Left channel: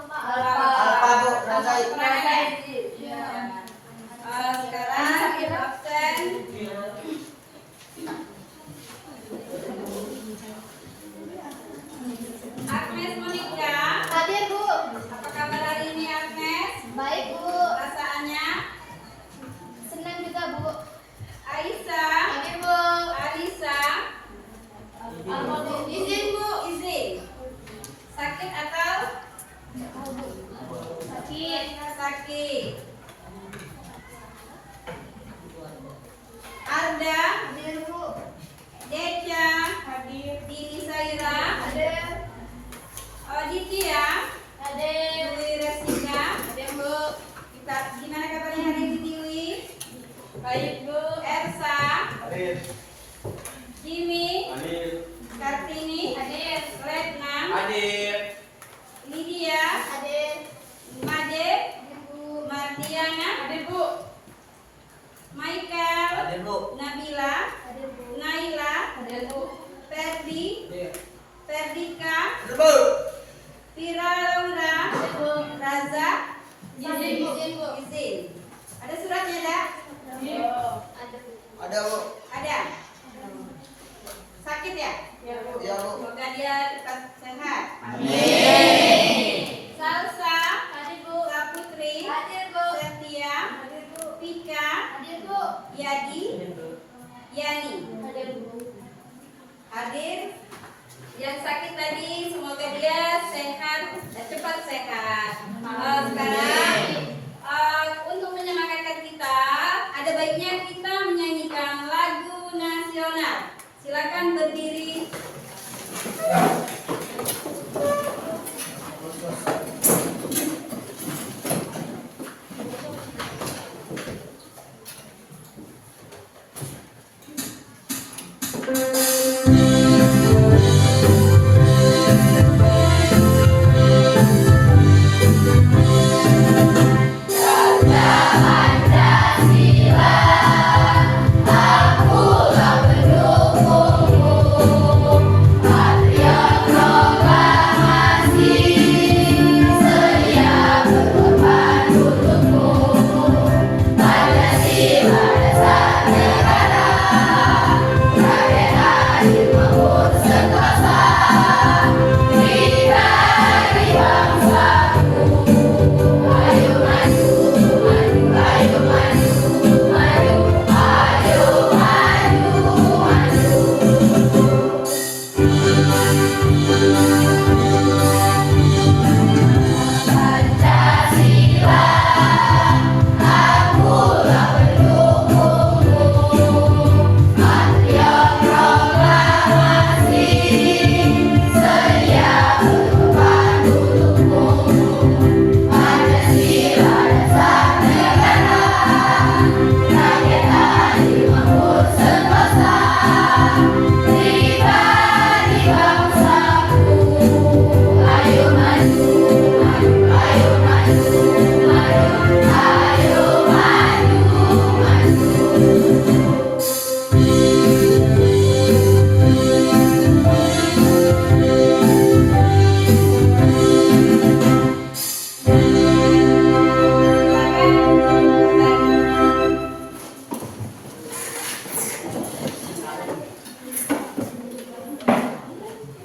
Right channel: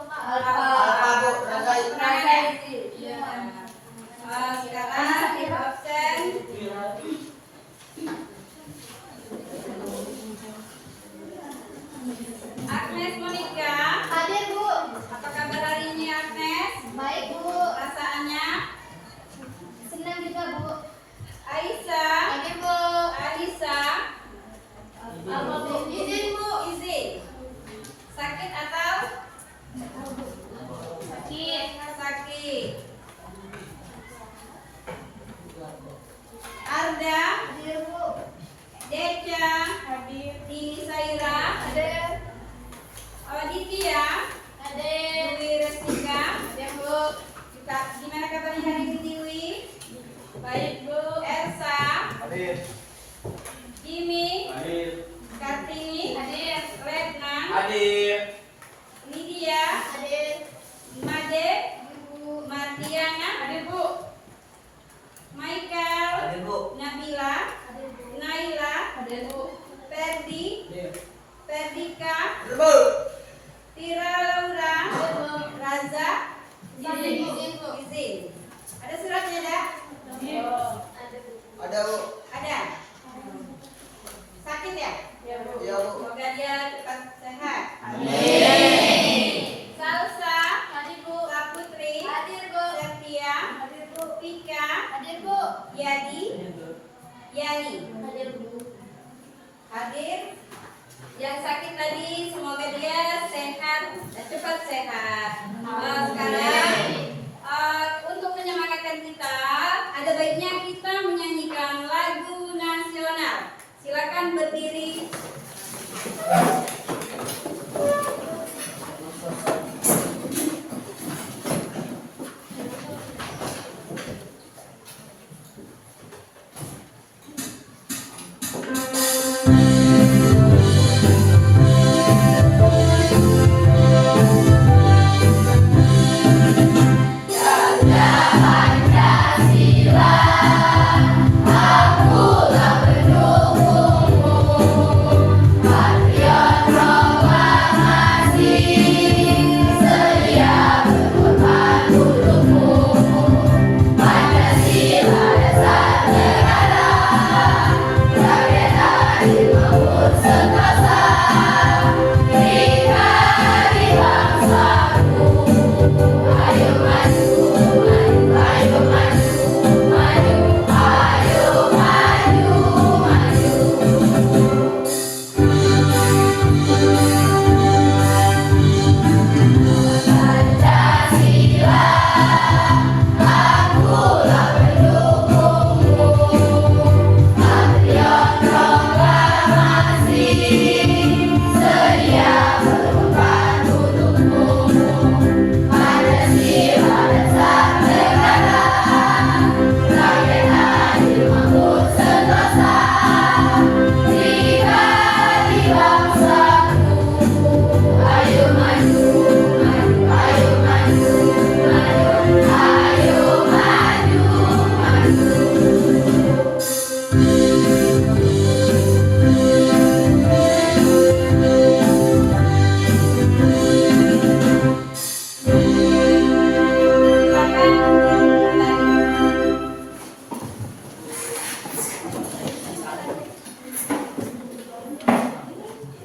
Alfa Bu, Razai. Iya. Sekarang ibu absen. Agnes Monica. Hadir Bu. Apa kabar hari ini Agnes? Baik Bu. Perasaannya? Senang juga Bu. Aisyah. Hadir Bu. Alisa. Izin Bu, izin. Sakit atau? Sakit. Sakit. Arda. Hadir Bu. Deca. Hadir. Dini Saira. Hadir. Aditya. Hadir. Dwi Resika. Hadir Bu. Gimana kabarnya hari ini Dwi? Baik Bu. Elsa. Hadir. Jimmy. Hadir. Kartini. Hadir. Retna. Hadir. Lydia. Hadir. Made. Bu. Mardiana. Hadir Bu. Michael. Hadir Bu. Nabila. Hadir Bu. Naila. Hadir Bu. Ferdi. Ferdika. Hadir Bu. Tira Laura. Hadir Bu. Raza. Izin Bu. Izin. Ada suratnya enggak? Hadir. Ada Bu. Ada Bu. Ada. Sakit ya? Ya Bu. Iya Bu. Semoga dia tetap sehat. Amin. Salsa. Hadir Bu. Saputri. Hadir Bu. Septia. Hadir Bu. Pika. Hadir Bu. Yadi. Yani. Hadir Bu. Hadir. Yang sakit tadi semoga dia sehat dan cepat sehat. Sekarang untuk menyemangatkan kita, ada baiknya kita menyanyikan lagu nasional. Silakan berdiri.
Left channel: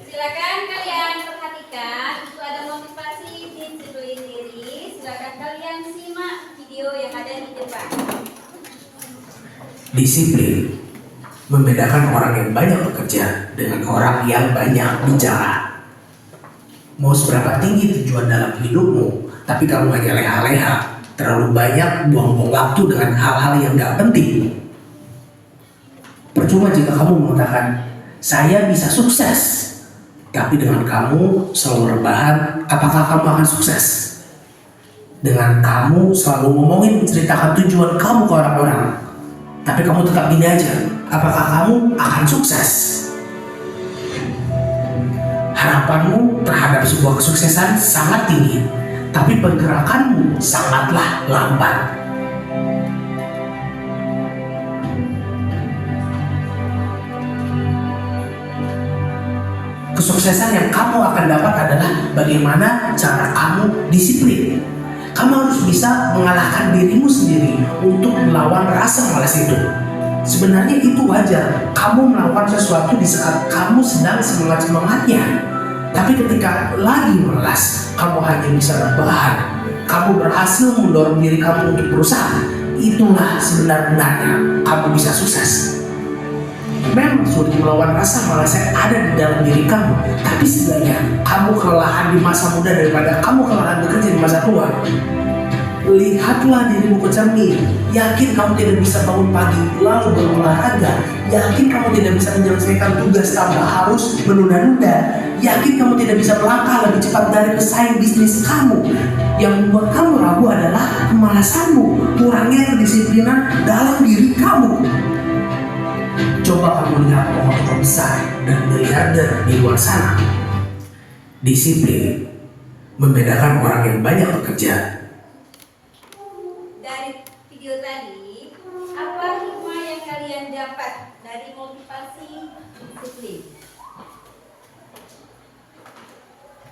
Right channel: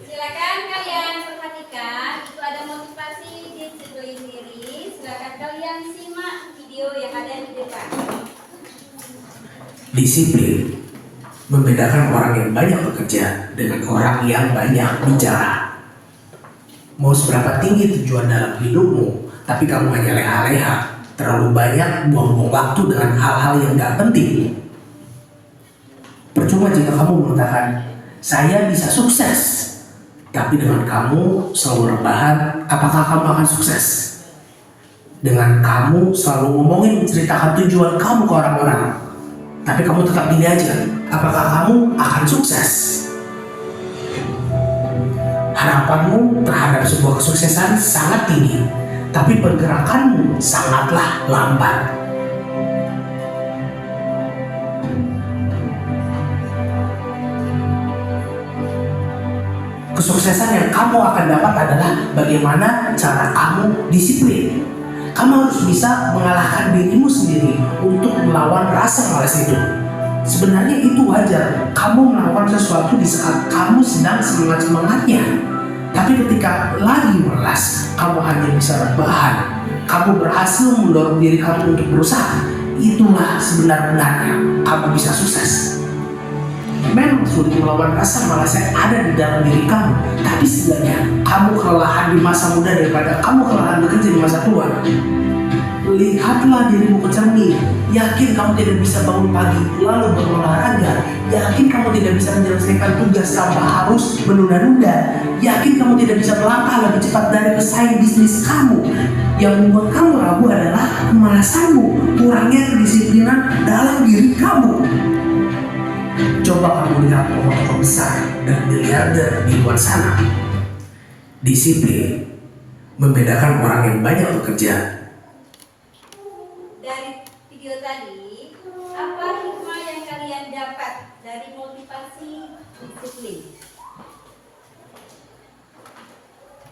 Silakan kalian perhatikan, itu ada motivasi disiplin diri. Silakan kalian simak video yang ada di depan. Disiplin membedakan orang yang banyak bekerja dengan orang yang banyak bicara. Mau seberapa tinggi tujuan dalam hidupmu, tapi kamu hanya leha-leha, terlalu banyak buang-buang waktu dengan hal-hal yang gak penting. Percuma jika kamu mengatakan, saya bisa sukses, tapi dengan kamu selalu rebahan, apakah kamu akan sukses? Dengan kamu selalu ngomongin menceritakan tujuan kamu ke orang-orang, tapi kamu tetap gini aja, apakah kamu akan sukses? Harapanmu terhadap sebuah kesuksesan sangat tinggi, tapi pergerakanmu sangatlah lambat. Kesuksesan yang kamu akan dapat adalah bagaimana cara kamu disiplin. Kamu harus bisa mengalahkan dirimu sendiri untuk melawan rasa malas itu. Sebenarnya itu wajar, kamu melakukan sesuatu di saat kamu sedang semangat-semangatnya. Tapi ketika lagi malas, kamu hanya bisa rebahan. Kamu berhasil mendorong diri kamu untuk berusaha. Itulah sebenar-benarnya kamu bisa sukses. Memang sulit melawan rasa malas yang ada di dalam diri kamu, tapi setidaknya kamu kelelahan di masa muda daripada kamu kelelahan bekerja di masa tua. Lihatlah dirimu ke cermin. Yakin kamu tidak bisa bangun pagi lalu berolahraga. Yakin kamu tidak bisa menyelesaikan tugas tanpa harus menunda-nunda. Yakin kamu tidak bisa melangkah lebih cepat dari pesaing bisnis kamu. Yang membuat kamu ragu adalah kemalasanmu, kurangnya kedisiplinan dalam diri kamu. Coba kamu lihat orang-orang besar dan miliarder di luar sana. Disiplin membedakan orang yang banyak bekerja. Dari video tadi, apa hikmah yang kalian dapat dari motivasi disiplin?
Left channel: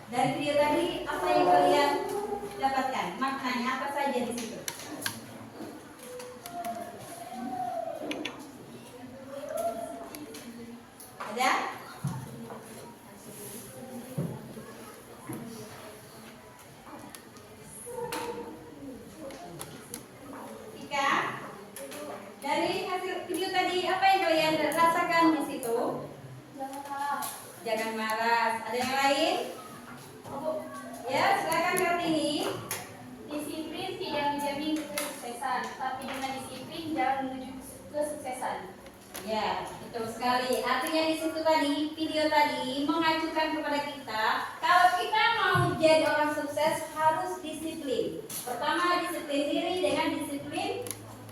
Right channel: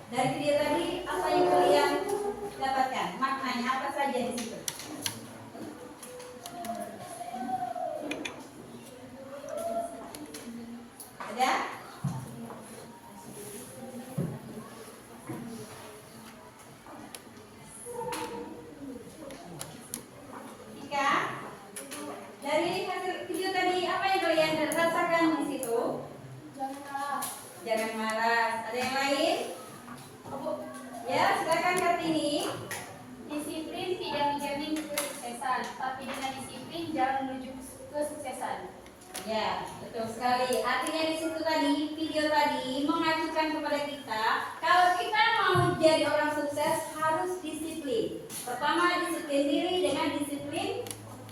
Dari video tadi, apa yang kalian dapatkan? Maknanya apa saja di situ? Ada? Ika? Dari hasil video tadi, apa yang kalian rasakan di situ? Jangan malas. Ada yang lain? Ya, silakan Kartini. Disiplin tidak menjamin kesuksesan, tapi dengan disiplin jalan menuju kesuksesan. Ya, betul sekali. Artinya di situ tadi, video tadi mengajukan kepada kita, kalau kita mau jadi orang sukses harus disiplin. Pertama, disiplin diri dengan disiplin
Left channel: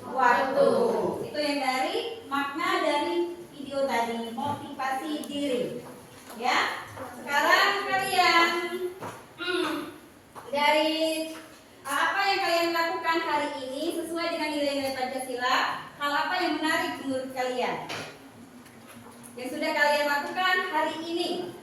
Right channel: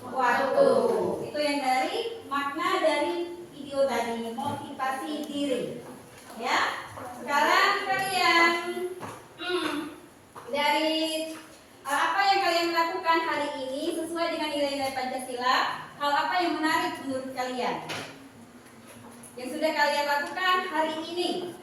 waktu. Itu yang dari makna dari video tadi, motivasi diri. Ya, sekarang kalian dari apa yang kalian lakukan hari ini sesuai dengan nilai-nilai Pancasila. Hal apa yang menarik menurut kalian yang sudah kalian lakukan hari ini?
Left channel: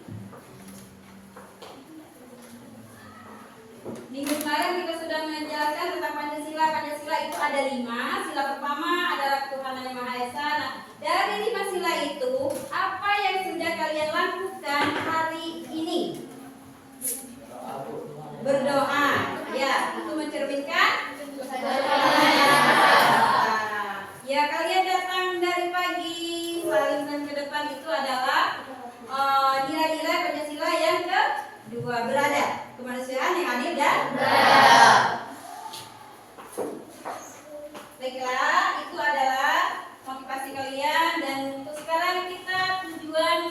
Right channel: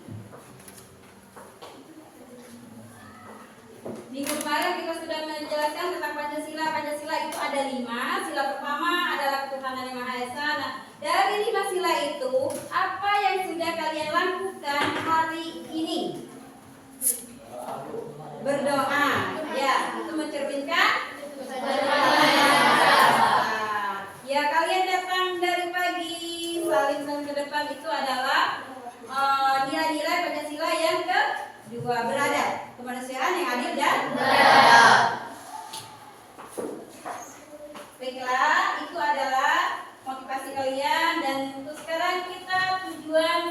Minggu kemarin kita sudah menjelaskan tentang Pancasila. Pancasila itu ada 5. Sila pertama adalah ketuhanan yang Maha Esa. Nah, dari 5 sila itu, apa yang sudah kalian lakukan hari ini? Berdoa. Ya, itu mencerminkan ya, kalian datang dari pagi saling ke depan itu adalah nilai-nilai Pancasila yang kedua, beradab, kemanusiaan yang adil dan beradab. Baiklah, itu adalah motivasi kalian. Dan untuk sekarang kita tujuan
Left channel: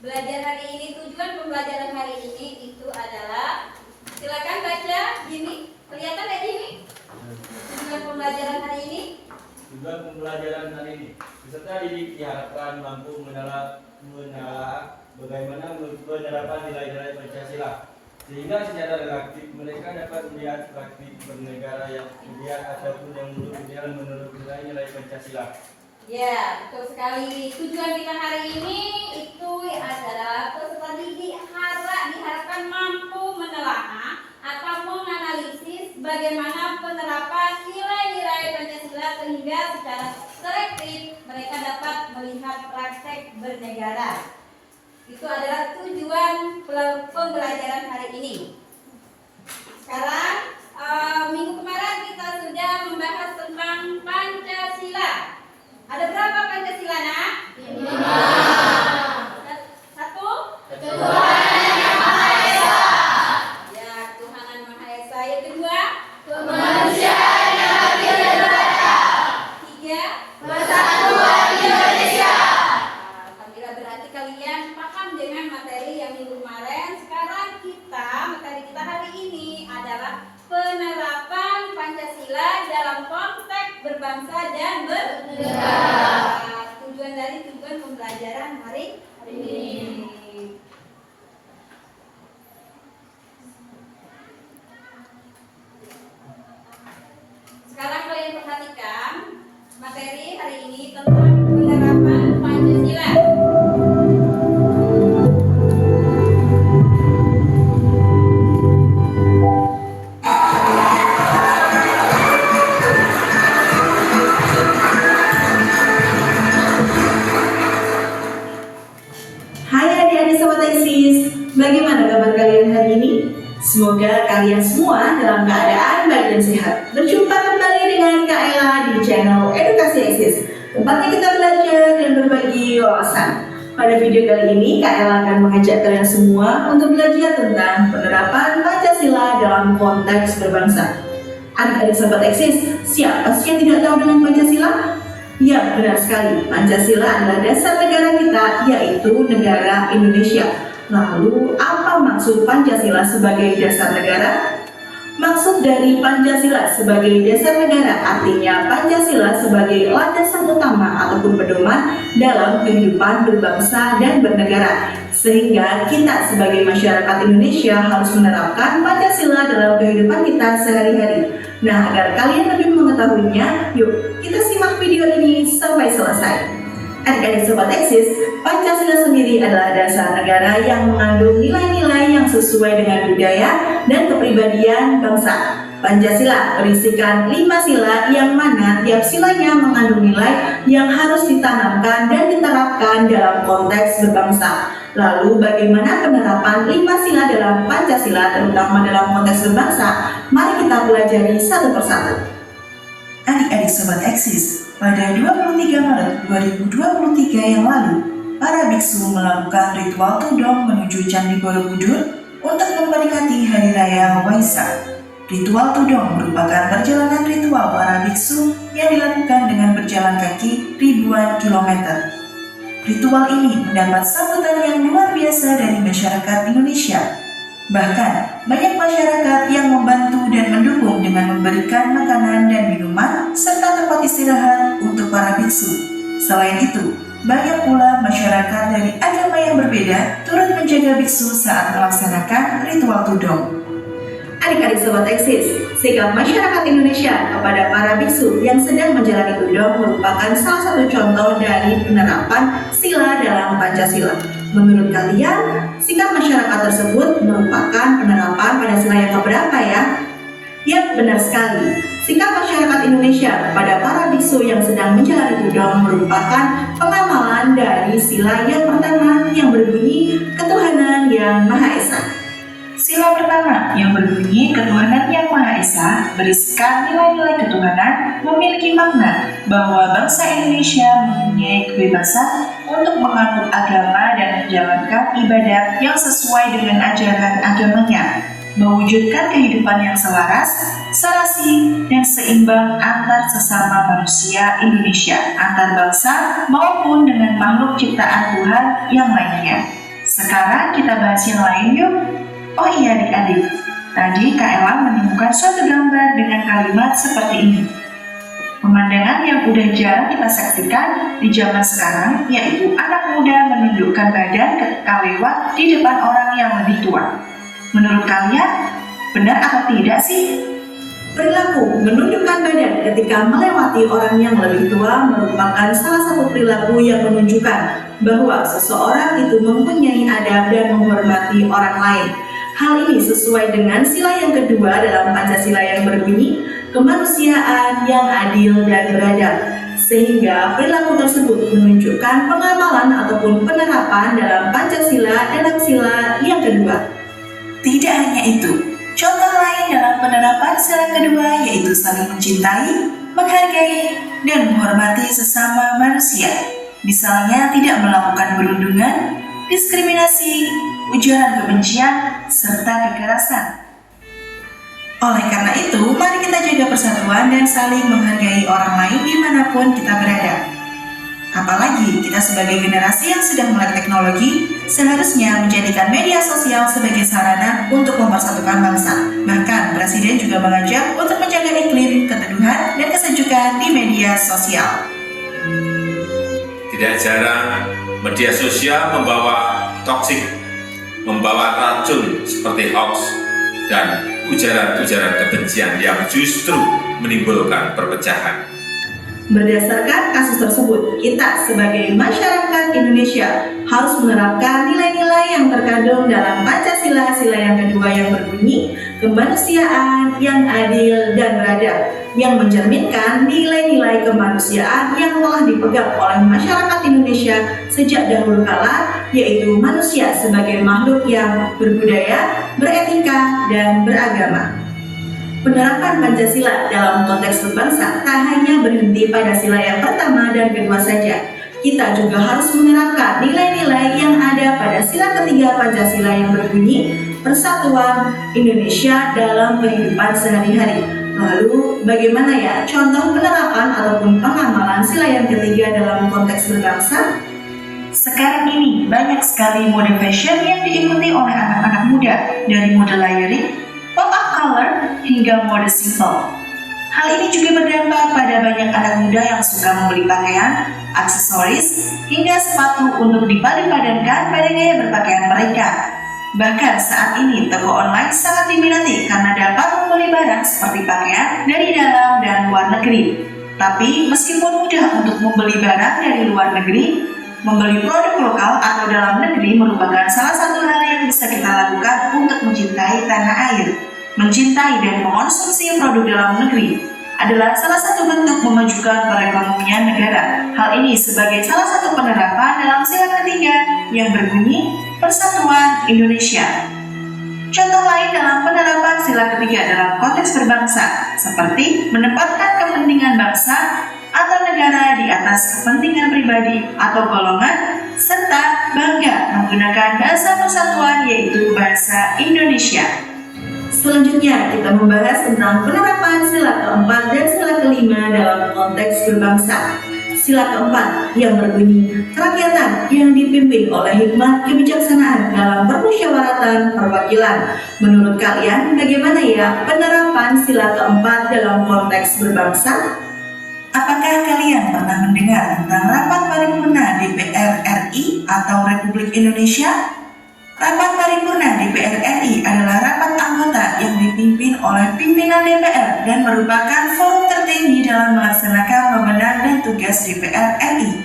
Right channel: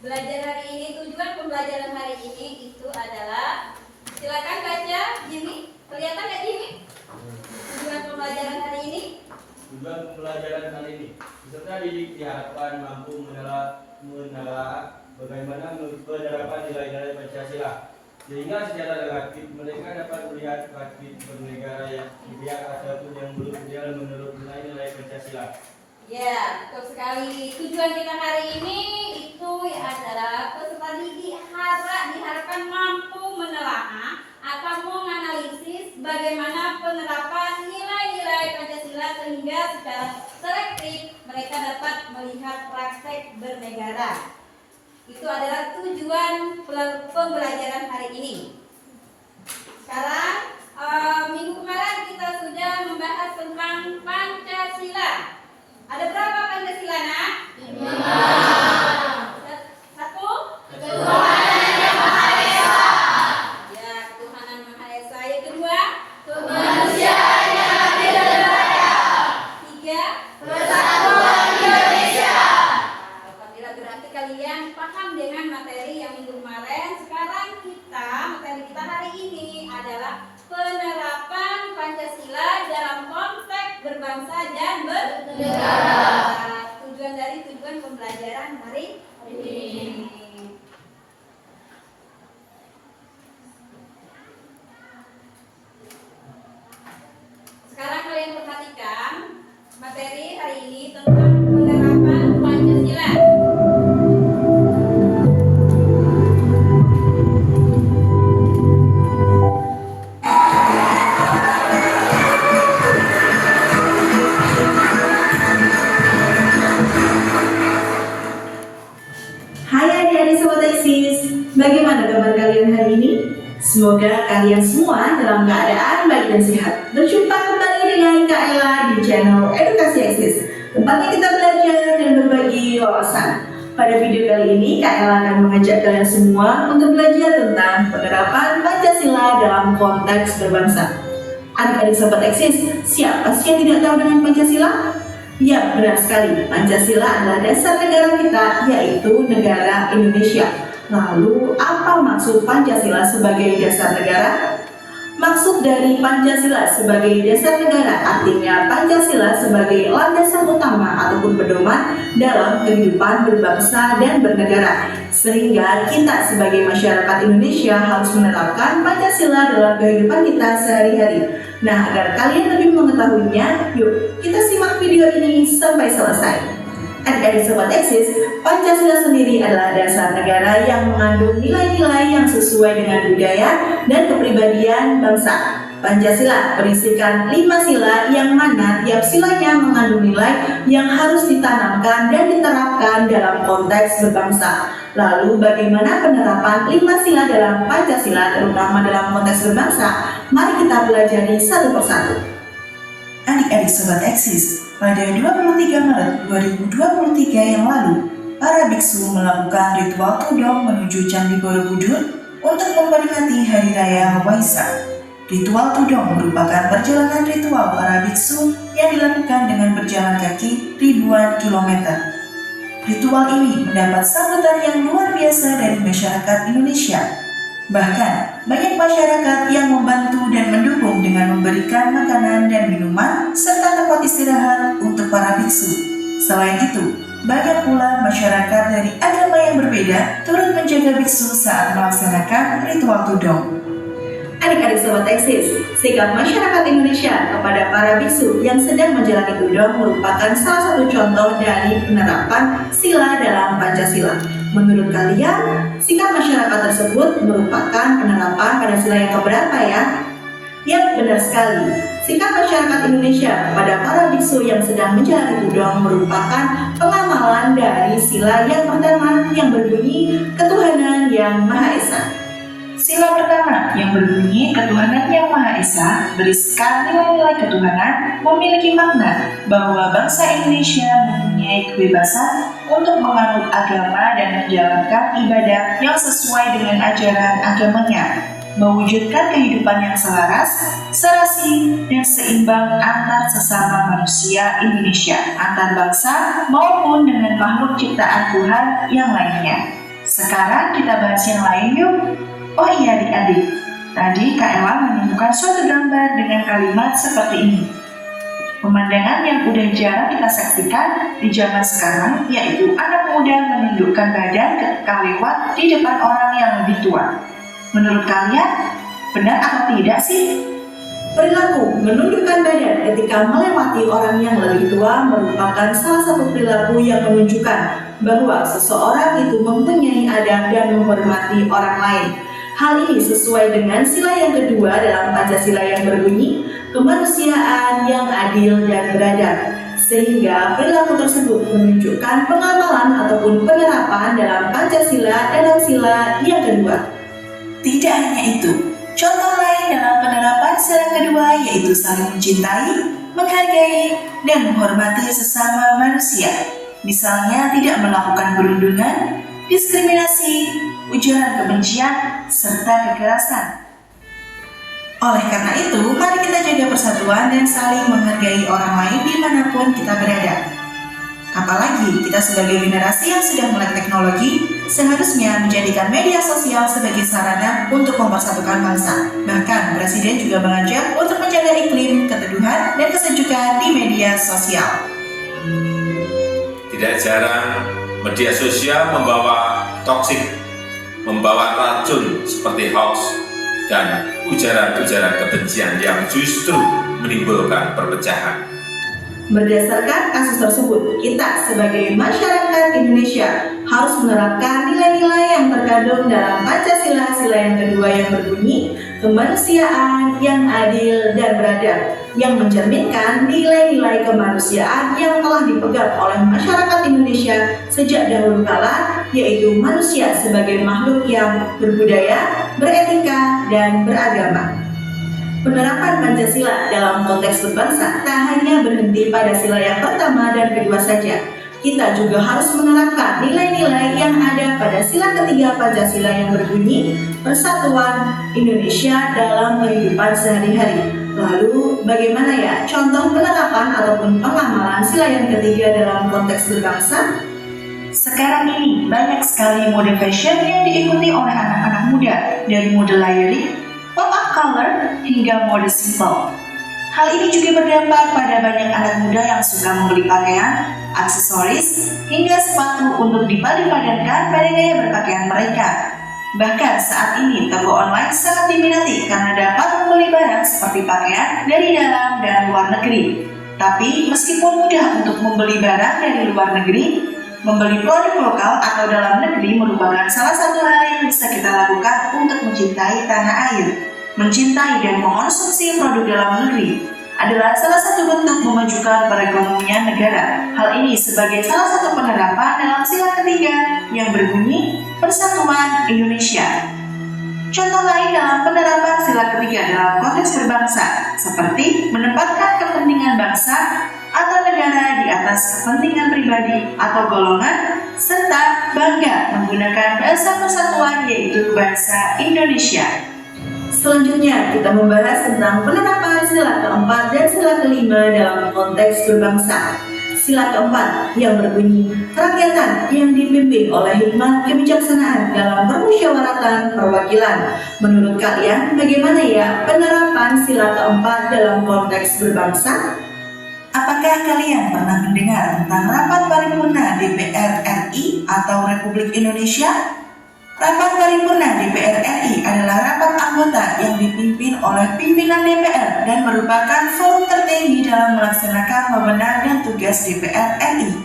belajar hari ini, tujuan pembelajaran hari ini itu adalah, silakan baca Jimmy. Kelihatan nggak Jimmy? Tujuan pembelajaran hari ini. Tujuan pembelajaran hari ini, peserta didik diharapkan mampu menelaah bagaimana penerapan nilai-nilai Pancasila, sehingga secara relatif mereka dapat melihat praktik bernegara yang ideal ataupun yang buruk dalam menurut nilai-nilai Pancasila. Ya, betul sekali. Tujuan kita hari ini itu adalah peserta didik diharapkan mampu menelaah atau menganalisis bagaimana penerapan nilai-nilai Pancasila sehingga secara selektif mereka dapat melihat praktek bernegara. Itu adalah tujuan pembelajaran hari ini. Sekarang minggu kemarin kita sudah membahas tentang Pancasila. Ada berapa Pancasila, Nak? 5. Satu? Ketuhanan yang Maha Esa. Ya, ketuhanan Maha Esa. Yang kedua? Kemanusiaan yang adil dan beradab. 3? Persatuan Indonesia. Nah, alhamdulillah, berarti kalian paham dengan materi yang minggu kemarin. Sekarang materi kita hari ini adalah penerapan Pancasila dalam konteks berbangsa dan bernegara. Tujuan dari tujuan pembelajaran hari ini. Sekarang kalian perhatikan materi hari ini tentang penerapan Pancasila. adik-adik Sobat Eksis, bagaimana kabar kalian hari ini? Semoga kalian semua dalam keadaan baik dan sehat. Berjumpa kembali dengan Kak Ella di channel Edukasi Eksis, tempatnya kita belajar dan berbagi wawasan. Pada video kali ini, Kak Ella akan mengajak kalian semua untuk belajar tentang penerapan Pancasila dalam konteks berbangsa. Adik-adik Sobat Eksis, siapa sih yang tidak tahu dengan Pancasila? Ya, benar sekali. Pancasila adalah dasar negara kita, yaitu negara Indonesia. Lalu, apa maksud Pancasila sebagai dasar negara? Maksud dari Pancasila sebagai dasar negara artinya Pancasila sebagai landasan utama ataupun pedoman dalam kehidupan berbangsa dan bernegara. Sehingga kita sebagai masyarakat Indonesia harus menerapkan Pancasila dalam kehidupan kita sehari-hari. Nah, agar kalian lebih mengetahuinya, yuk kita simak video ini sampai selesai. Adik-adik Sobat Eksis, Pancasila sendiri adalah dasar negara yang mengandung nilai-nilai yang sesuai dengan budaya dan kepribadian bangsa. Pancasila berisikan 5 sila yang mana tiap silanya mengandung nilai yang harus ditanamkan dan diterapkan dalam konteks berbangsa. Lalu bagaimana penerapan 5 sila dalam Pancasila terutama dalam konteks berbangsa? Mari kita pelajari satu persatu. Adik-adik Sobat Eksis, pada 23 Maret 2023 yang lalu, para biksu melakukan ritual tudong menuju Candi Borobudur untuk memperingati Hari Raya Waisak. Ritual tudong merupakan perjalanan ritual para biksu yang dilakukan dengan berjalan kaki ribuan kilometer. Ritual ini mendapat sambutan yang luar biasa dari masyarakat Indonesia. Bahkan, banyak masyarakat yang membantu dan mendukung dengan memberikan makanan dan minuman serta tempat istirahat untuk para biksu. Selain itu, banyak pula masyarakat dari agama yang berbeda turut menjaga biksu saat melaksanakan ritual tudong. Adik-adik Sobat Eksis, sikap masyarakat Indonesia kepada para biksu yang sedang menjalani tudong merupakan salah satu contoh dari penerapan sila dalam Pancasila. Menurut kalian, sikap masyarakat tersebut merupakan penerapan pada sila yang keberapa ya? Ya, benar sekali. Sikap masyarakat Indonesia kepada para biksu yang sedang menjalani tudong merupakan pengamalan dari sila yang pertama yang berbunyi Ketuhanan Yang Maha Esa. Sila pertama yang berbunyi Ketuhanan Yang Maha Esa berisikan nilai-nilai ketuhanan memiliki makna bahwa bangsa Indonesia mempunyai kebebasan untuk menganut agama dan menjalankan ibadah yang sesuai dengan ajaran agamanya, mewujudkan kehidupan yang selaras, serasi, dan seimbang antar sesama manusia Indonesia, antar bangsa maupun dengan makhluk ciptaan Tuhan yang lainnya. Sekarang kita bahas yang lain yuk. Oh iya adik-adik, tadi Kak Ella menemukan suatu gambar dengan kalimat seperti ini. Pemandangan yang udah jarang kita saksikan di zaman sekarang yaitu anak muda menundukkan badan ketika lewat di depan orang yang lebih tua. Menurut kalian, benar atau tidak sih? Perilaku menundukkan badan ketika melewati orang yang lebih tua merupakan salah satu perilaku yang menunjukkan bahwa seseorang itu mempunyai adab dan menghormati orang lain. Hal ini sesuai dengan sila yang kedua dalam Pancasila yang berbunyi kemanusiaan yang adil dan beradab. Sehingga perilaku tersebut menunjukkan pengamalan ataupun penerapan dalam Pancasila dalam sila yang kedua. Tidak hanya itu, contoh lain dalam penerapan sila kedua yaitu saling mencintai, menghargai, dan menghormati sesama manusia. Misalnya tidak melakukan perundungan, diskriminasi, ujaran kebencian, serta kekerasan. Oleh karena itu, mari kita jaga persatuan dan saling menghargai orang lain dimanapun kita berada. Apalagi kita sebagai generasi yang sudah melek teknologi, seharusnya menjadikan media sosial sebagai sarana untuk mempersatukan bangsa. Bahkan, Presiden juga mengajak untuk menjaga iklim keteduhan dan kesejukan di media sosial. Tidak jarang media sosial membawa toksik, membawa racun seperti hoax dan ujaran-ujaran kebencian yang justru menimbulkan perpecahan. Berdasarkan kasus tersebut, kita sebagai masyarakat Indonesia harus menerapkan nilai-nilai yang terkandung dalam Pancasila sila yang kedua yang berbunyi kemanusiaan yang adil dan beradab, yang mencerminkan nilai-nilai kemanusiaan yang telah dipegang oleh masyarakat Indonesia sejak dahulu kala, yaitu manusia sebagai makhluk yang berbudaya, beretika, dan beragama. Penerapan Pancasila dalam konteks berbangsa tak hanya berhenti pada sila yang pertama dan kedua saja. Kita juga harus menerapkan nilai-nilai yang ada pada sila ketiga Pancasila yang berbunyi persatuan Indonesia dalam kehidupan sehari-hari. Lalu bagaimana ya contoh penerapan ataupun pengamalan sila yang ketiga dalam konteks berbangsa? Sekarang ini banyak sekali mode fashion yang diikuti oleh anak-anak muda, dari mode layering, pop-up color, hingga mode simple. Hal ini juga berdampak pada banyak anak muda yang suka membeli pakaian, aksesoris, hingga sepatu untuk dipadu-padankan pada gaya berpakaian mereka. Bahkan saat ini toko online sangat diminati karena dapat membeli barang seperti pakaian dari dalam dan luar negeri. Tapi meskipun mudah untuk membeli barang dari luar negeri, membeli produk lokal atau dalam negeri merupakan salah satu hal yang bisa kita lakukan untuk mencintai tanah air. Mencintai dan mengonsumsi produk dalam negeri adalah salah satu bentuk memajukan perekonomian negara. Hal ini sebagai salah satu penerapan dalam sila ketiga yang berbunyi Persatuan Indonesia. Contoh lain dalam penerapan sila ketiga dalam konteks berbangsa, seperti menempatkan kepentingan bangsa atau negara di atas kepentingan pribadi atau golongan, serta bangga menggunakan bahasa persatuan yaitu bahasa Indonesia. Selanjutnya kita membahas tentang penerapan sila keempat dan sila kelima dalam konteks berbangsa. Sila keempat yang berbunyi kerakyatan yang dipimpin oleh hikmat kebijaksanaan dalam permusyawaratan perwakilan. Menurut kalian bagaimana ya penerapan sila keempat dalam konteks berbangsa? Apakah kalian pernah mendengar tentang rapat paripurna DPR RI atau Republik Indonesia? Rapat paripurna DPR RI adalah rapat anggota yang dipimpin oleh pimpinan DPR dan merupakan forum tertinggi dalam melaksanakan wewenang dan tugas DPR RI.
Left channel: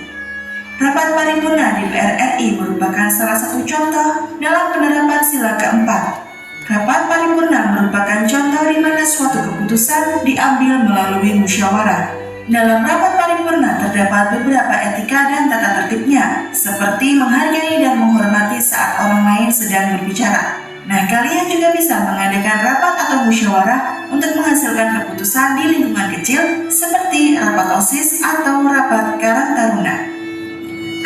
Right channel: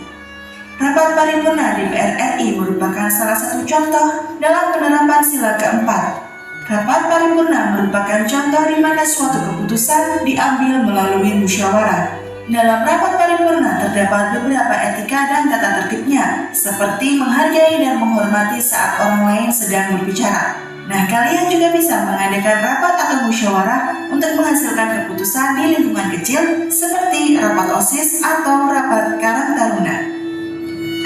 Rapat paripurna DPR RI merupakan salah satu contoh dalam penerapan sila keempat. Rapat paripurna merupakan contoh di mana suatu keputusan diambil melalui musyawarah. Dalam rapat paripurna terdapat beberapa etika dan tata tertibnya, seperti menghargai dan menghormati saat orang lain sedang berbicara. Nah, kalian juga bisa mengadakan rapat atau musyawarah untuk menghasilkan keputusan di lingkungan kecil, seperti rapat OSIS atau rapat Karang Taruna.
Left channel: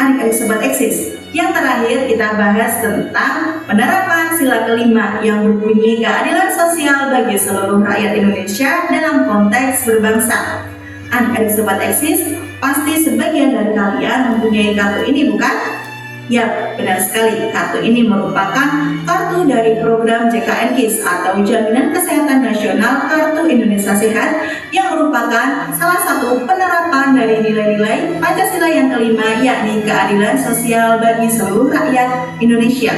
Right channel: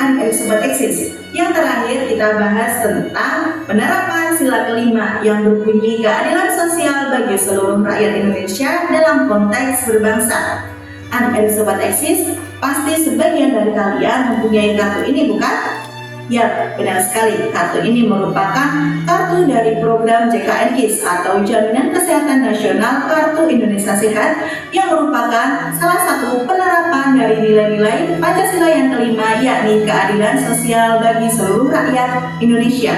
Adik-adik Sobat Eksis, yang terakhir kita bahas tentang penerapan sila kelima yang berbunyi keadilan sosial bagi seluruh rakyat Indonesia dalam konteks berbangsa. Adik-adik Sobat Eksis, pasti sebagian dari kalian mempunyai kartu ini bukan? Ya, benar sekali. Kartu ini merupakan kartu dari program JKN KIS atau Jaminan Kesehatan Nasional Kartu Indonesia Sehat yang merupakan salah satu penerapan dari nilai-nilai Pancasila yang kelima, yakni keadilan sosial bagi seluruh rakyat Indonesia.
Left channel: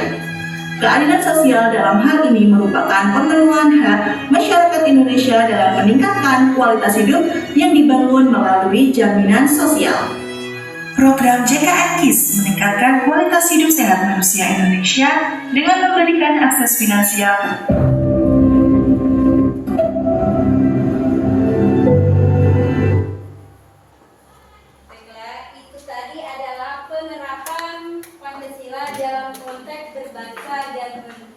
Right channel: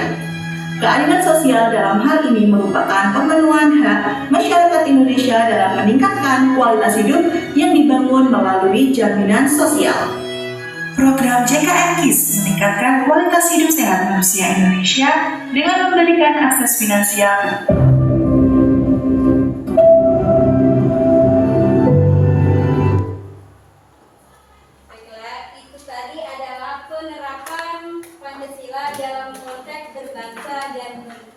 Keadilan sosial dalam hal ini merupakan pemenuhan hak masyarakat Indonesia dalam meningkatkan kualitas hidup yang dibangun melalui jaminan sosial. Program JKN KIS meningkatkan kualitas hidup sehat manusia Indonesia dengan memberikan akses finansial. Baiklah, itu tadi adalah penerapan Pancasila dalam konteks berbangsa dan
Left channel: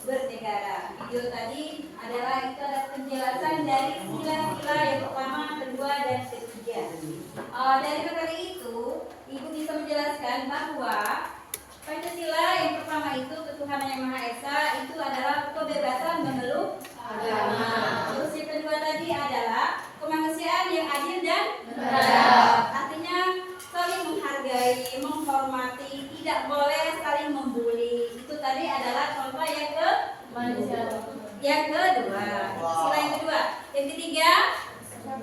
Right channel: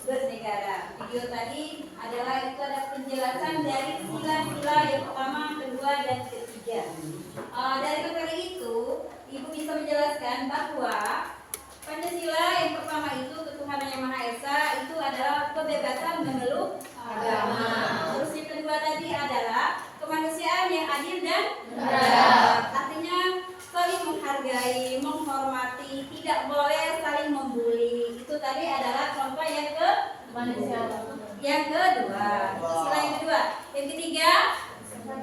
bernegara. Video tadi adalah itu ada penjelasan dari sila-sila yang pertama, kedua, dan ketiga. Dari materi itu, Ibu bisa menjelaskan bahwa Pancasila yang pertama itu ketuhanan yang Maha Esa itu adalah kebebasan memeluk agama. Terus yang kedua tadi adalah kemanusiaan yang adil dan beradab. Artinya saling menghargai, menghormati, tidak boleh saling membuli. Itu tadi adalah contoh yang yang kedua. Sila yang kedua. Yang ketiga,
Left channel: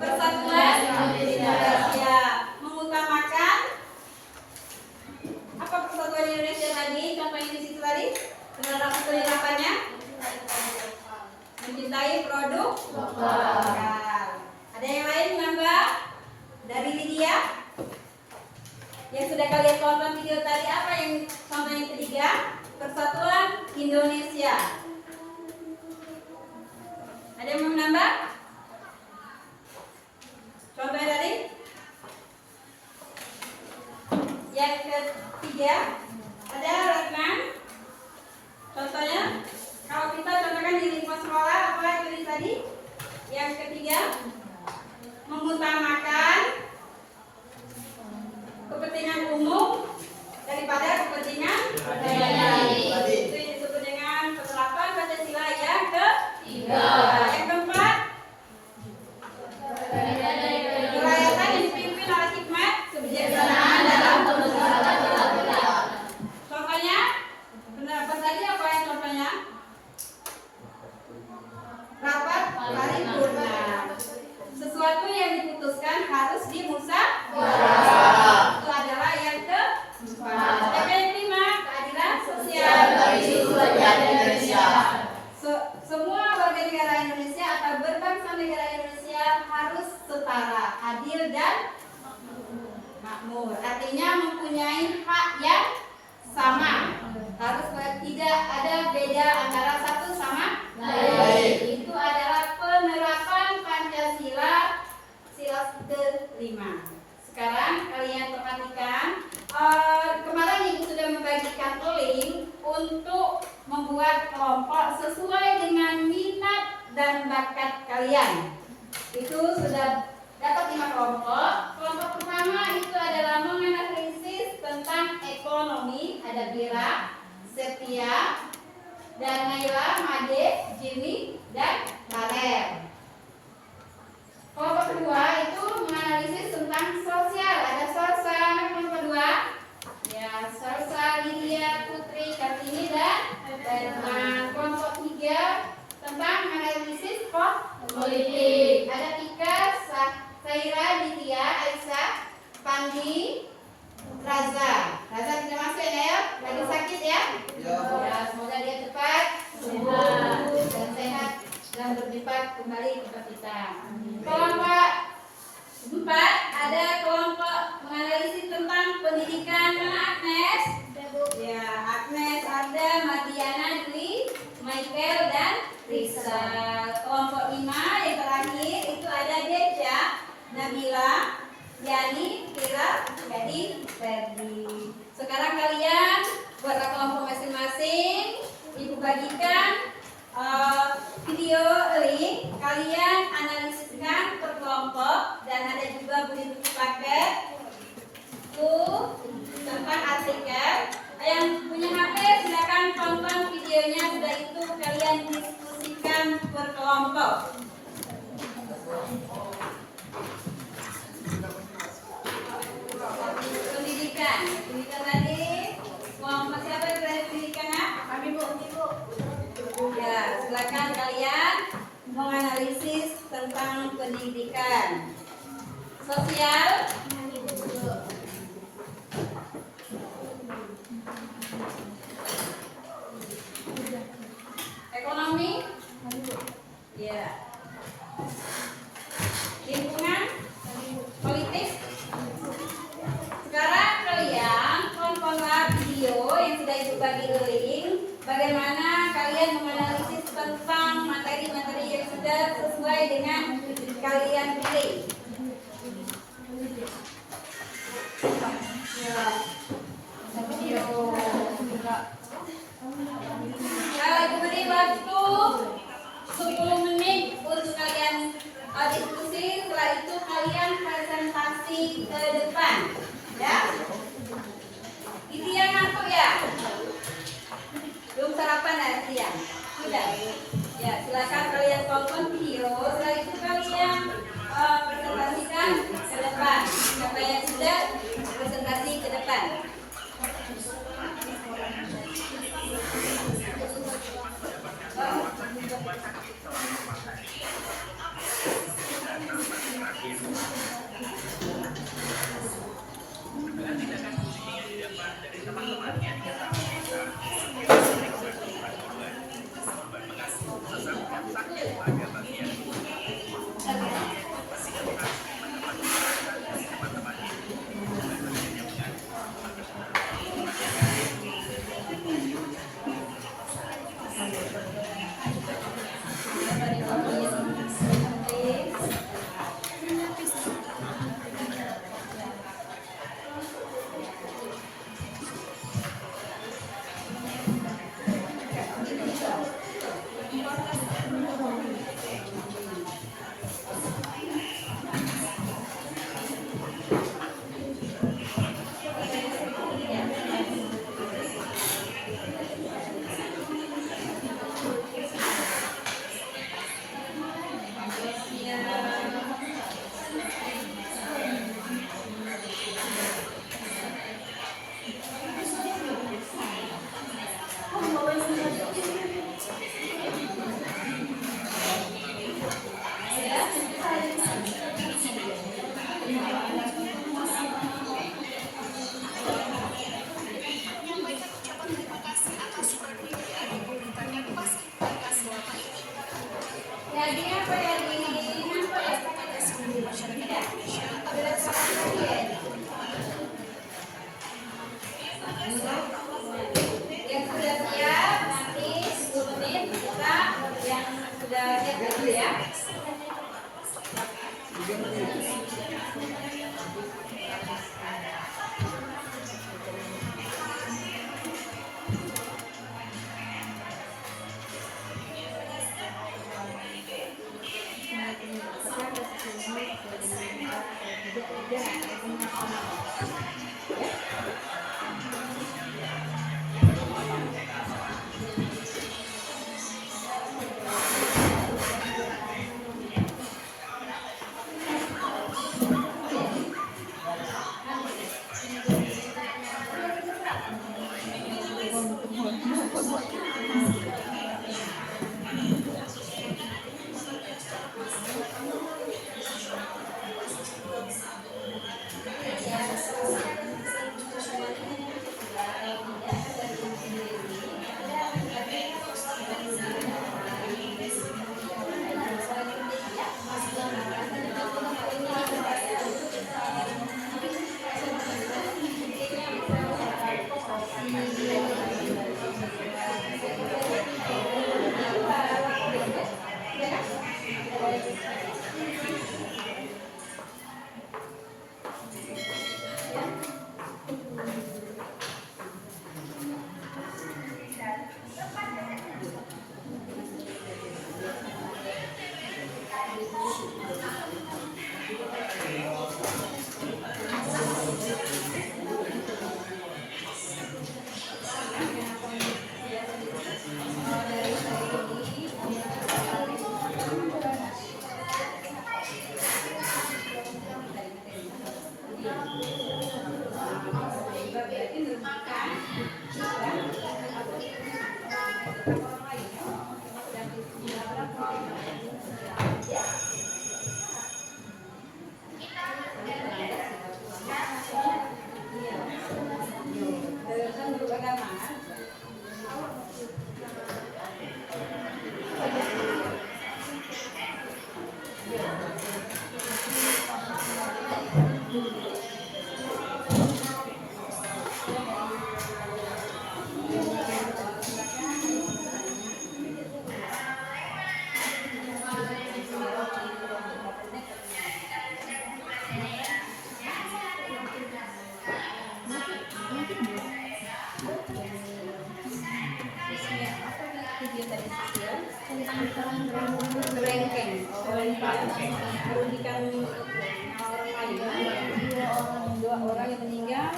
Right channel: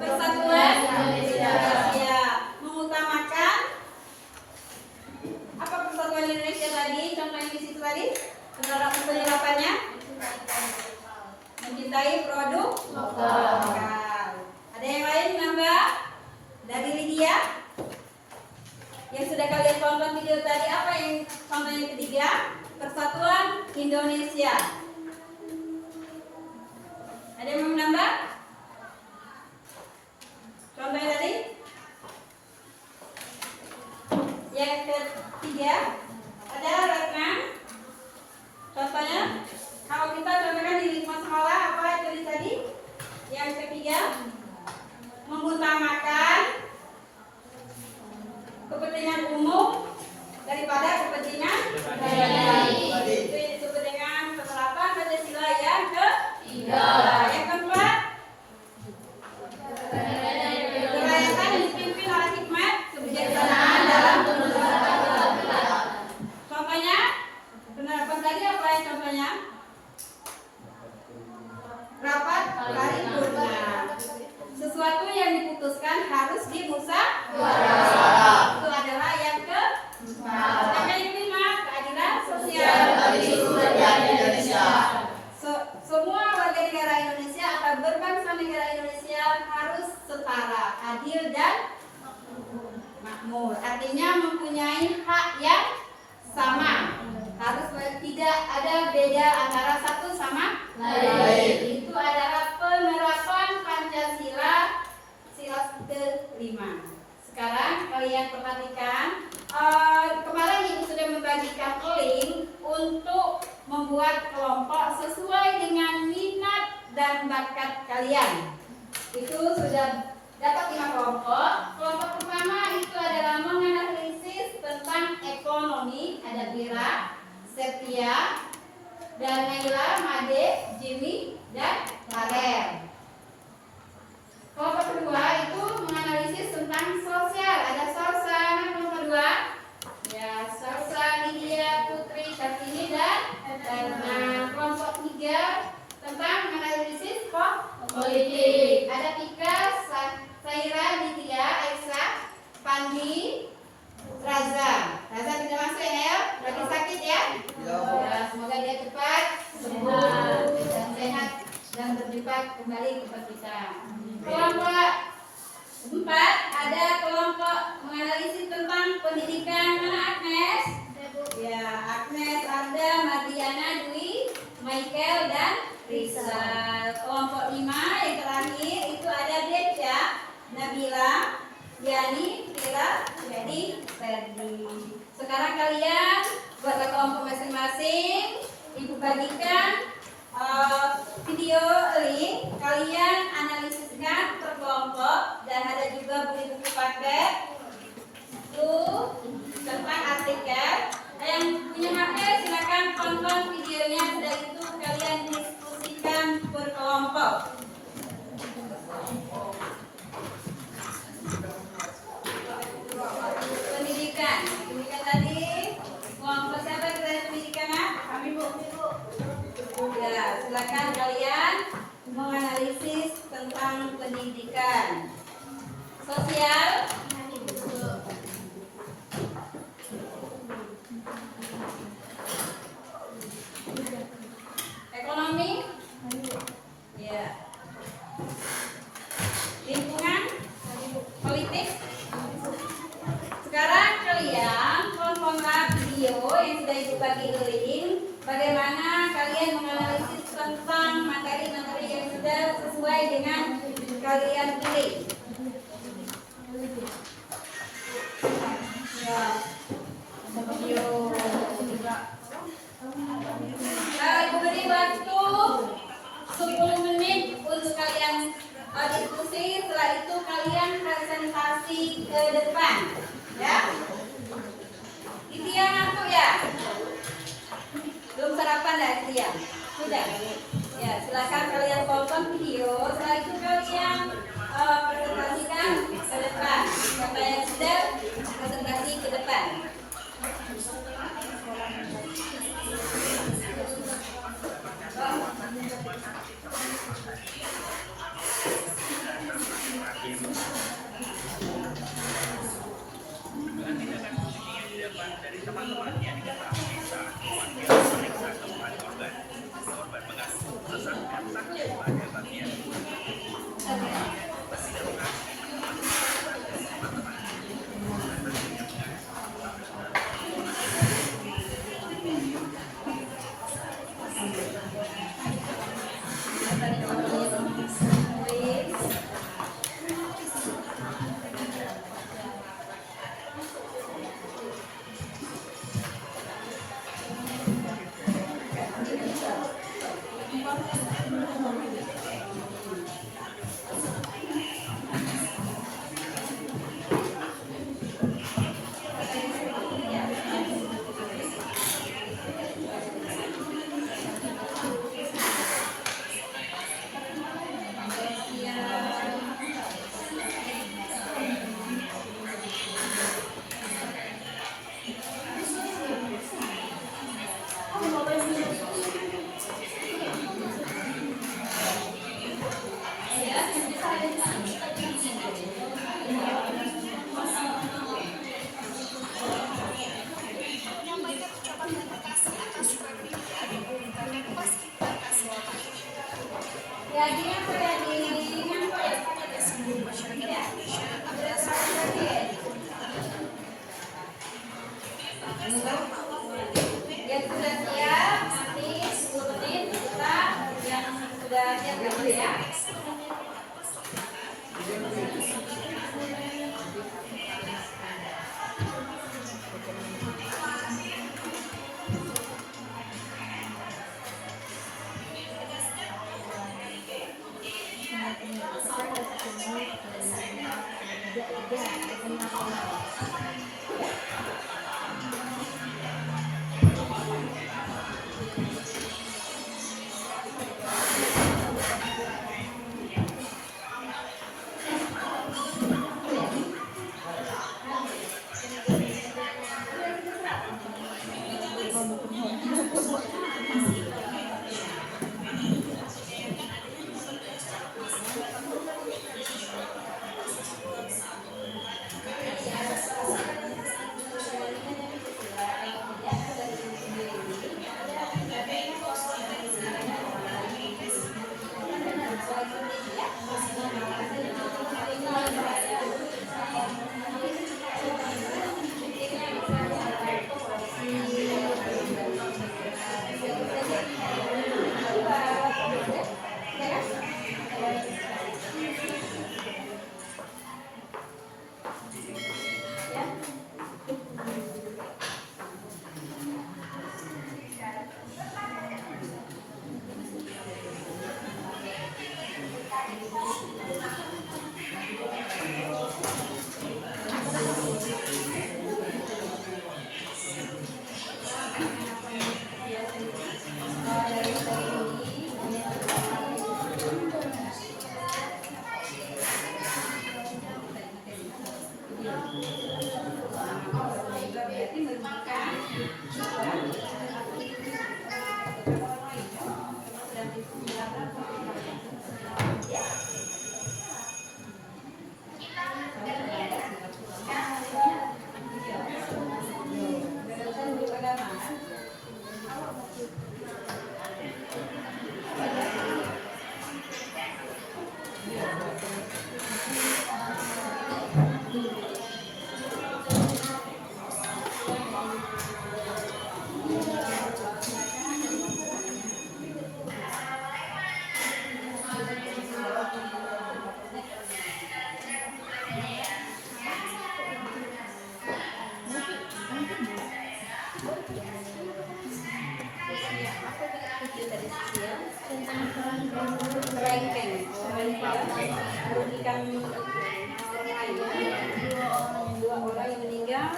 persatuan Indonesia. Mengutamakan apa persatuan Indonesia tadi? Contoh yang di situ tadi. Penerapannya mencintai produk lokal. Ada yang lain nambah dari Lydia? Yang sudah kalian tonton video tadi, apa yang contoh yang ketiga? Persatuan Indonesia. makmur. Artinya mempunyai hak yang sama. Harus tidak ada beda antara satu sama lain. Itu adalah penerapan Pancasila sila kelima. Sekarang kalian perhatikan, kemarin Ibu sudah membagikan link untuk membuat kelompok sesuai dengan minat dan bakat kalian. Itu sudah dapat 5 kelompok. Kelompok pertama itu adalah menganalisis tentang ekonomi. Ada Bira, Setia, dan Naila, Made, Jimmy, dan Barer. Kelompok kedua itu menganalisis tentang sosial. Ada Sorsa, kelompok kedua. Ya, Sorsa, Lydia, Putri, Kartini, dan kelompok tiga tentang menganalisis politik. Ada Tika, Saira, Ditya, Aisyah, Pandi, Raza. Raza tidak masuk ya, lagi sakit ya? Ya, semoga dia cepat sembuh dan sehat dan berlipat kembali kepada kita. Kelompok 4 ada kelompok menganalisis tentang pendidikan. Mana Agnes? Ya, Agnes, Arda, Madiana, Dwi, Michael, dan Risa. Kelompok 5 yang terakhir itu ada Deja, Nabila, Yani, Kira, jadi Ferdi. Sekarang kalian buatlah kelompok masing-masing. Ibu bagikan video link. Kalian analisiskan per kelompok dan ada juga buku paket tentang artikel. Yang punya HP silakan tonton videonya. Sudah itu kalian diskusikan per kelompok. Pendidikan tadi kelompok siapa yang tadi pendidikan? Kami Bu. Ya, silakan kalian menganalisis tentang pendidikan. Sosial. Ekonomi. Ya. Lingkungan. Politik. Sekarang kalian tontonlah video yang sudah Ibu bagi link. Bagaimana kalian menganalisis tentang materi-materi yang sudah sesuai dengan kalian pilih. Ya. Video. Ibu beri waktu 10 menit untuk kalian diskusi. Setelah itu kalian presentasi ke depan. Ya. Ditya ngantuk ya? Belum sarapan ya Ditya? Sudah? Ya, silakan kalian tonton video. Setelah itu kalian presentasikan ke depan. Siapa yang sudah presentasi ke depan? Dengan tindakan posisi yang didapat dari teman-temannya diketahui saat keluarga memeriksa tempat korban. Korban mengaku sesak sakit pada bagian Yang sudah siap nanti 10 menit kita yang sudah siap dulu ya. Dua orang yang meninggal.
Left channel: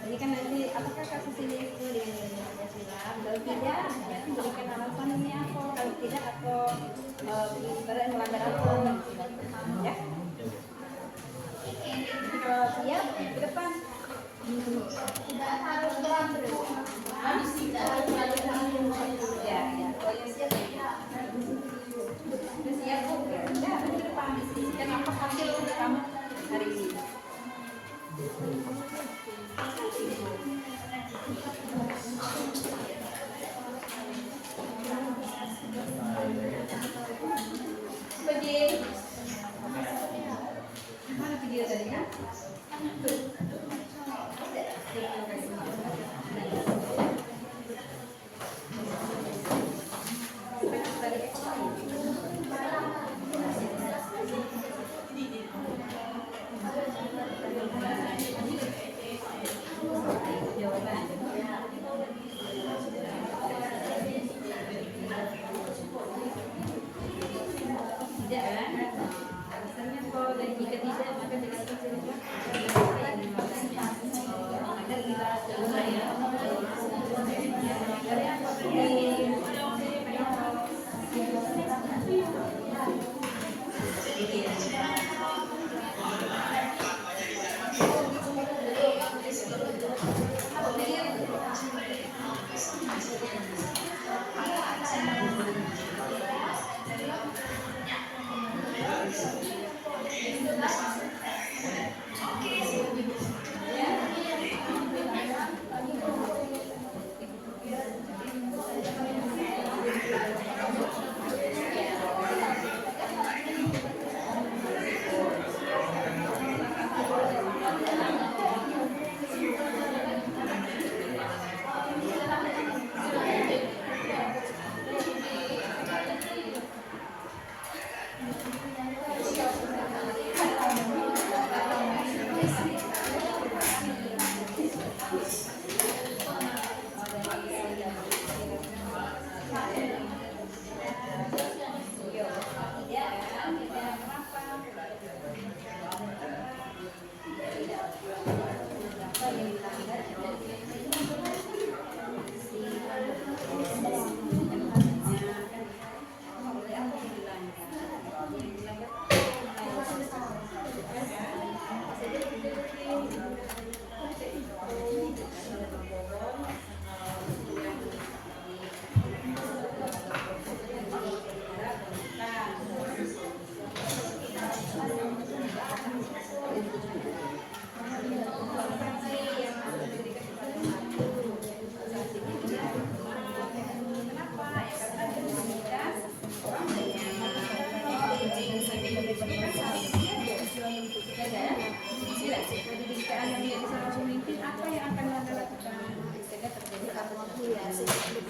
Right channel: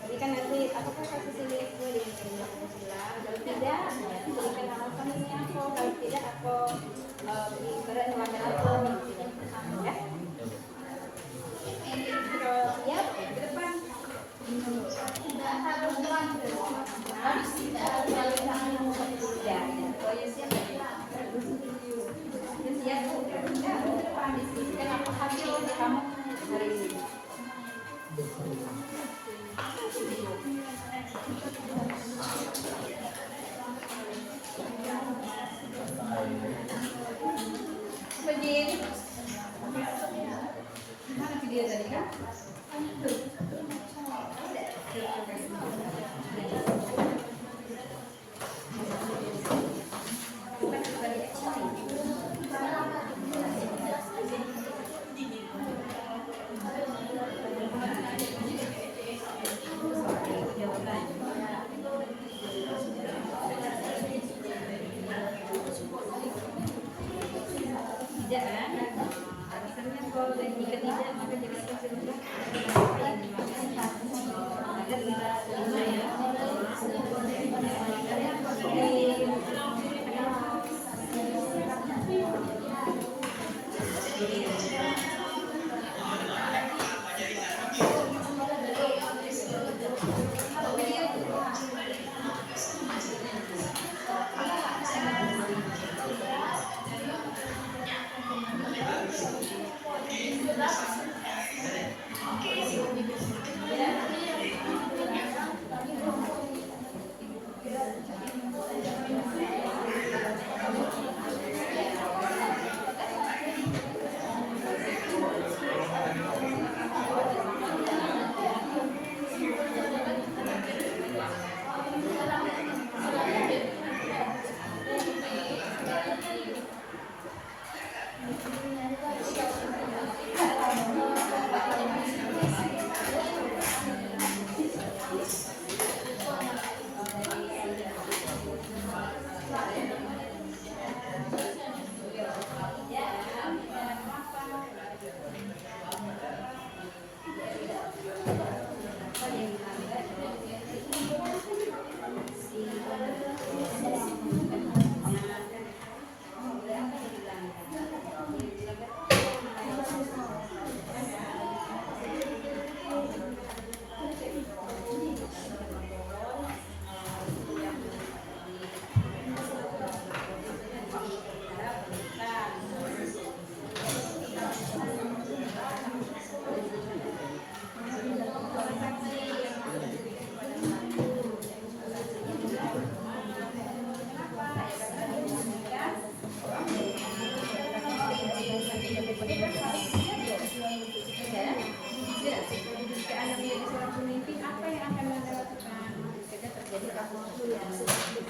Jadi kan nanti apakah kasus ini sesuai dengan yang Pancasila? Kalau tidak, berarti berikan alasan ini apa? Kalau tidak, apa ibarat melanggar apa? Ya. Kalau siap, ke depan. Tidak harus berlangsung. Ya, kalau yang siap, sudah siap bu. Ya, udah ke depan diskusikan apa hasil kamu hari ini. Apa Jin? Mana video tadi kan? Tuh. Tidak kan? Alasannya kalau dan jika tidak maka jangan tersilukan apa yang dimakan agar tidak terima ya. Yang melanggar ya apa tadi?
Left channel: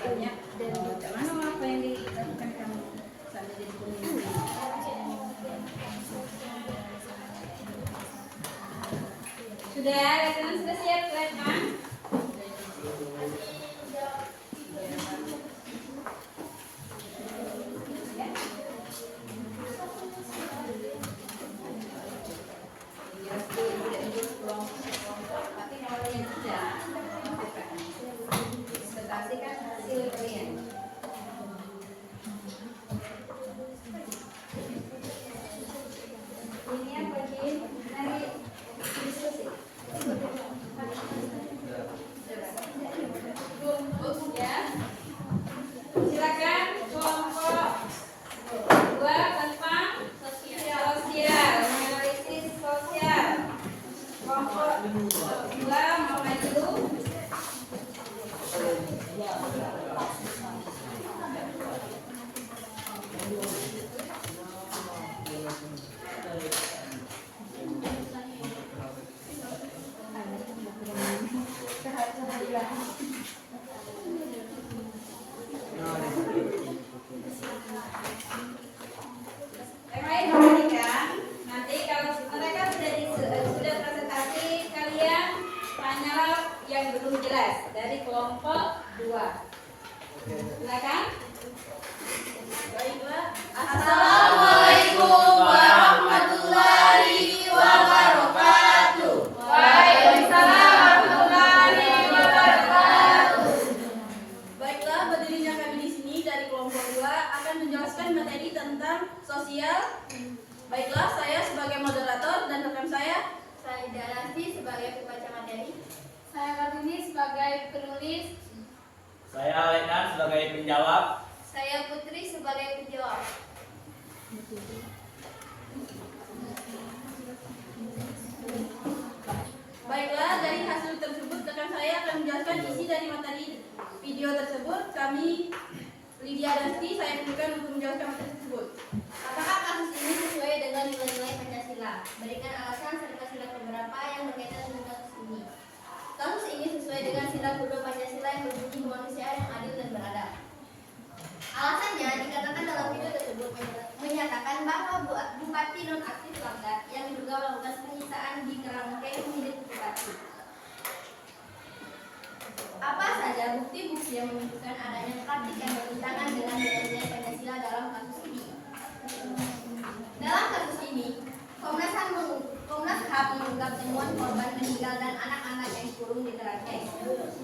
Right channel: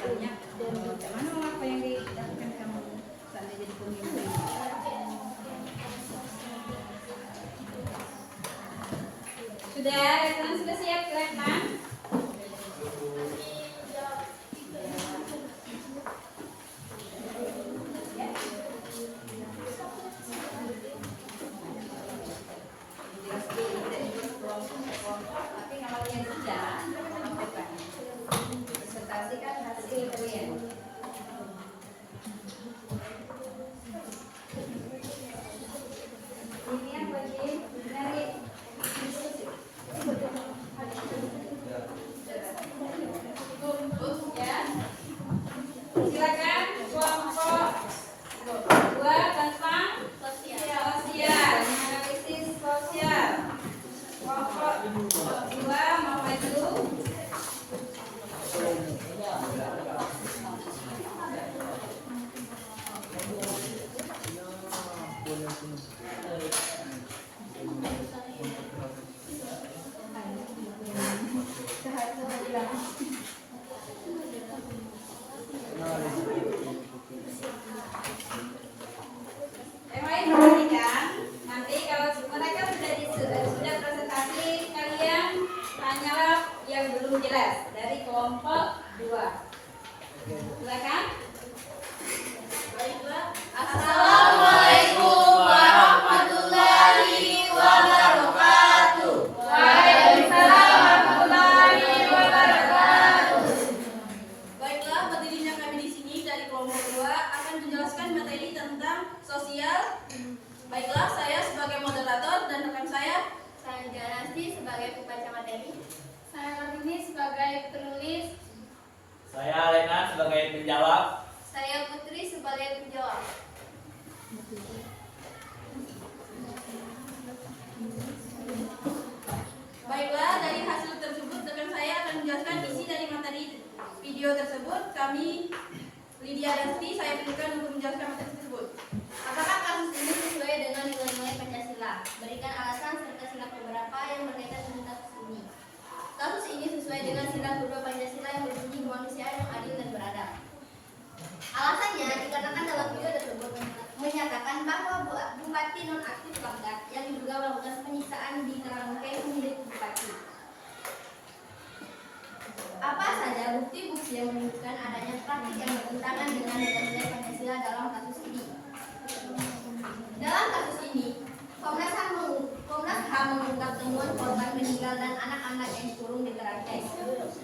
banyak dan tak mana apa yang dilakukan kamu sampai jadi pemimpin. Sudah, rekan sudah siap rekan? Tapi kalau yang tidak, presentasikan hasil kalian. Ini yang bagi dari diskusi. Ya, silakan kelompok 2 tentang sosial, analisis sosial. Kelompok 2 mau maju. Yang lain perhatikan, nanti kalau mereka sudah presentasi, kalian tanyalah yang belum jelas dari kelompok 2. Silakan. Baiklah. Assalamualaikum warahmatullahi wabarakatuh. Waalaikumsalam warahmatullahi wabarakatuh. Baiklah, berdirinya kami di sini dari kelompok 2 akan menjelaskan materi tentang sosial. Baiklah, saya sebagai moderator dan rekan saya Darasti sebagai pembaca materi. Saya Kartini sebagai penulis. Saya Lenan sebagai penjawab. Saya Putri sebagai penjawab. Baiklah, dari hasil tersebut rekan saya akan menjelaskan isi dari materi video tersebut. Kami Lydia Dasti, saya perlukan untuk menjelaskan materi tersebut. Apakah kasus ini sesuai dengan nilai-nilai Pancasila? Berikan alasan serta sila keberapa yang berkaitan dengan kasus ini. Kasus ini sesuai dengan sila kedua Pancasila yang berbunyi kemanusiaan yang adil dan beradab. Alasannya dikarenakan dalam video tersebut menyatakan bahwa bupati nonaktif Langkat yang diduga melakukan penyiksaan di kerangkeng milik bupati. Apa saja bukti-bukti yang menunjukkan adanya praktik yang bertentangan dengan nilai-nilai Pancasila dalam kasus ini? Dalam kasus ini, Komnas HAM mengungkap temuan korban meninggal dan anak-anak yang dikurung di kerangkeng.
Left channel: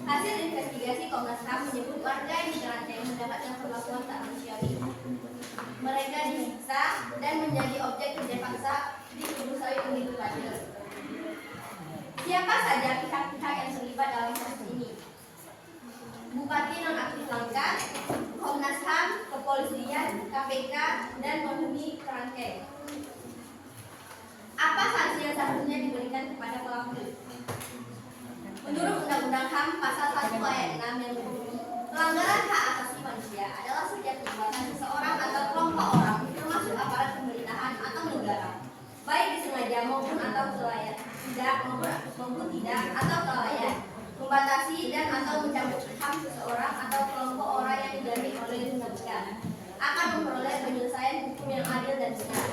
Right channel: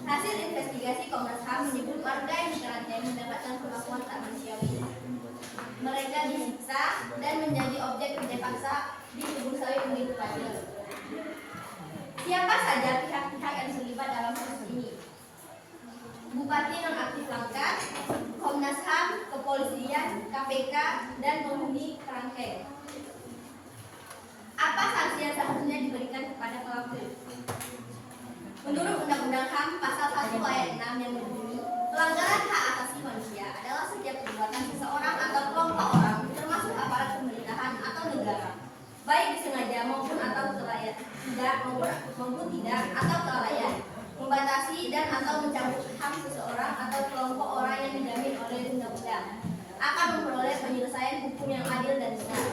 Hasil investigasi Komnas HAM menyebut warga yang di kerangkeng mendapatkan perlakuan tak manusiawi. Mereka disiksa dan menjadi objek kerja paksa di kebun sawit milik bupati. Siapa saja pihak-pihak yang terlibat dalam kasus ini? Bupati nonaktif Langkat, Komnas HAM, Kepolisian, KPK, dan penghuni kerangkeng. Apa sanksi yang seharusnya diberikan kepada pelaku? Menurut Undang-Undang HAM Pasal 1 Ayat 6 yang berbunyi, pelanggaran hak asasi manusia adalah setiap perbuatan seseorang atau kelompok orang, termasuk aparat pemerintahan atau negara, baik disengaja maupun atau tidak atau kelalaian, membatasi dan atau mencabut hak seseorang atau kelompok orang yang dijamin oleh undang-undang, akan memperoleh penyelesaian hukum yang adil dan benar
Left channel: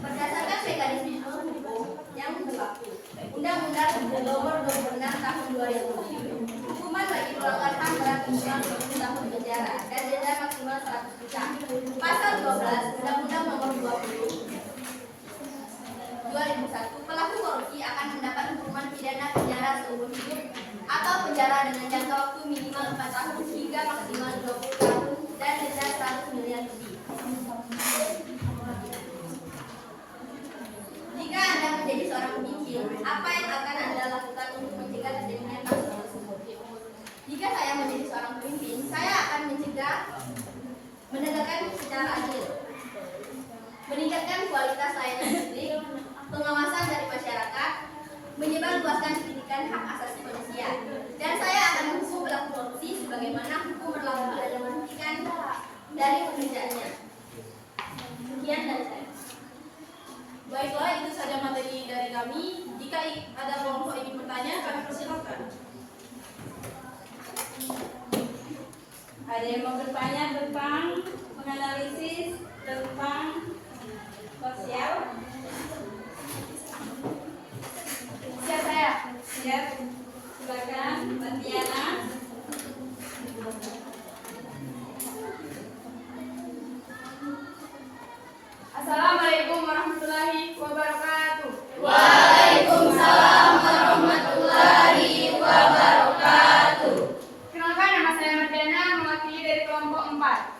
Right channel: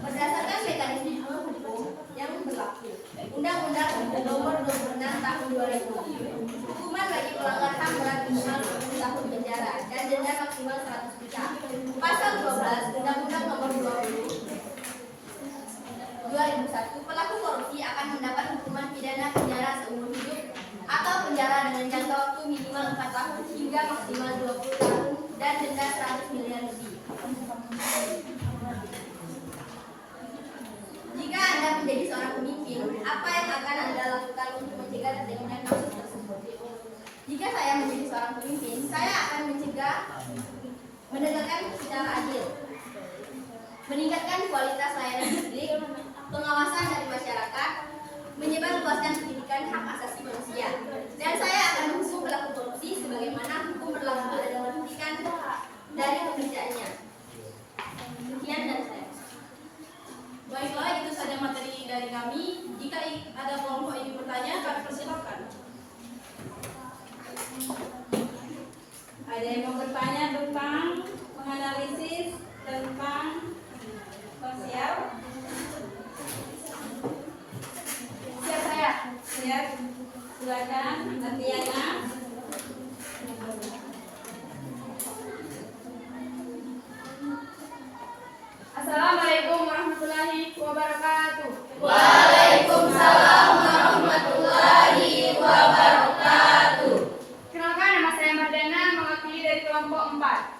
berdasarkan mekanisme hukum yang berlaku. Undang-Undang Nomor 26 Tahun 2000. Hukuman bagi pelanggar HAM berat minimal 10 tahun penjara dan denda maksimal 100 juta. Pasal 12 Undang-Undang Nomor 20 2001, pelaku korupsi akan mendapat hukuman pidana penjara seumur hidup atau penjara dengan jangka waktu minimal 4 tahun hingga maksimal 20 tahun dan denda 100 miliar lebih. Jika Anda menjadi seorang pemimpin, apa yang akan Anda lakukan untuk mencegah terjadinya kasus tersebut? Jika saya menjadi seorang pemimpin, saya akan mencegah menegakkan secara adil, meningkatkan kualitas layanan publik, pengawasan dari masyarakat, menyebarluaskan pendidikan hak asasi manusia, dan saya akan menghukum pelaku korupsi sebagaimana hukum berlaku dan menghentikan dari pekerjaannya. Sekian dari saya. Baiklah, itu saja materi dari kami. Jika ada kelompok ingin bertanya, kami persilakan. Ada yang mau bertanya tentang menganalisis tentang sosial? Siap saya? Siap. Silakan, Mbak Tiana. Assalamualaikum warahmatullahi wabarakatuh. Waalaikumsalam warahmatullahi wabarakatuh. Kenalkan, nama saya Mardana, mewakili dari kelompok 4.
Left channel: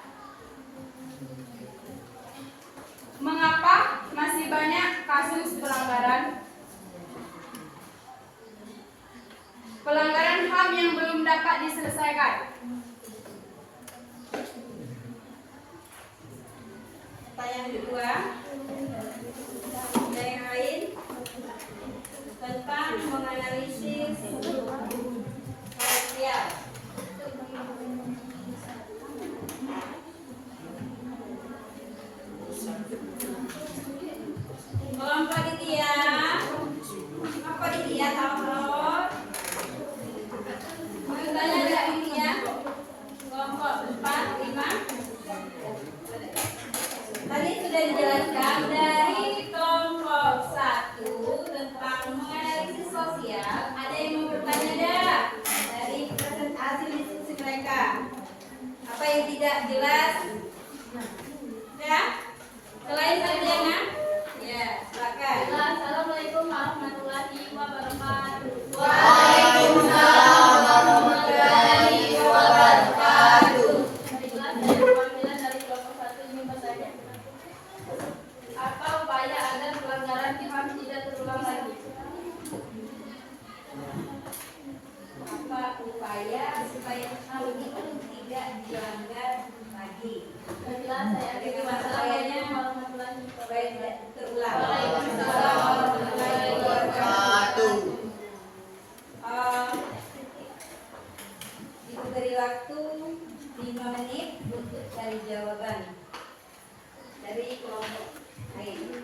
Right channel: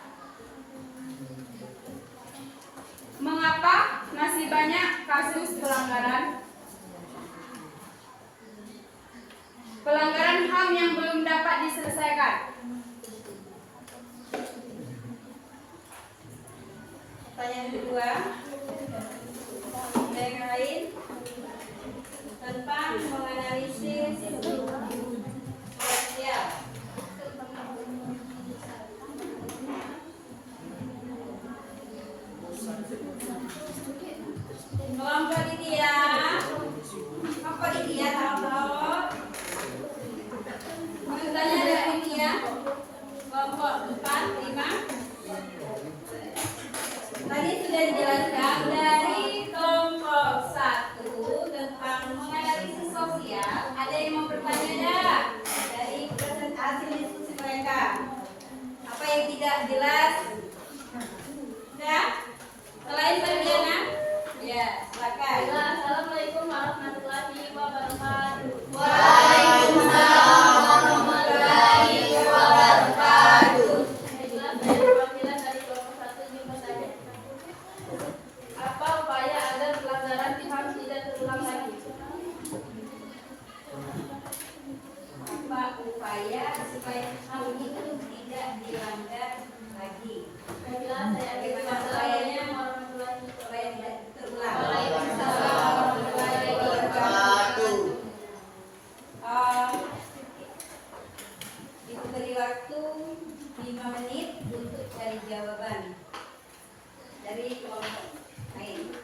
Mengapa masih banyak kasus pelanggaran HAM yang belum dapat diselesaikan? Pertanyaan kedua, ada yang lain tentang menganalisis sosial. Kelompok Ditya, apa Ditya halo? Mau tanya ada Ditya? Kelompok 4, 5. Tadi sudah dijelaskan dari kelompok 1 tentang menganalisis sosial. Ada yang mau bertanya ada dari presentasi diskusi mereka? Apa yang tidak jelas? Ya? Selain Sarjana? Ya, silakan. Assalamualaikum warahmatullahi wabarakatuh. Waalaikumsalam warahmatullahi wabarakatuh. Baiklah, saya perwakilan dari kelompok 1 jumpa saja. Apa upaya agar pelanggaran HAM tidak terulang lagi? Apa upaya supaya hal itu tidak dilanggar lagi? Baiklah, saya Bagaimana upayanya warahmatullahi supaya tidak terulang? Waalaikumsalam warahmatullahi wabarakatuh. Diberi waktu 5 menit untuk cari jawaban dari kelompok lain.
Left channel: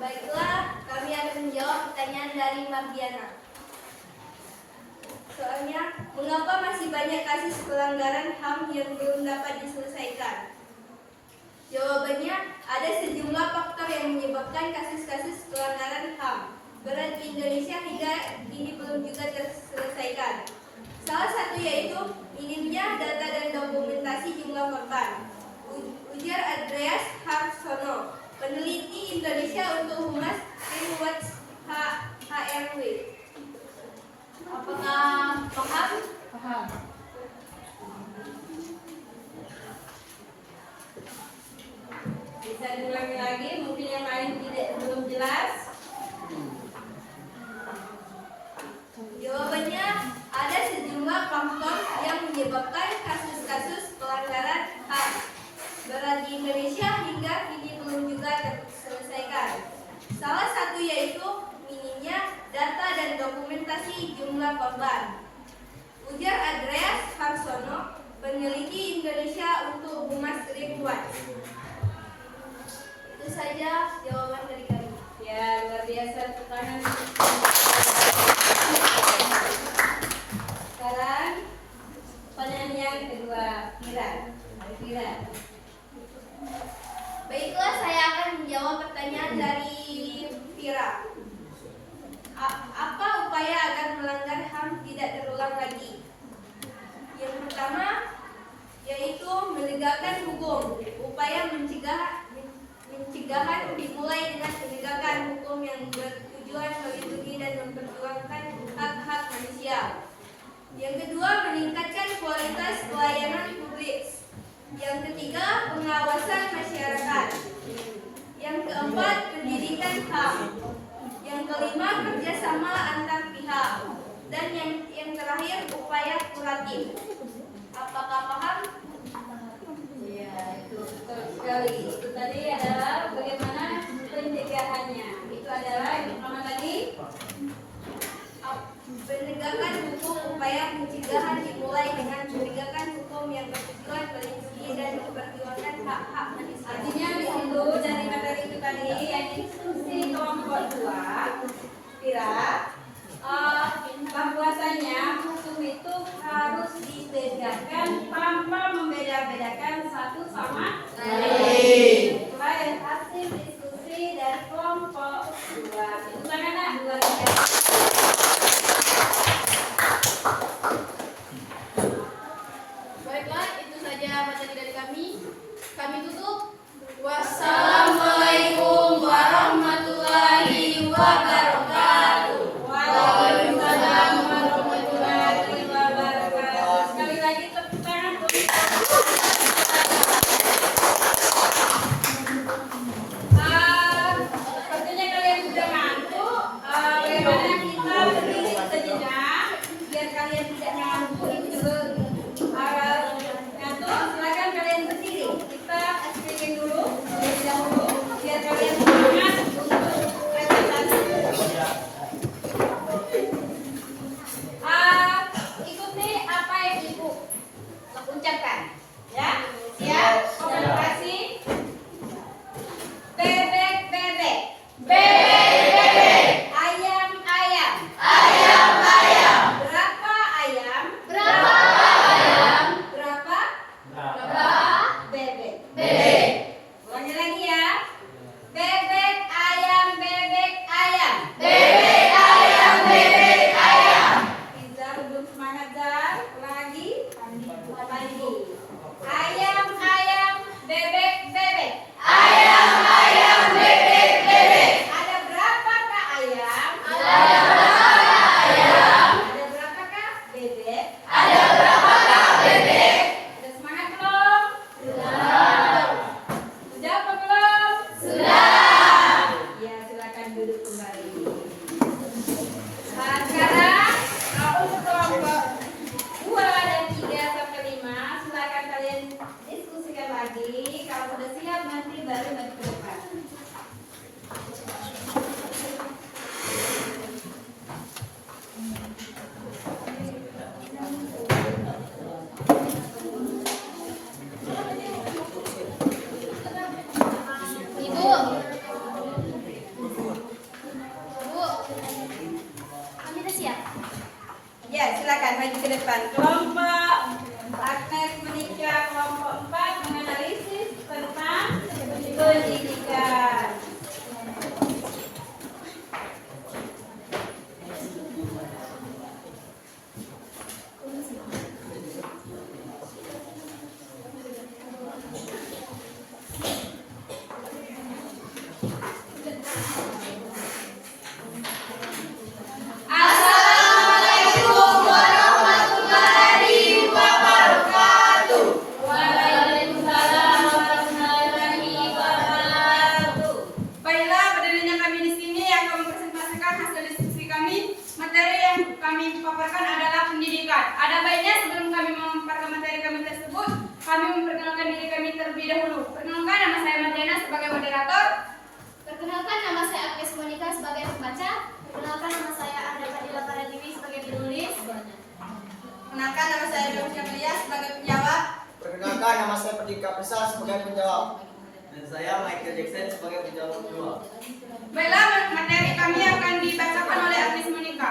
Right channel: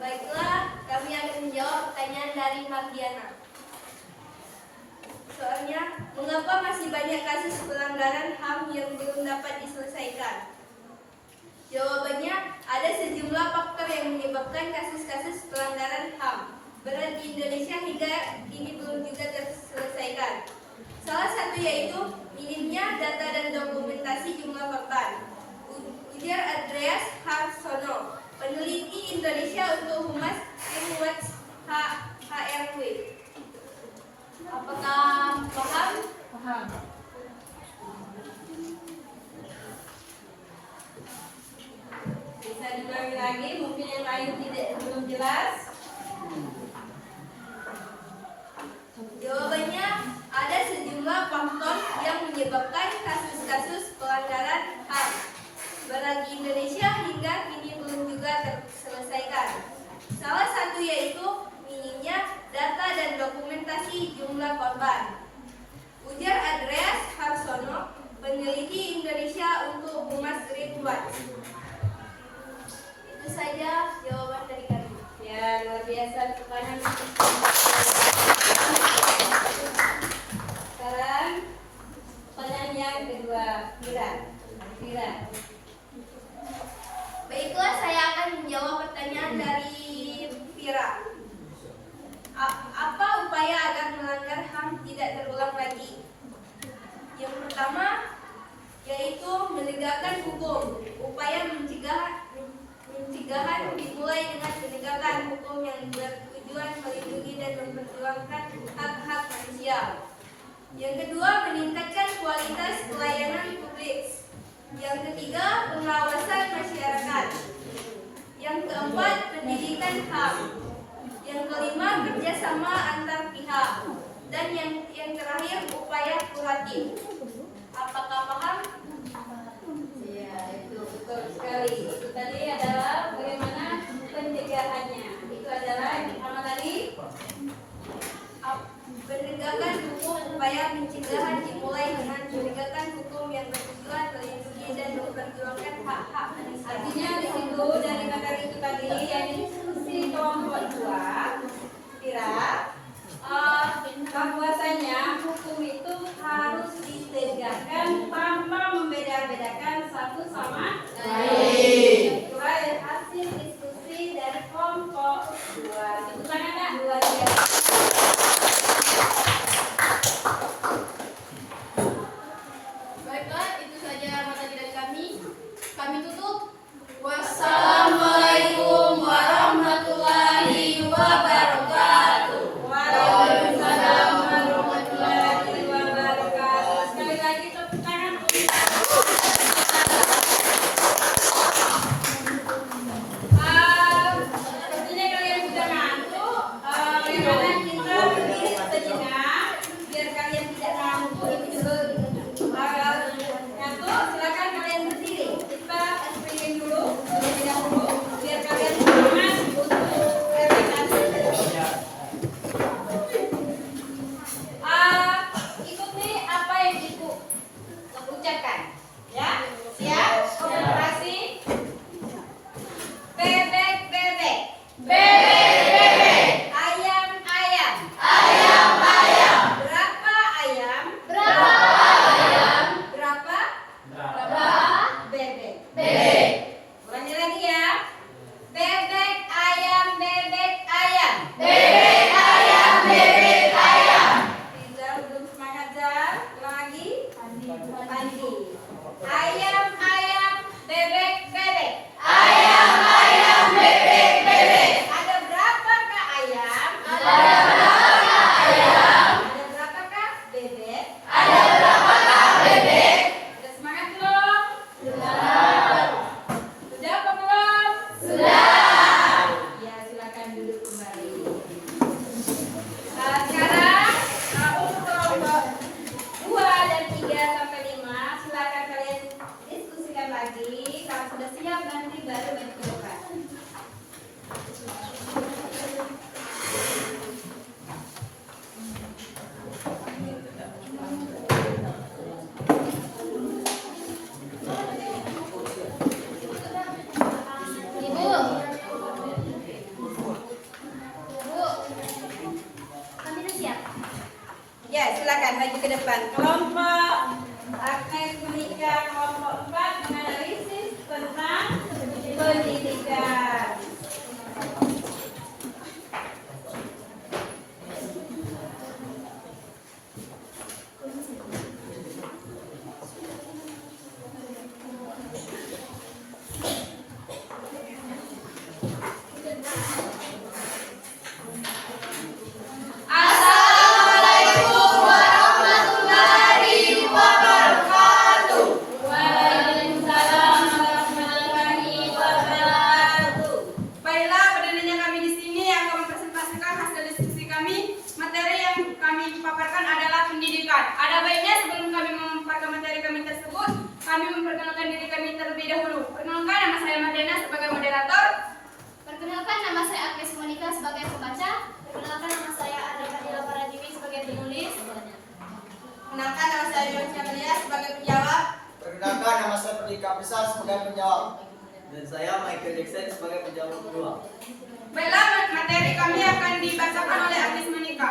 Baiklah, kami akan menjawab pertanyaan dari Mardiana. Soalnya, mengapa masih banyak kasus pelanggaran HAM yang belum dapat diselesaikan? Jawabannya, ada sejumlah faktor yang menyebabkan kasus-kasus pelanggaran HAM berat di Indonesia hingga kini belum juga terselesaikan. Salah satu yaitu minimnya data dan dokumentasi jumlah korban. Ujar Andreas Harsono, peneliti Indonesia untuk Humas Greenwatch HRW. Apakah paham? Paham. Bisa diulangi lagi, mungkin yang lain belum jelas. Jawabannya, ada sejumlah menyebabkan kasus-kasus pelanggaran HAM berat di Indonesia hingga kini belum juga terselesaikan. Salah satu yaitu minimnya data dan dokumentasi jumlah korban. Ujar Andreas Harsono, peneliti Indonesia untuk Humas Green Watch. Itu saja jawaban dari kami. Ya, luar biasa. Sekarang pertanyaan yang kedua, Fira. Baiklah, saya akan menjawab pertanyaan dari Vira. Apa upaya agar melanggar HAM tidak terulang lagi? Yang pertama yaitu menegakkan hukum. Upaya pencegahan dimulai dengan penegakan hukum yang bertujuan melindungi dan memperjuangkan hak-hak manusia. Yang kedua, meningkatkan kualitas pelayanan publik. Yang ketiga, pengawasan masyarakat. Yang keempat, pendidikan HAM. Yang kelima, kerjasama antar pihak. Dan yang terakhir, upaya kuratif. Apakah paham? Ya, itu betul sekali. Itu tadi adalah bagaimana pencegahannya. Itu adalah yang pertama tadi. Penegakan hukum, upaya pencegahan dimulai dengan penegakan hukum yang bertujuan melindungi dan memperjuangkan hak-hak manusia. Artinya di situ dari materi itu tadi yang diskusi kelompok 2, Fira, bahwasanya hukum itu harus ditegakkan tanpa membeda-bedakan satu sama lain. Itulah hasil diskusi dari kelompok 2. Tepuk tangan nak, luar biasa. Baiklah, itu saja materi dari kami. Kami tutup. Wassalamualaikum warahmatullahi wabarakatuh. Waalaikumsalam warahmatullahi wabarakatuh. Sekali lagi tepuk tangan untuk sepertinya kalian sudah ngantuk. Bagaimana kita berdiri sejenak biar kalian tidak ngantuk. Ngantuk, silakan kalian berdiri. Kita speaking dulu terlebih dahulu biar kalian semangat untuk presentasi. Ikuti apa yang Ibu ucapkan, ya. Siap? Konsentrasi. Bebek, bebek. Bebek, bebek. Ayam, ayam. Ayam, ayam. Berapa ayam? Berapa ayam? Berapa? Berapa bebek? Bebek. Ulangi lagi ya. Bebek, ayam, bebek, ayam. Bebek, ayam, bebek, ayam. Rizal belum semangat, Zal. Ulang lagi. Pandi. Ayam, ayam, bebek, bebek. Ayam, ayam, bebek, bebek. Ada berapakah ayam? Ada berapakah ayam? Ada berapakah bebek? Ada berapakah bebek? Sudah semangat belum? Sudah. Sudah apa belum? Sudah. Ya, silakan duduk kembali. Sekarang untuk kelompok 2 dan 3 sampai 5 silakan kalian diskusikan lagi. Kalau sudah siap nanti baru maju ke depan. Ibu. Bu. Kami sudah siap. Ya, silakan maju ke depan. Kelompok Agnes Menika, kelompok 4 menganalisis tentang pendidikan. Assalamualaikum warahmatullahi wabarakatuh. Waalaikumsalam warahmatullahi wabarakatuh. Perkenalkan, nama saya Agnes Monica sebagai pembaca. Perkenalkan, nama saya Arda Fadila Paradiwi sebagai penulis. Perkenalkan, nama saya Dewi Camelia sebagai penjawab. Perkenalkan, nama saya Perdika Besar sebagai penjawab. Dan saya Michael Jackson sebagai penjawab kedua. Baiklah, materi kami akan dibacakan oleh Agnes Monica.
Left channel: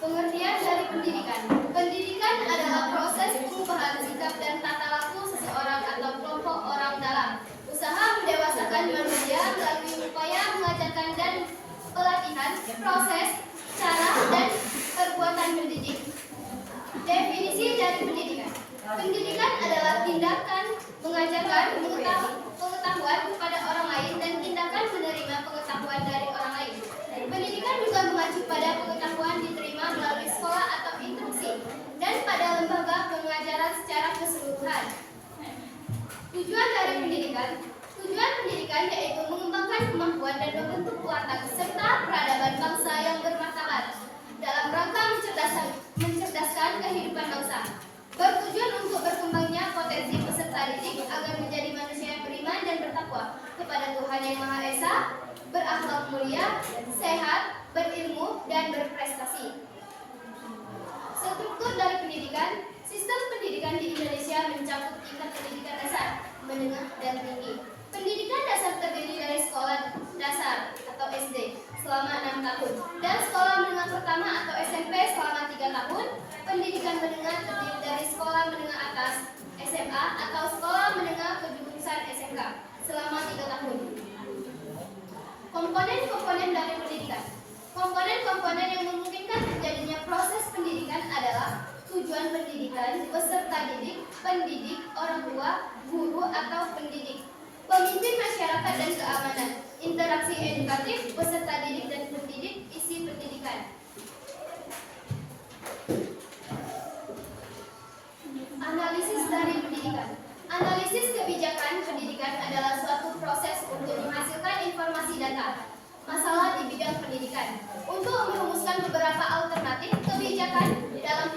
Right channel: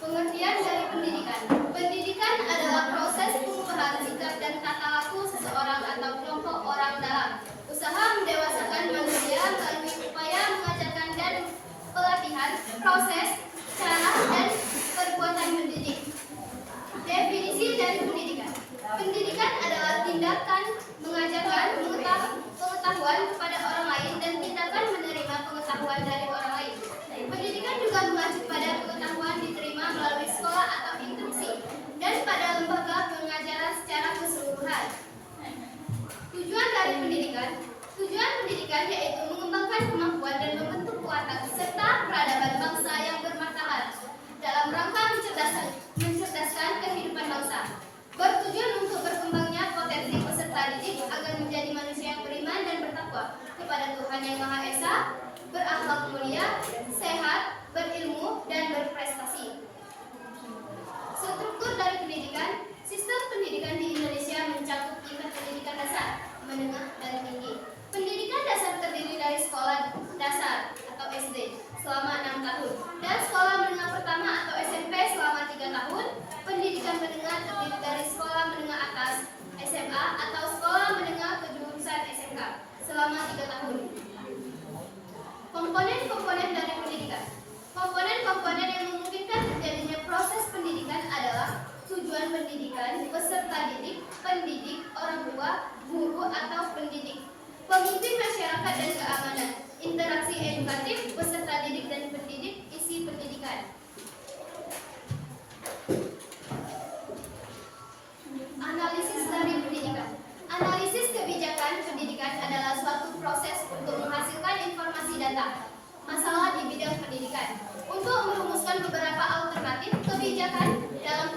Pengertian dari pendidikan. Pendidikan adalah proses perubahan sikap dan tata laku seseorang atau kelompok orang dalam usaha mendewasakan manusia melalui upaya mengajarkan dan pelatihan, proses, cara, dan perbuatan mendidik. Definisi dari pendidikan. Pendidikan adalah tindakan mengajarkan pengetahuan kepada orang lain dan tindakan menerima pengetahuan dari orang lain. Pendidikan juga mengacu pada pengetahuan diterima melalui sekolah atau instruksi dan pada lembaga pengajaran secara keseluruhan. Tujuan dari pendidikan. Tujuan pendidikan yaitu mengembangkan kemampuan dan membentuk watak serta peradaban bangsa yang bermartabat dalam rangka mencerdaskan kehidupan bangsa. Bertujuan untuk berkembangnya potensi peserta didik agar menjadi manusia yang beriman dan bertakwa kepada Tuhan Yang Maha Esa, berakhlak mulia, sehat, berilmu, dan berprestasi. Struktur dari pendidikan. Sistem pendidikan di Indonesia mencakup tingkat pendidikan dasar, menengah, dan tinggi. Pendidikan dasar terdiri dari sekolah dasar atau SD selama 6 tahun dan sekolah menengah pertama atau SMP selama 3 tahun. Pendidikan menengah terdiri dari sekolah menengah atas SMA atau sekolah menengah kejurusan SMK selama 3 tahun. Komponen-komponen dari pendidikan. Komponen-komponen yang memungkinkan terjadinya proses pendidikan adalah tujuan pendidikan, peserta didik, pendidik, orang tua, guru atau pendidik, pemimpin masyarakat dan keamanan, interaksi edukatif, peserta didik dan pendidik, isi pendidikan. Analisis dari pendidikan. Analisis kebijakan pendidikan adalah suatu proses untuk menghasilkan informasi data masalah di bidang pendidikan untuk merumuskan beberapa alternatif kebijakan dalam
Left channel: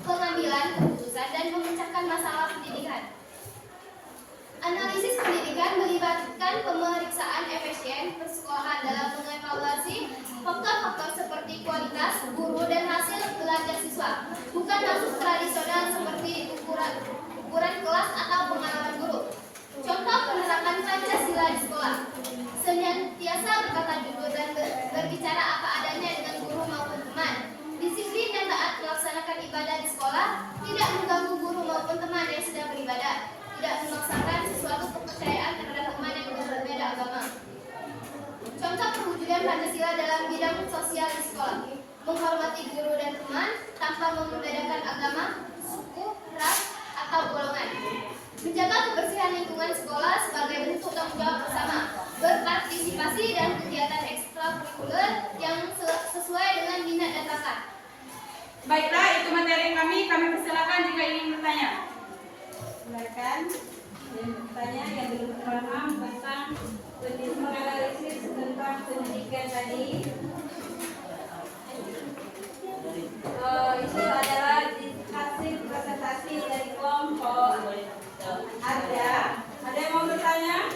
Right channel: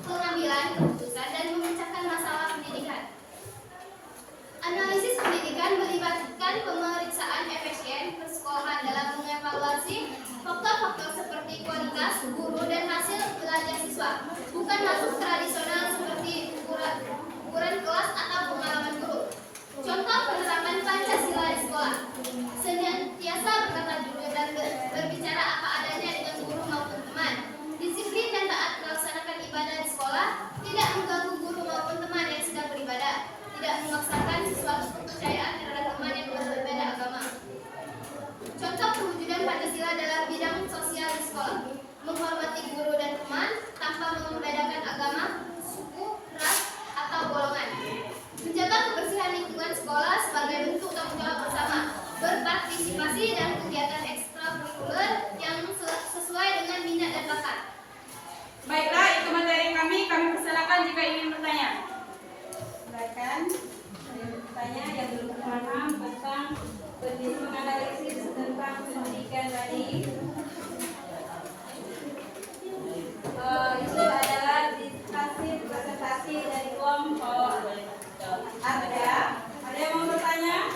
pengambilan keputusan dan memecahkan masalah pendidikan. Analisis pendidikan melibatkan pemeriksaan efisien persekolahan dalam mengevaluasi faktor-faktor seperti kualitas guru dan hasil belajar siswa, bukan masuk tradisional seperti ukuran kelas atau pengalaman guru. Contoh penerapan Pancasila di sekolah. Senantiasa berkata jujur dan berbicara apa adanya dengan guru maupun teman. Disiplin dan taat melaksanakan ibadah di sekolah, tidak mengganggu guru maupun teman yang sedang beribadah, tidak memaksakan sesuatu kepercayaan terhadap teman yang berbeda agama. Contoh perwujudan Pancasila dalam bidang sosial di sekolah. Menghormati guru dan teman tanpa membedakan agama, suku, ras, atau golongan. Menjaga kebersihan lingkungan sekolah sebagai bentuk tanggung jawab bersama. Berpartisipasi dan kegiatan ekstrakurikuler yang sesuai dengan minat dan bakat. Baiklah, itu materi kami persilakan jika ingin bertanya. Silakan bertanya yang belum paham tentang menganalisis tentang pendidikan tadi. Itu adalah hasil presentasi dari kelompok. Ada yang mau bertanya?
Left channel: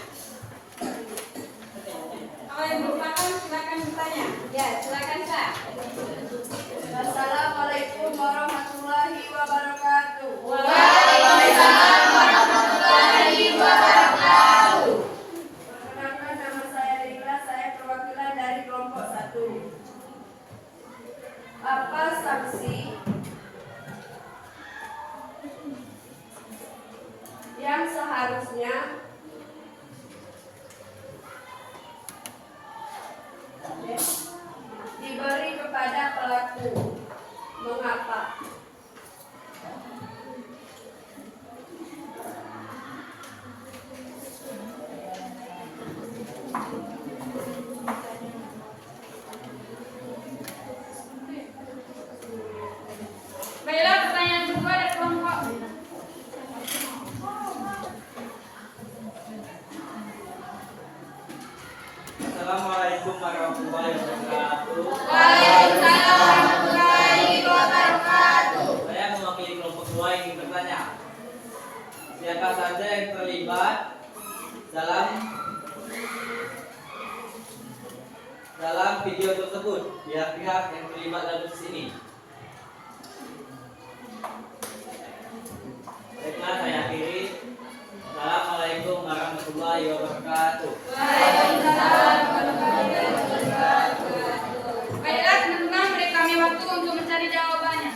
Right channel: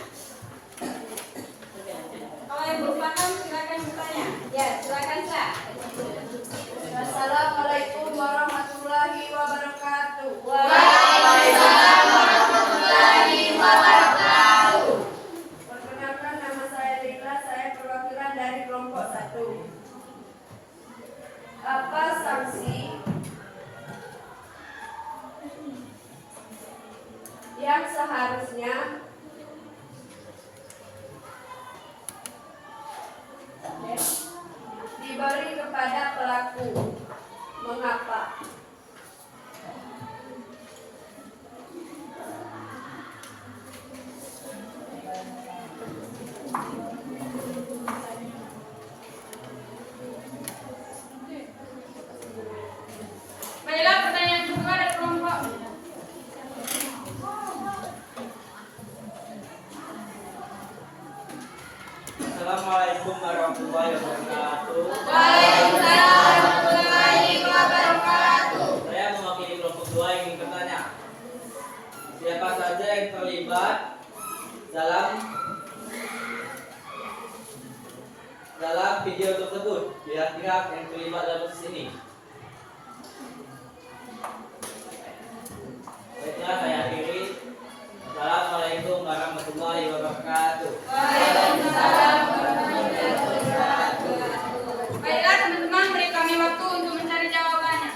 Kalau yang belum paham silakan bertanya. Ya, silakan Kak. Assalamualaikum warahmatullahi wabarakatuh. Waalaikumsalam warahmatullahi wabarakatuh. Perkenalkan, nama saya Rika, saya perwakilan dari kelompok 1. Apa sanksi yang seharusnya diberi kepada pelaku? Mengapa? Baiklah, pertanyaan kedua dari kelompok. Assalamualaikum warahmatullahi wabarakatuh. Waalaikumsalam warahmatullahi wabarakatuh. Saya mewakili kelompok 2 yang ingin bertanya. Siapa saja yang terlibat dalam dalam video tersebut pihak-pihak yang terlibat dalam kasus ini. Baiklah, saya akhiri. Assalamualaikum warahmatullahi wabarakatuh. Waalaikumsalam warahmatullahi wabarakatuh. Baiklah teman-teman, beri kami waktu untuk mencari jawabannya.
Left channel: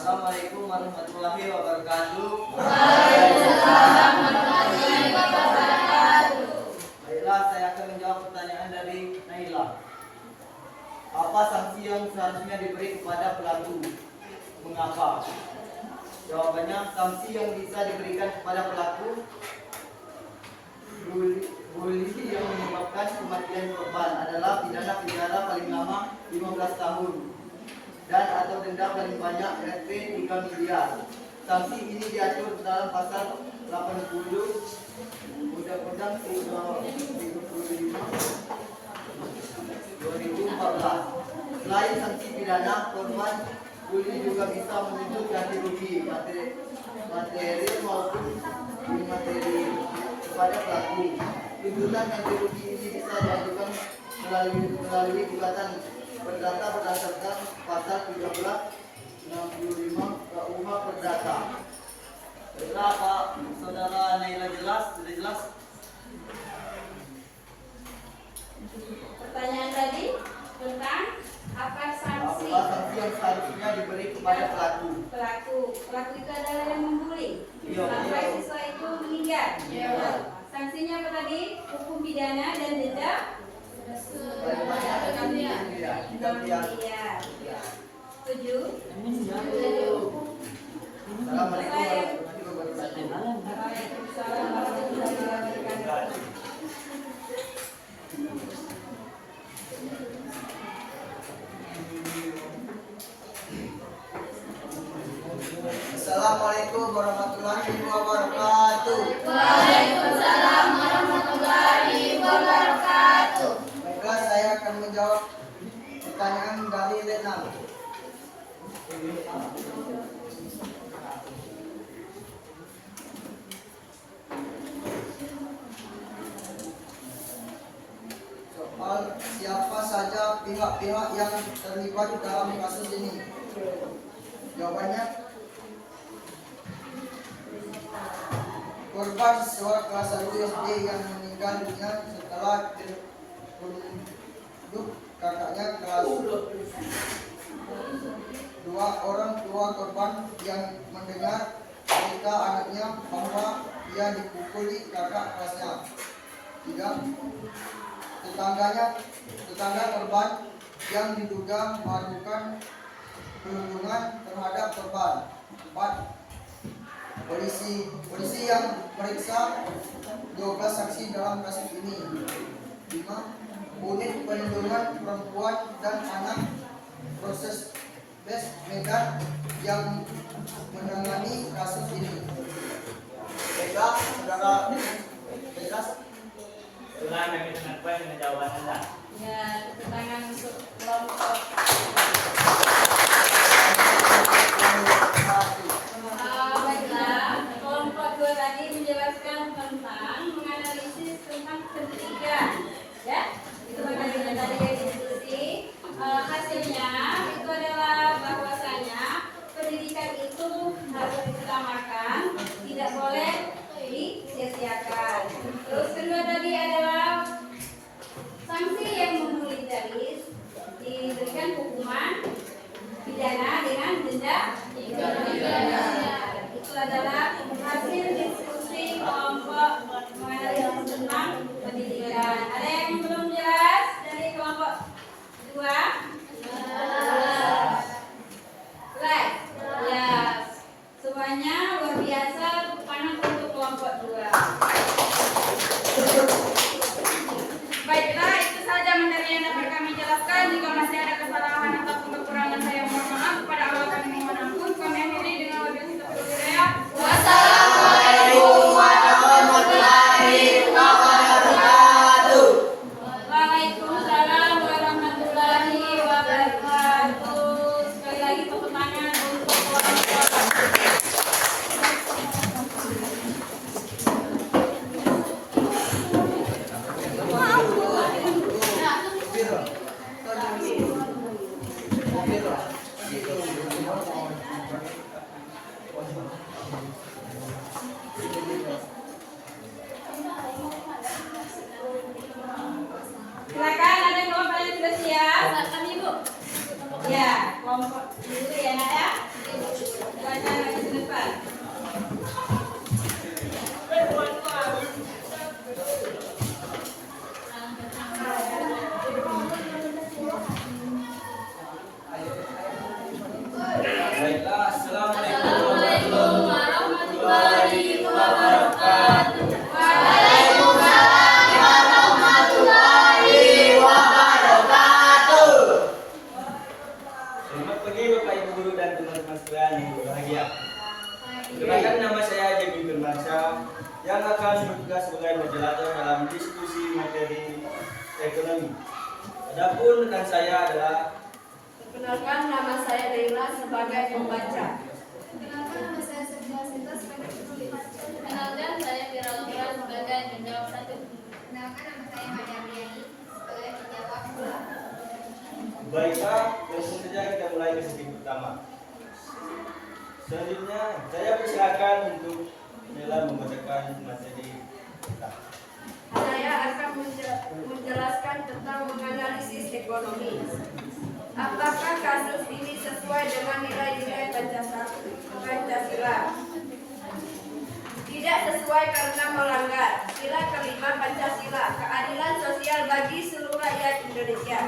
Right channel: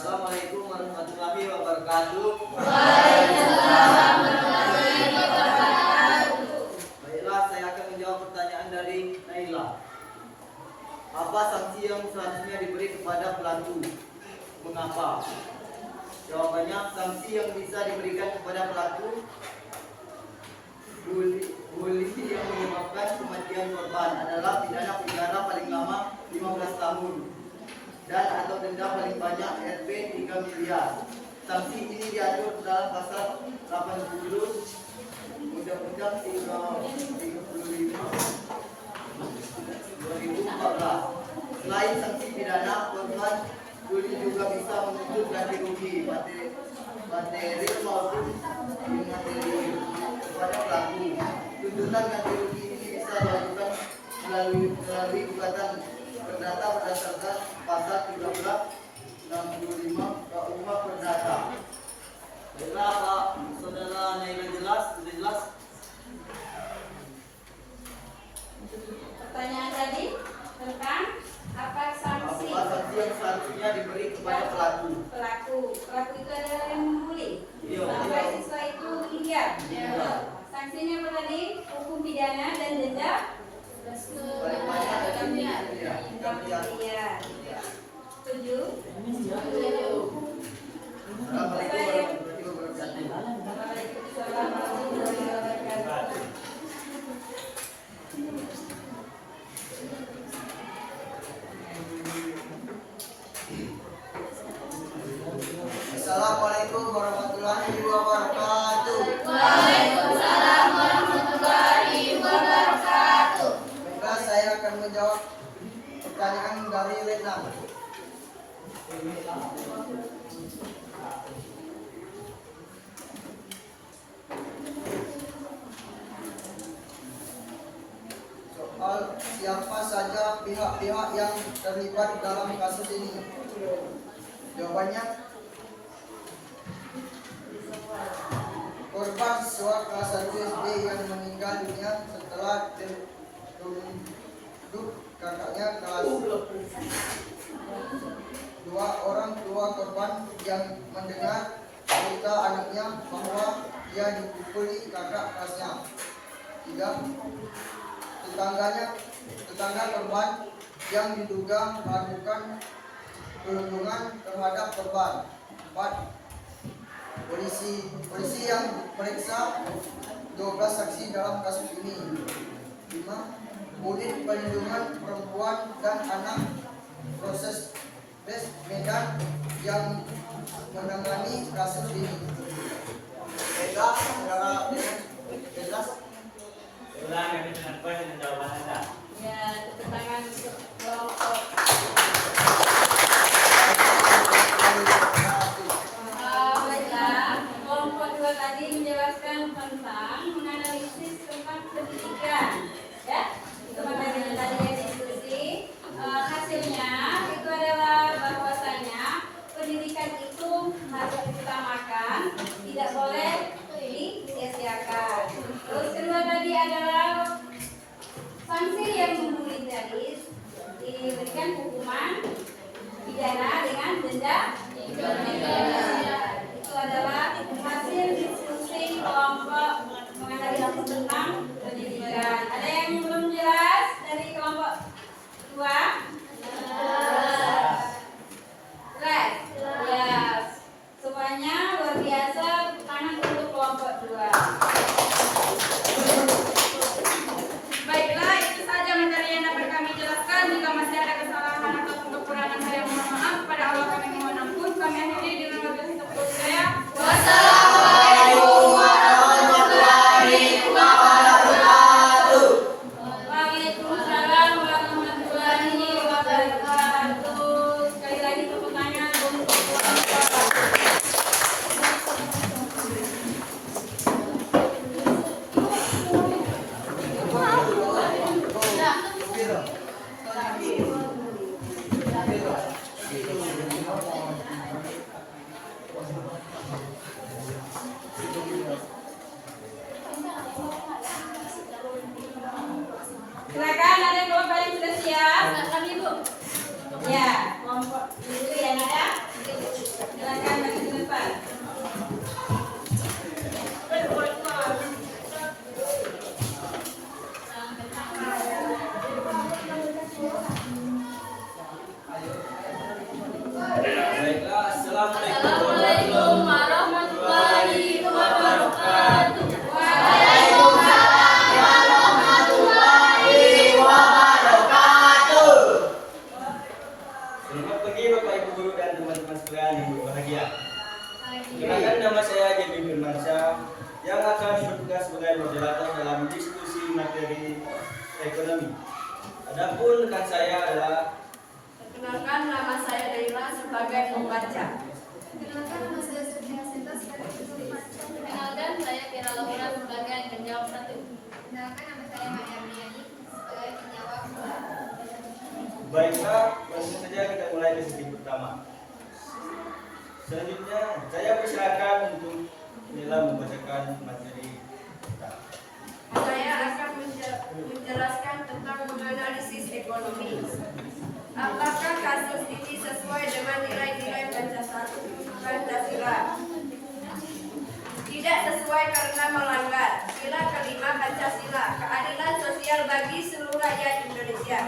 Assalamualaikum warahmatullahi wabarakatuh. Waalaikumsalam warahmatullahi wabarakatuh. Baiklah, saya akan menjawab pertanyaan dari Naila. Apa sanksi yang seharusnya diberi kepada pelaku? Mengapa? Jawabannya, sanksi yang bisa diberikan kepada pelaku bully yang menyebabkan kematian korban adalah pidana penjara paling lama 15 tahun dan atau denda paling banyak Rp 3 miliar. Sanksi ini diatur dalam pasal 80 Undang-Undang 35 2014. Selain sanksi pidana, korban bully juga bisa menuntut ganti rugi materi maupun imateri kepada pelaku. Tuntutan ganti rugi ini bisa diajukan melalui gugatan perdata berdasarkan pasal 1365 KUH Perdata. Baiklah, Pak Saudara Naila, sudah jelas? Pertanyaan tadi tentang apa sanksi Apa sanksi yang seharusnya diberi kepada pelaku? Pelaku itu adalah yang membuli. Iya. Sampai siswa itu menghindar. Iya. Sanksinya apa tadi? Hukum pidana dan denda Paling banyak Tiga miliar. 3 miliar. Setuju? Assalamualaikum warahmatullahi wabarakatuh. Waalaikumsalam warahmatullahi wabarakatuh. Assalamualaikum warahmatullahi wabarakatuh. Waalaikumsalam warahmatullahi wabarakatuh. Baiklah, saya akan menjawab pertanyaan dari Vietnam. Soal siapa saja pihak-pihak yang terlibat dalam kasus ini? Jawabannya, korban siswa kelas 1 SD yang meninggal dunia setelah tunduk kakaknya kelas 2 orang tua korban yang mendengar cerita anaknya bahwa ia dipukuli kakak kelasnya. 3. Tetangga korban yang diduga melakukan perlindungan terhadap korban. 4. Polisi yang memeriksa 12 saksi dalam kasus ini. 5. Unit Perlindungan Perempuan dan Anak Proses Bes Medan yang menangani kasus ini. Baiklah, saudara bebas. Ulang kami dengan puas dengan jawaban Anda. Ya, tepuk tangan untuk kelompok. Baiklah, kelompok 2 tadi menjelaskan tentang menganalisis tentang pendidikan. Ya, itu materi tadi yang diskusi. Hasilnya itu adalah bahwasanya pendidikan itu harus diutamakan, tidak boleh disia-siakan. Terus kedua tadi adalah sanksi yang memiliteris, diberikan hukuman pidana dengan denda. Itu adalah hasil diskusi kelompok menganalisis tentang pendidikan. Ada yang belum jelas dari kelompok 2? Jelas? Ya, semuanya luar biasa. Tangan untuk kelompok 2. Baiklah, itu saja materi yang dapat kami jelaskan. Jika masih ada kesalahan atau kekurangan, saya mohon maaf. Kepada Allah kami mohon ampun. Kami akhiri dengan wabillahi taufiq. Wassalamualaikum warahmatullahi wabarakatuh. Waalaikumsalam warahmatullahi wabarakatuh. Sekali lagi tepuk tangan untuk silakan, ada kelompok yang sudah siap. Kami Bu. Ya, kelompok itu ya Nak ya. Silakan lagi ke depan. Baiklah, Assalamualaikum warahmatullahi wabarakatuh. Selamat pagi Bapak Ibu Guru dan teman-teman sekalian yang berbahagia. Kenalkan, nama saya Jemi Firmansyah yang akan bertugas sebagai moderator dalam diskusi materi ekonomi. Adapun rekan saya adalah Perkenalkan, nama saya Deila sebagai pembaca. Kenalkan, nama saya Sofia Sinta sebagai penulis. Kenalkan, saya Fira Laura sebagai penjawab 1. Kenalkan, nama saya Maya Briani sebagai penjawab 2. Baiklah, langsung saja kita mulai ke sesi pertama. Selanjutnya, saya persilakan untuk Mila membacakan materi kita. Saya akan menjelaskan tentang menganalisis ekonomi. Apakah kasus ini sesuai dengan nilai-nilai Pancasila? Tidak sesuai karena melanggar nilai kelima Pancasila, keadilan sosial bagi seluruh rakyat Indonesia.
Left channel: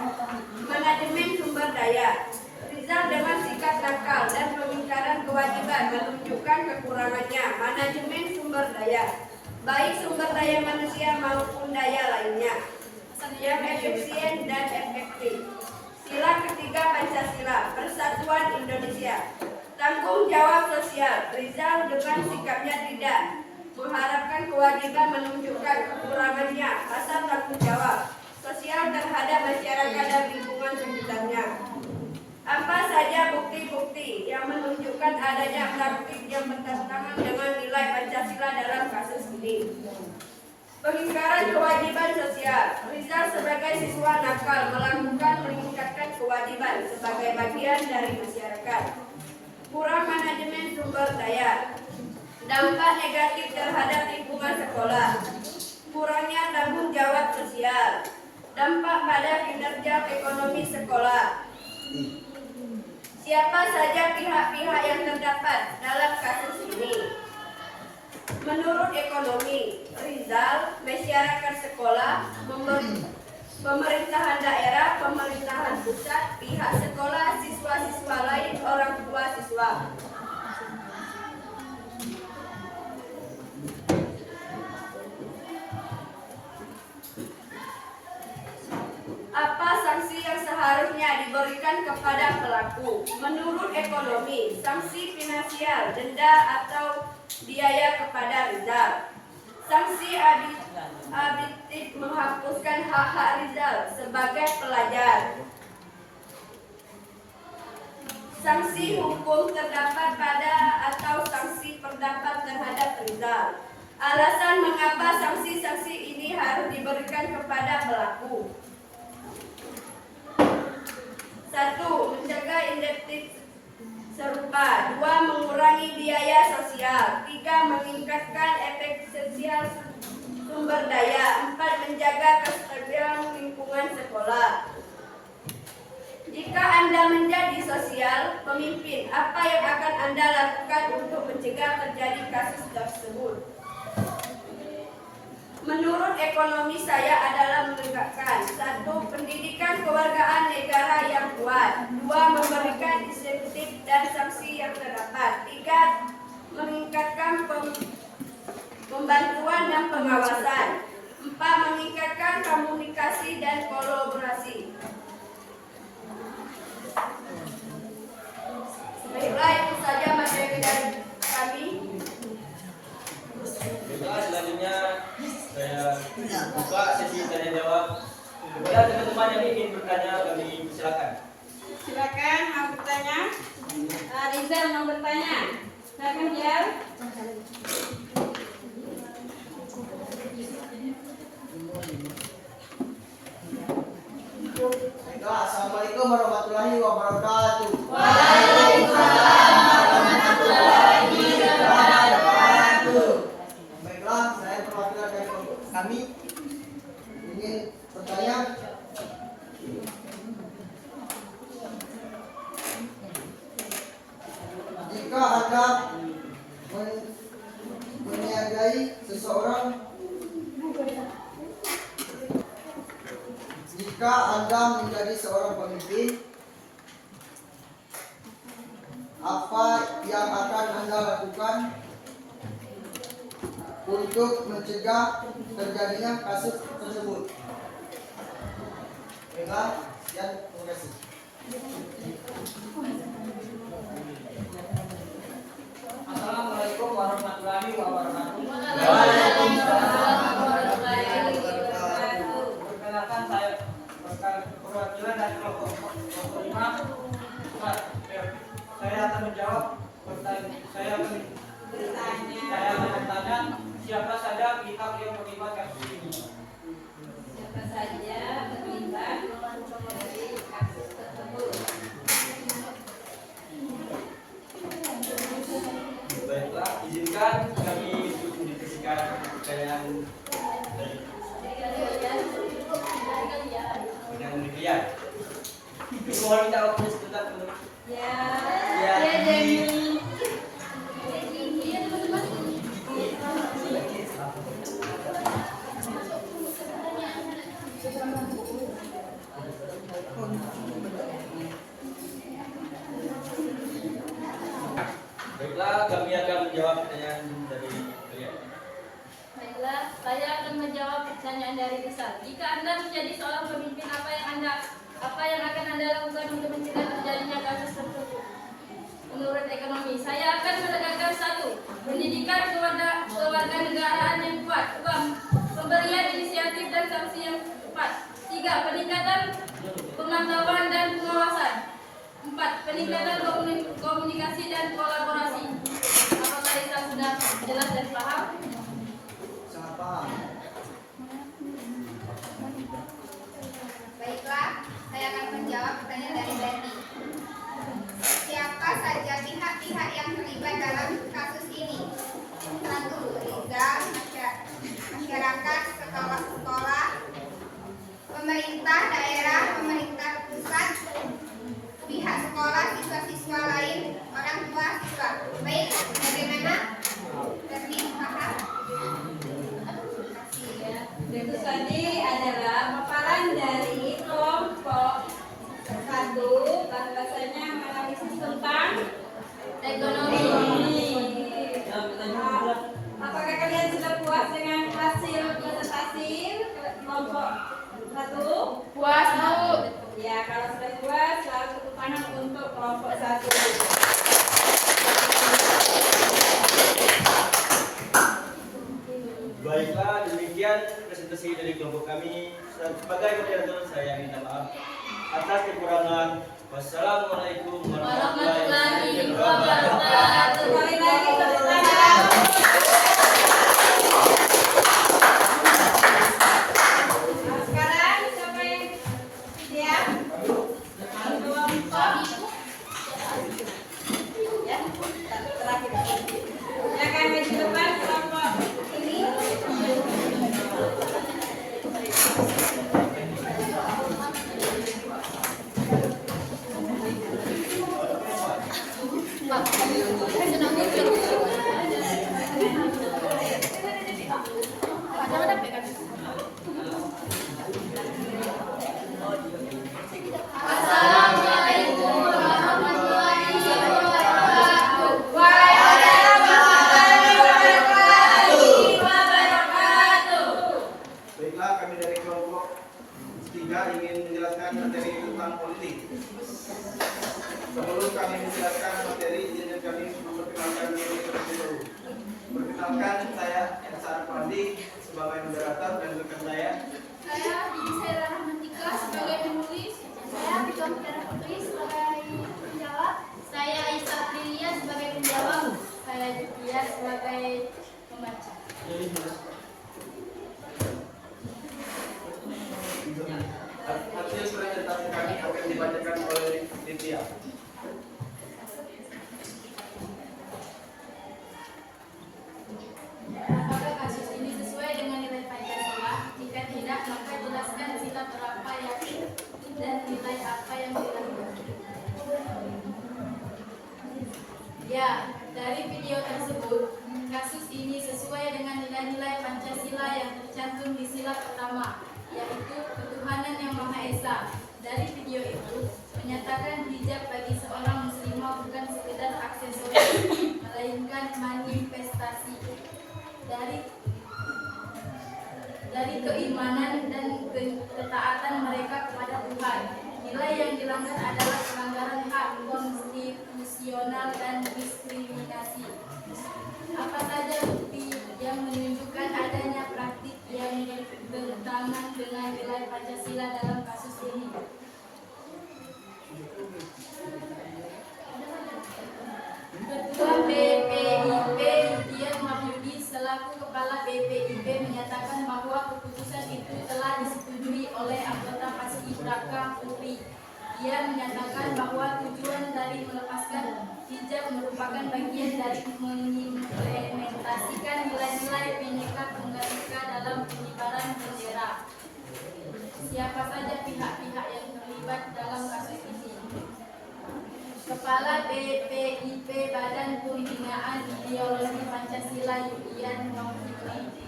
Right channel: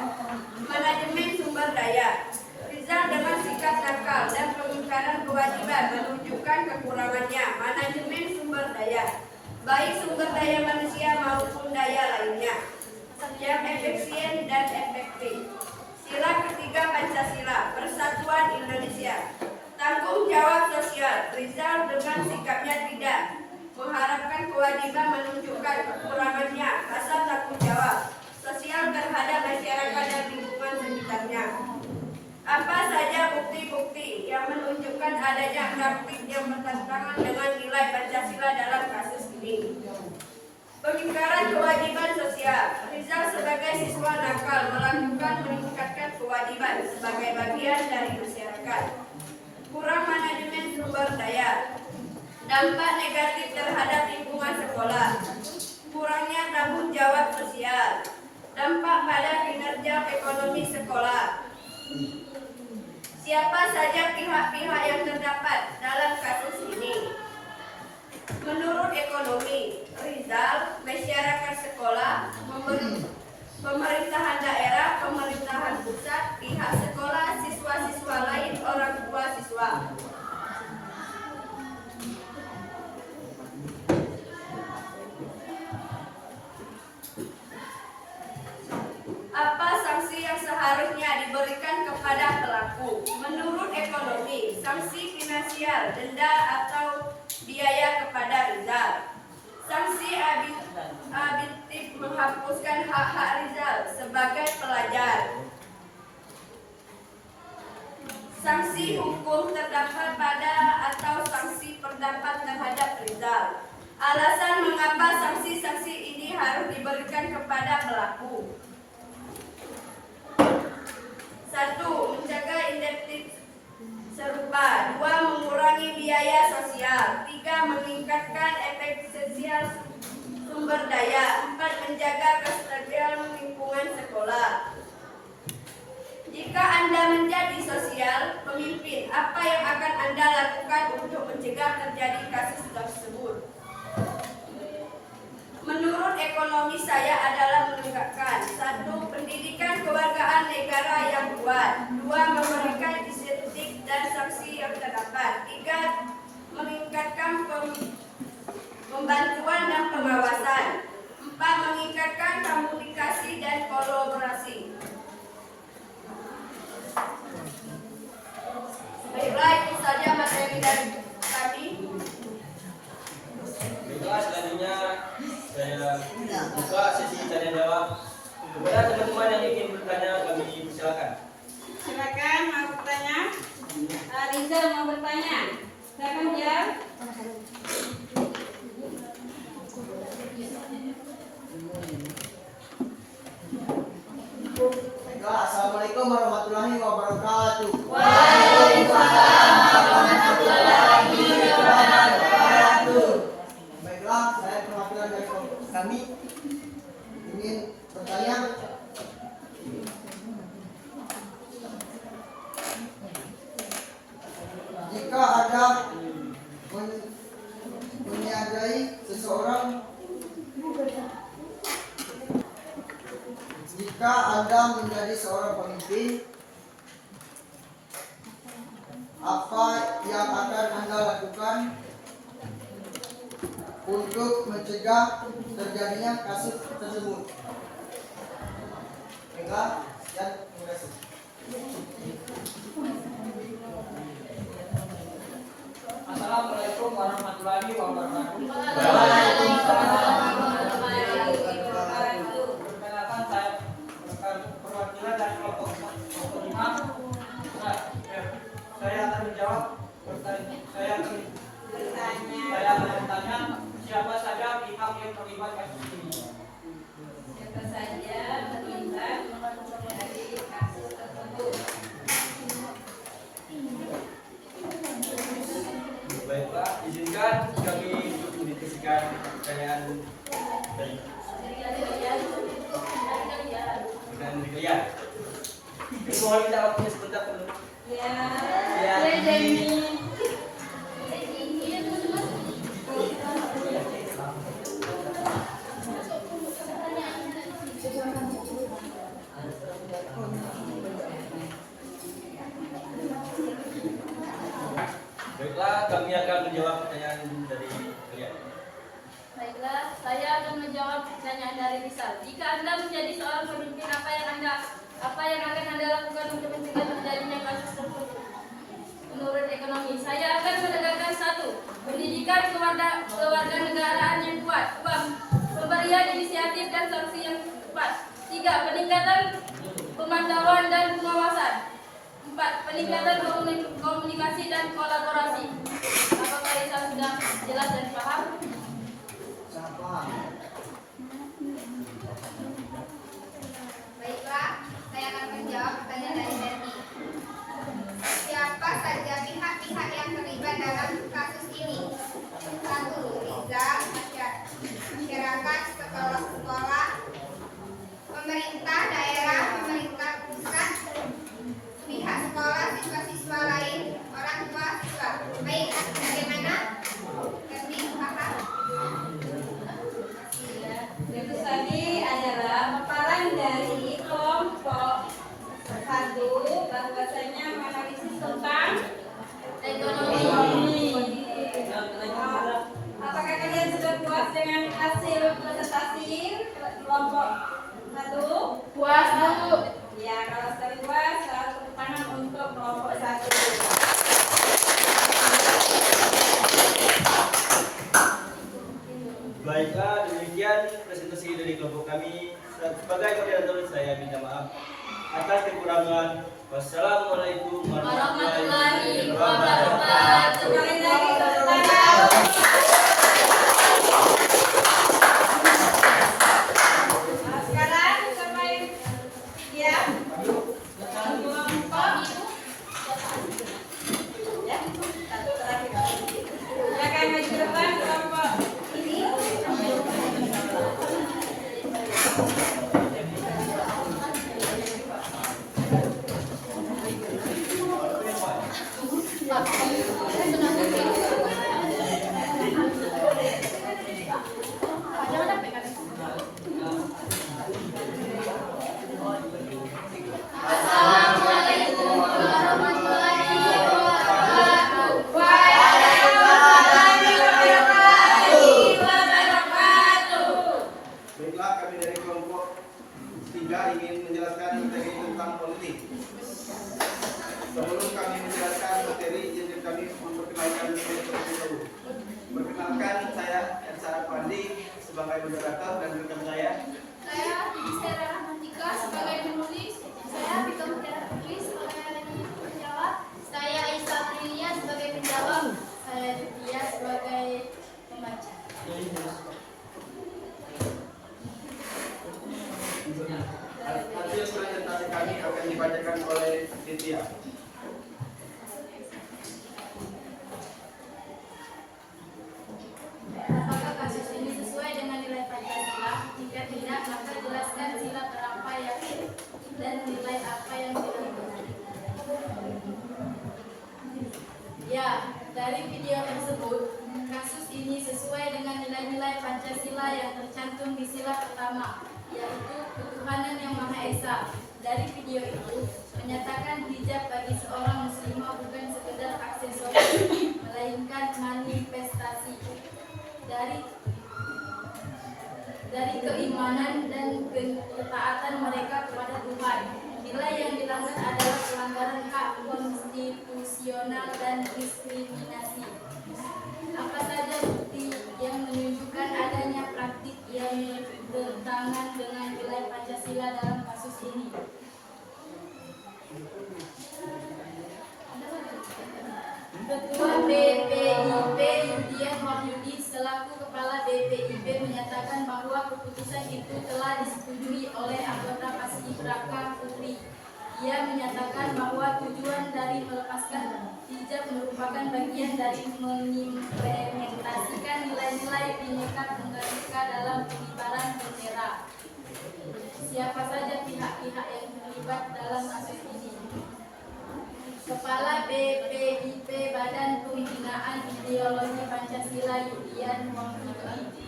Manajemen sumber daya. Rizal dengan sikap nakal dan pengingkaran kewajiban menunjukkan kekurangannya. Manajemen sumber daya, baik sumber daya manusia maupun daya lainnya, yang efisien dan efektif. Sila ketiga Pancasila, Persatuan Indonesia. Tanggung jawab sosial. Rizal dengan sikapnya tidak mengharapkan kewajiban menunjukkan kekurangannya. Rasa tanggung jawab sosial terhadap masyarakat dan lingkungan sekitarnya. Apa saja bukti-bukti yang menunjukkan adanya praktik yang bertentangan dengan nilai Pancasila dalam kasus ini? Pengingkaran kewajiban sosial. Rizal sebagai siswa nakal melakukan meningkatkan kewajiban sebagai bagian dari masyarakat. Kurang manajemen sumber daya. Dampak negatif terhadap lingkungan sekolah. Kurangnya tanggung jawab sosial. Dampak pada kinerja ekonomi sekolah. Siapa saja pihak-pihak yang terdapat dalam kasus ini? Menurut ekonomi, Rizal, masyarakat sekolah pemerintahan daerah, pemerintahan pusat, pihak sekolah, siswa-siswa lain, orang tua siswa. Apa sanksi yang seharusnya diberikan kepada pelaku? Menurut ekonomi, sanksi finansial, denda atau biaya kepada Rizal. Sanksi aditif menghapuskan hak-hak Rizal sebagai pelajar. Sanksi hukum terdampak pada atau sanksi pendapat terhadap Rizal. Alasan mengapa sanksi-sanksi ini harus diberikan kepada pelaku. 1. Menjaga identitas serupa. 2. Mengurangi biaya sosial. 3. Meningkatkan efektivitas sumber daya. 4. Menjaga kestabilan lingkungan sekolah. Jika Anda menjadi sosial pemimpin, apa yang akan Anda lakukan untuk mencegah terjadi kasus tersebut? Menurut ekonomi saya adalah menegakkan 1. Pendidikan kewargaan negara yang kuat. 2. Memberikan insentif dan sanksi yang terdapat. 3. Meningkatkan pembantuan dan pengawasan. 4. Meningkatkan komunikasi dan kolaborasi. Baiklah, itu saja materi dari kami. Baiklah, selanjutnya saya buka sesi tanya jawab. Kepada teman-teman yang ingin bertanya, kami silakan. Silakan mau bertanya. Rizal mau bertanya. Silakan Rizal. Assalamualaikum warahmatullahi wabarakatuh. Waalaikumsalam warahmatullahi wabarakatuh. Baiklah, saya perwakilan dari kami ingin bertanya. Jika ada menyadari seseorang, jika Anda menjadi seorang pemimpin, apa yang akan Anda lakukan untuk mencegah terjadinya kasus tersebut? Baiklah, sekian, terima kasih. Assalamualaikum warahmatullahi wabarakatuh. Waalaikumsalam warahmatullahi wabarakatuh. Perkenalkan, saya perwakilan dari kelompok 5. Saya akan menjawab pertanyaan. Saya akan bertanya siapa saja pihak yang terlibat kasus ini. Siapa saja terlibat dari kasus tersebut? Baiklah, izinkan kami untuk mendiskusikan pertanyaan dari kalian. Mohon minta waktunya sebentar, teman-teman. Ya, Jamie. Baiklah, kami akan menjawab pertanyaan dari kalian. Baiklah, saya akan menjawab pertanyaan dari Rizal. Jika Anda menjadi seorang pemimpin, apa yang akan Anda lakukan untuk mencegah terjadinya kasus tersebut? Menurut ekonomi, saya akan menegakkan 1. Pendidikan kewarganegaraan yang kuat. 2. Pemberian inisiatif dan sanksi yang tepat. 3. Peningkatan pemantauan dan pengawasan. 4. Peningkatan komunikasi dan kolaborasi. Apakah Rizal sudah jelas dan paham? Sangat paham. Baiklah, saya akan menjawab pertanyaan dari Bernie. Siapa saja pihak-pihak yang terlibat dalam kasus ini? 1. Rizal, masyarakat, sekolah-sekolah, pemerintah daerah, pemerintah pusat, pihak sekolah, siswa-siswa lain, orang tua siswa. Baik, bagaimana? Bernie, paham? Kegiatan dari kelompok 1 bahwasanya menganalisis tentang ekonomi. Apakah kalian sudah puas dengan hasil presentasi kelompok 1? Puas, Bu. Ya, kalau sudah puas, lalu tepuk tangan untuk kelompok 1. Baiklah, demikian presentasi dari kelompok kami. Sebagai moderator, saya minta maaf atas kekurangan. Wassalamualaikum warahmatullahi wabarakatuh. Sekali lagi tepuk tangan. Nah, sekarang siapa yang siap? Kelompok ya, satu terakhir. Ya, akan maju depan kelompok ini. Assalamualaikum warahmatullahi wabarakatuh. Warahmatullahi wabarakatuh. Baiklah, kami dari kelompok 3 ingin menjelaskan materi tentang politik. Sebelum kami menjelaskan materi, izinkan kami memperkenalkan diri terlebih dahulu. Perkenalkan, saya Elsa Pandi sebagai moderator dan rekan saya. Saya Sarah Rahmatika sebagai penulis. Saya Bika Mutiara Putri sebagai penjawab. Saya Isa Prilia sebagai penjawab. Saya Jutia sebagai pembaca. Hasil presentasi kami akan dibacakan oleh Ditya. Apakah kasus ini sesuai dengan nilai Pancasila? Jika tidak, maka jelaskan sila berapa yakin dan nilai apa yang dilanggar. Ya, dari video tersebut, kasus ini sesuai dengan nilai-nilai Pancasila yang tercantum di sila pertama, yaitu ketuhanan yang Maha Esa. Dari video itu, menyatakan hijab bagi seorang muslimah bukan sekedar aksesoris, melainkan manifestasi dari keimanan dan ketaatan mereka kepada Tuhan. Nilai yang dilanggar adalah pelanggaran hak konstitusional dan diskriminasi. Apa saja bukti yang menunjukkan adanya praktik yang bertentangan dengan nilai Pancasila dalam kasus ini? Ketua BPIP Yudian Wahyudi selaku Kepala BPIP menyatakan bahwa keputusan itu telah disetujui oleh anggota Paskibraka Putri. Ia menyatakan bahwa tujuan dari melepaskan hijab merupakan bagian dari mengimplementasikan nilai-nilai Bhinneka Tunggal Ika dalam pengibaran bendera. Siapa saja pihak-pihak yang terlibat dalam kasus ini? Kepala BPIP Badan Pembinaan Ideologi Pancasila Yudian Wahyudi.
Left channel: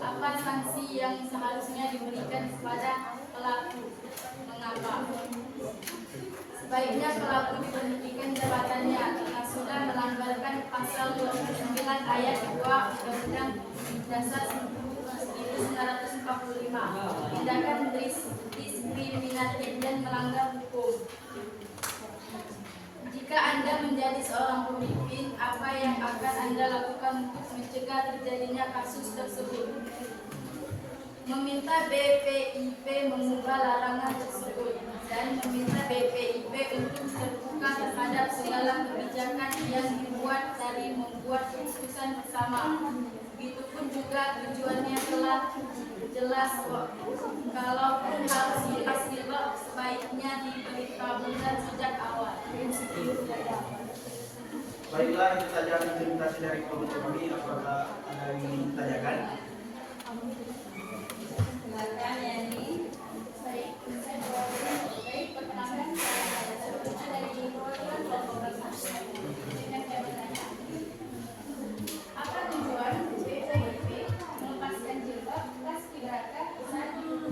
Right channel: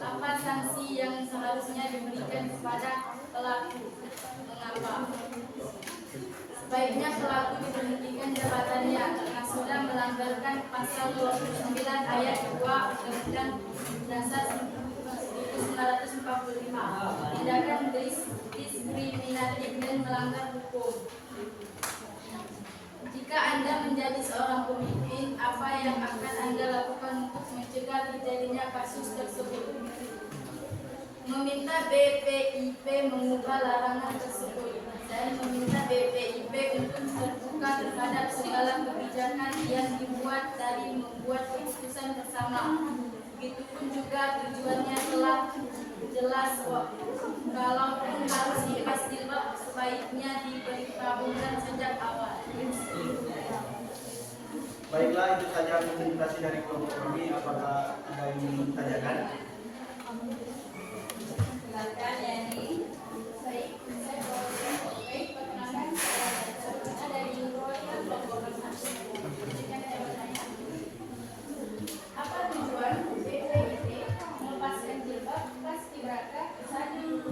Apa sanksi yang seharusnya diberikan kepada pelaku? Mengapa? Sebaiknya pelaku diberhentikan jabatannya karena sudah melanggarkan pasal 29 ayat 2 Undang-Undang Dasar 1945, tindakan diskriminatif dan melanggar hukum. Jika Anda menjadi seorang pemimpin, apa yang akan Anda lakukan untuk mencegah terjadinya kasus tersebut? Meminta BPIP mengubah larangan tersebut dan meminta BPIP untuk terbuka terhadap segala kebijakan yang dibuat dari membuat keputusan bersama. Begitupun juga tujuannya telah jelas kok. Kalaupun harus silap sebaiknya diberitahukan sejak awal. Baiklah, itu saja presentasi dari kelompok kami. Apakah ada yang ingin ditanyakan? Silakan Yani. Baik, perkenalkan saya dari perwakilan kelompok 5. Dengan saya bertanya, apa tujuan BPIP melepaskan jilbab Paskibraka saat ini?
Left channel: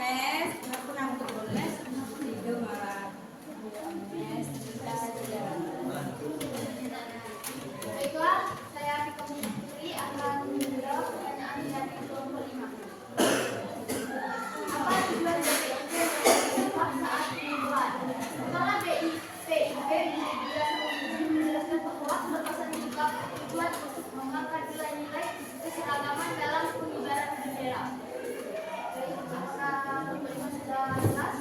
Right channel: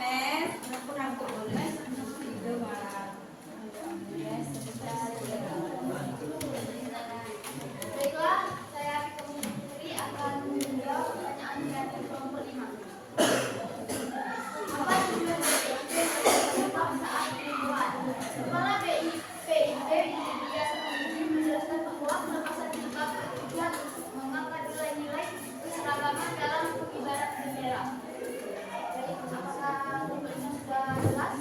mes, aku ngantuk boleh. Tidur malam. Mes, Baiklah, saya Atika Putri akan menjawab pertanyaan dari kelompok 5. Apa tujuan BIP saat perubahan? Kepala BIP media menjelaskan bahwa pelepasan juga bertujuan untuk mengangkat nilai-nilai keseragaman dalam pengibaran bendera. Baik, apakah kelompok 5 sudah jelas?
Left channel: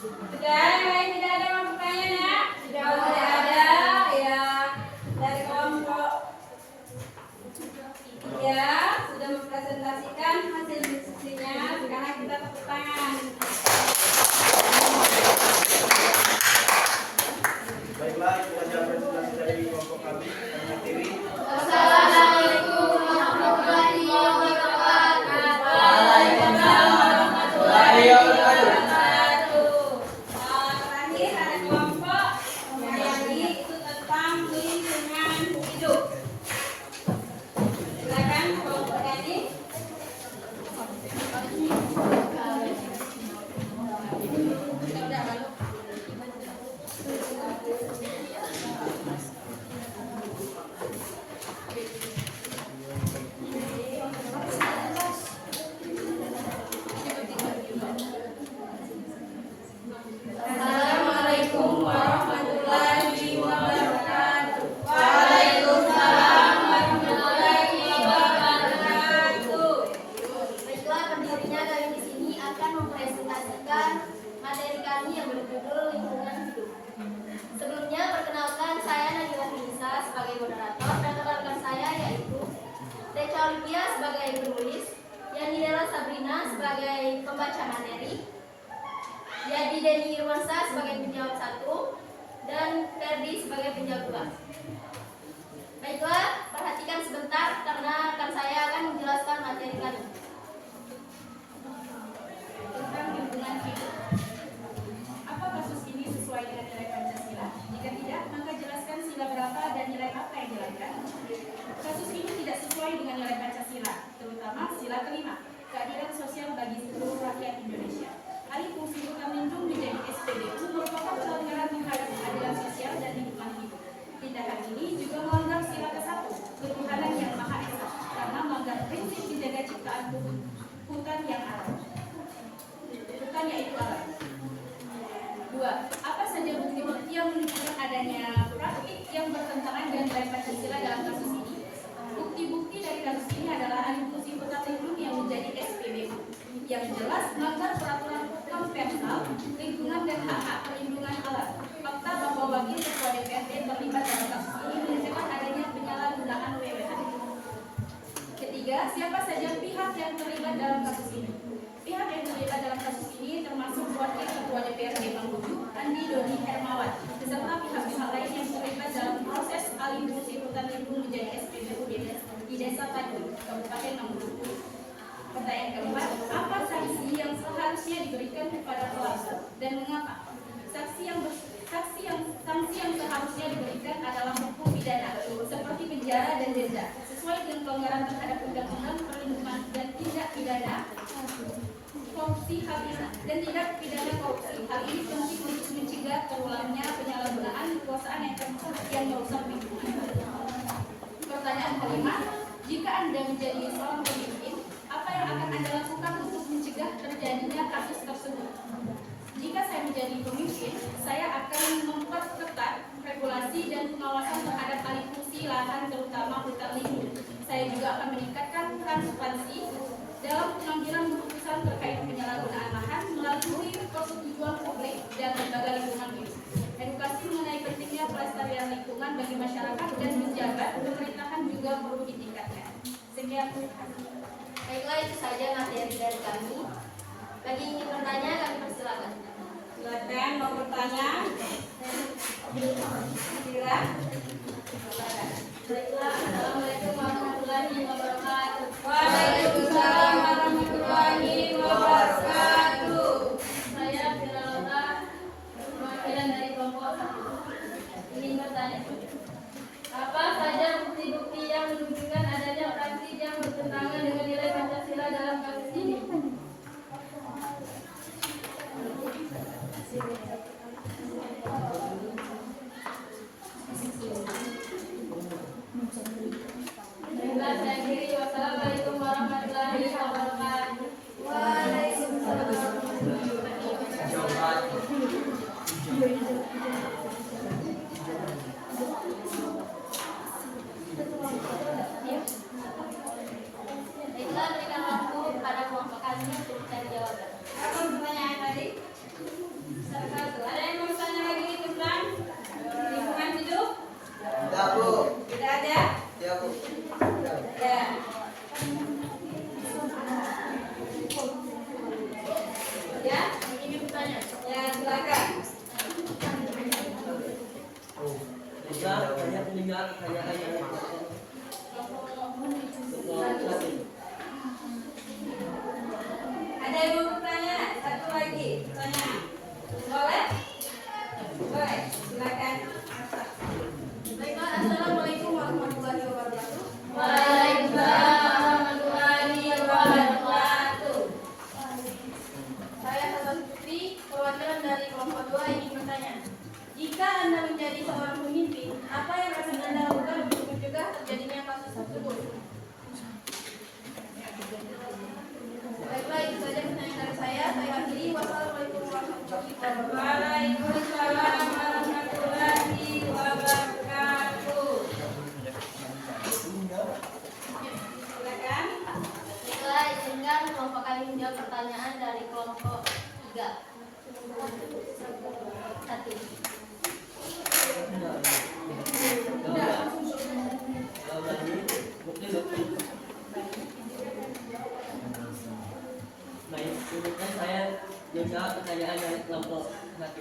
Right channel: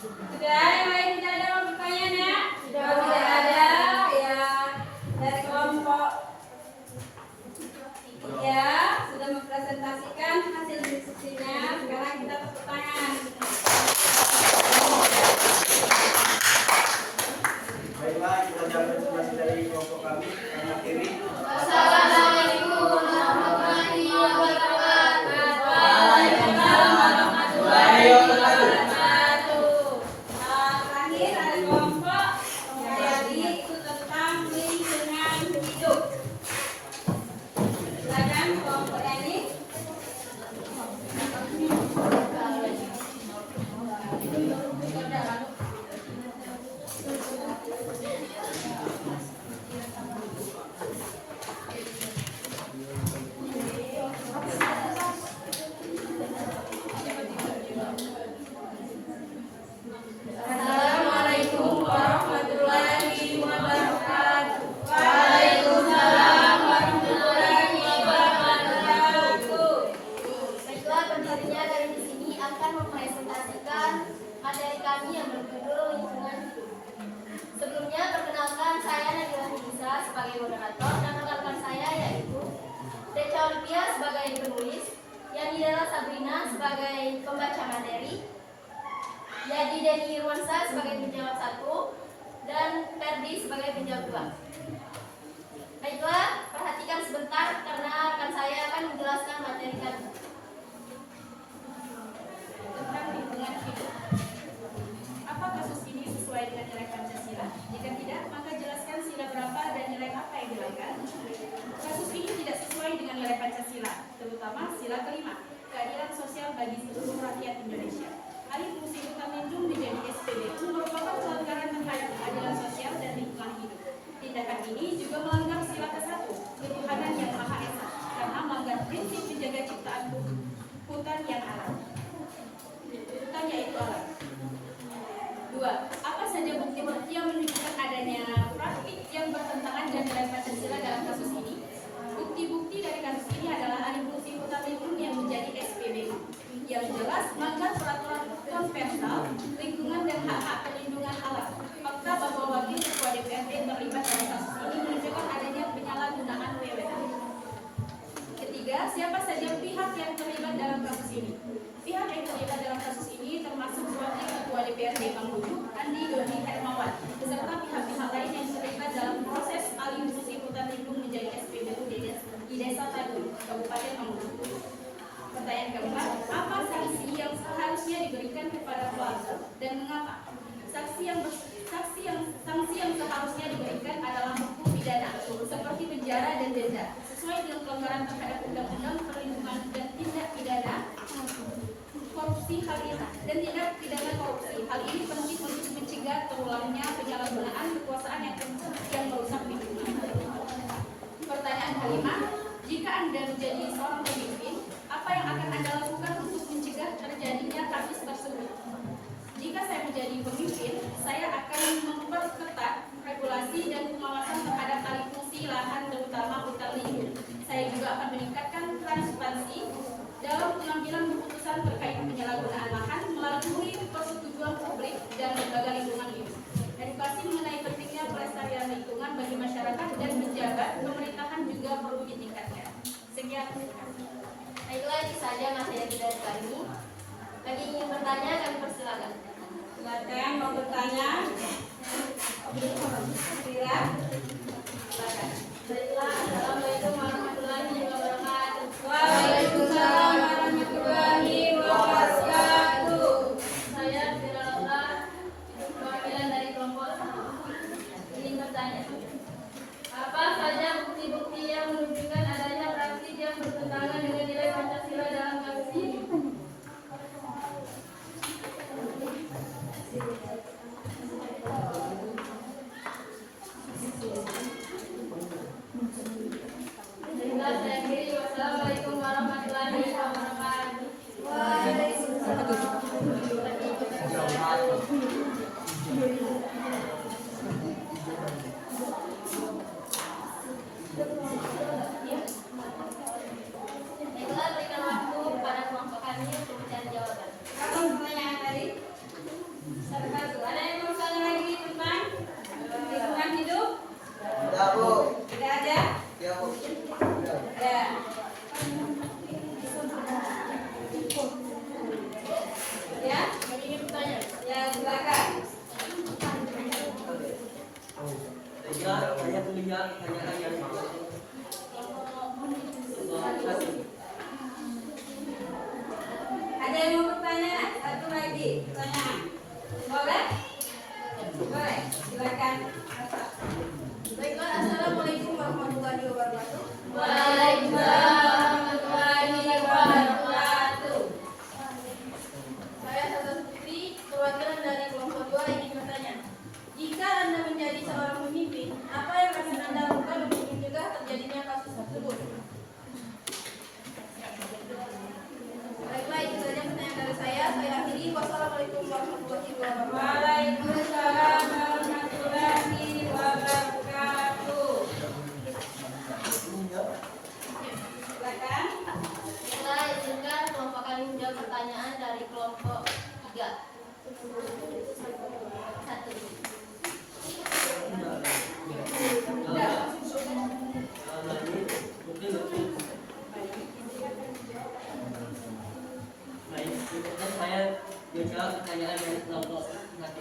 sudah yang lain tidak ada mau bertanya nak? Kalau tidak ada ya dari kelompok ya sudah mempresentasikan hasil diskusinya. Sekarang kita tepuk tangan. Baiklah, itu saja presentasi dari kelompok kami. Kami akhiri. Assalamualaikum warahmatullahi wabarakatuh. Waalaikumsalam warahmatullahi wabarakatuh. Terakhir ada kelompok yang lagi itu tentang lingkungan hidup. Silakan kelompok ini. Assalamualaikum warahmatullahi wabarakatuh. Waalaikumsalam warahmatullahi wabarakatuh. Baiklah, pendirinya kami di sini akan mempresentasikan materi kami yang berjudul lingkungan hidup. Sebelumnya perkenalkan, saya Nabila Nisa sebagai moderator dan rekan saya yaitu Deca Olivia sebagai penulis, Yanidela Sabrina sebagai pembaca materi, Yadi Deni Irwansa sebagai penjawab 1, dan Ferdi sebagai penjawab 2. Baiklah, perhatikan sebentar karena rekan saya akan menjelaskan materi kami. Tentang lingkungan hidup. Apa kasus ini sesuai dengan nilai Pancasila? Jika tidak, maka jelaskan sila berapa dan nilai apa yang dilanggar. Kasus ini tidak sesuai dengan nilai Pancasila, terutama sila kelima, keadilan sosial bagi seluruh rakyat Indonesia. Alih fungsi Lukamendung menjadi SPBU merupakan pelanggaran terhadap keadilan sosial dan lingkungan hidup. Tindakan ini juga melanggar sila ke-1, ketuhanan yang Maha Esa, karena melanggar prinsip dijaga ciptaan hutan yang alam. Hutan yaitu alam. 2. Apa saja bukti-bukti yang menunjukkan adanya praktik yang bertentangan dengan nilai Pancasila dalam kasus ini? Bukti-bukti dari kasus ini adalah alih fungsi hutan lindung yang menjadi SPBU, yang jelas melanggar peraturan konvensional lingkungan dan hak-hak perlindungan alam. Fakta bahwa wakil ketua DPRD terlibat dalam kasus ini menunjukkan adanya penyalahgunaan wewenang. Ketiga, siapa saja pihak yang terlibat dalam kasus ini? Pihak yang terlibat dalam kasus ini termasuk wakil ketua DPRD Mamuju, Andi Doni Hermawan, beserta pihak-pihak lain yang terlibat dalam proses alih fungsi hutan lindung menjadi SPBU di Desa Taduy, Kabupaten Mamuju. Pertanyaan keempat, apa sanksi yang seharusnya diberikan kepada pelaku dan mengapa? Sanksi yang seharusnya diberikan adalah hukum pidana seperti penjara dan denda sesuai dengan pelanggaran terhadap undang-undang perlindungan dan tindak pidana korupsi dan tindak pidana korupsi. Hal ini penting untuk mencegah terulangnya penyalahgunaan kekuasaan yang merusak lingkungan. Pertanyaan kelima, jika Anda menjadi seorang pemimpin, apa yang akan Anda lakukan untuk mencegah terjadinya kasus tersebut? Jika saya menjadi pemimpin, saya akan memperketat regulasi dan pengawasan terhadap alih fungsi lahan terutama hutan lindung. Saya juga akan meningkatkan transparansi dalam pengambilan keputusan terkait penyalahgunaan lahan melalui persetujuan publik dan lembaga lingkungan hidup. Edukasi mengenai pentingnya pelestarian lingkungan bagi masyarakat dan pejabat pemerintahan juga perlu ditingkatkan. Sekian. Baiklah, itu saja materi dari kami. Bagi yang ingin bertanya, kami persilakan. Silakan mau bertanya. Kira. Silakan. Baiklah, Assalamualaikum warahmatullahi wabarakatuh. Waalaikumsalam warahmatullahi wabarakatuh. Saya Firalda, perwakilan dari kelompok 1. Ingin bertanya, apa saja bukti-bukti yang menunjukkan adanya praktik yang bertentangan dengan nilai Ada yang mau bertanya? Satu lagi pertanyaan. Boleh? Boleh. Silakan. Baiklah, assalamualaikum warahmatullahi wabarakatuh. Waalaikumsalam warahmatullahi wabarakatuh. Saya Sasa Supri, perwakilan dari kelompok 2 ingin bertanya. Jika Anda menjadi seorang pemimpin, apa yang akan Anda lakukan untuk mencegah terjadinya kasus tersebut? Baiklah, itu saja pertanyaan dari saya. Saya akhiri. Wassalamualaikum warahmatullahi wabarakatuh. Waalaikumsalam warahmatullahi wabarakatuh. Silakan. Baiklah, izinkan kelompok kami menjawab pertanyaan dari kelompok 3. 1. Baik, kemudian saya menjawab pertanyaan dari kelompok 1,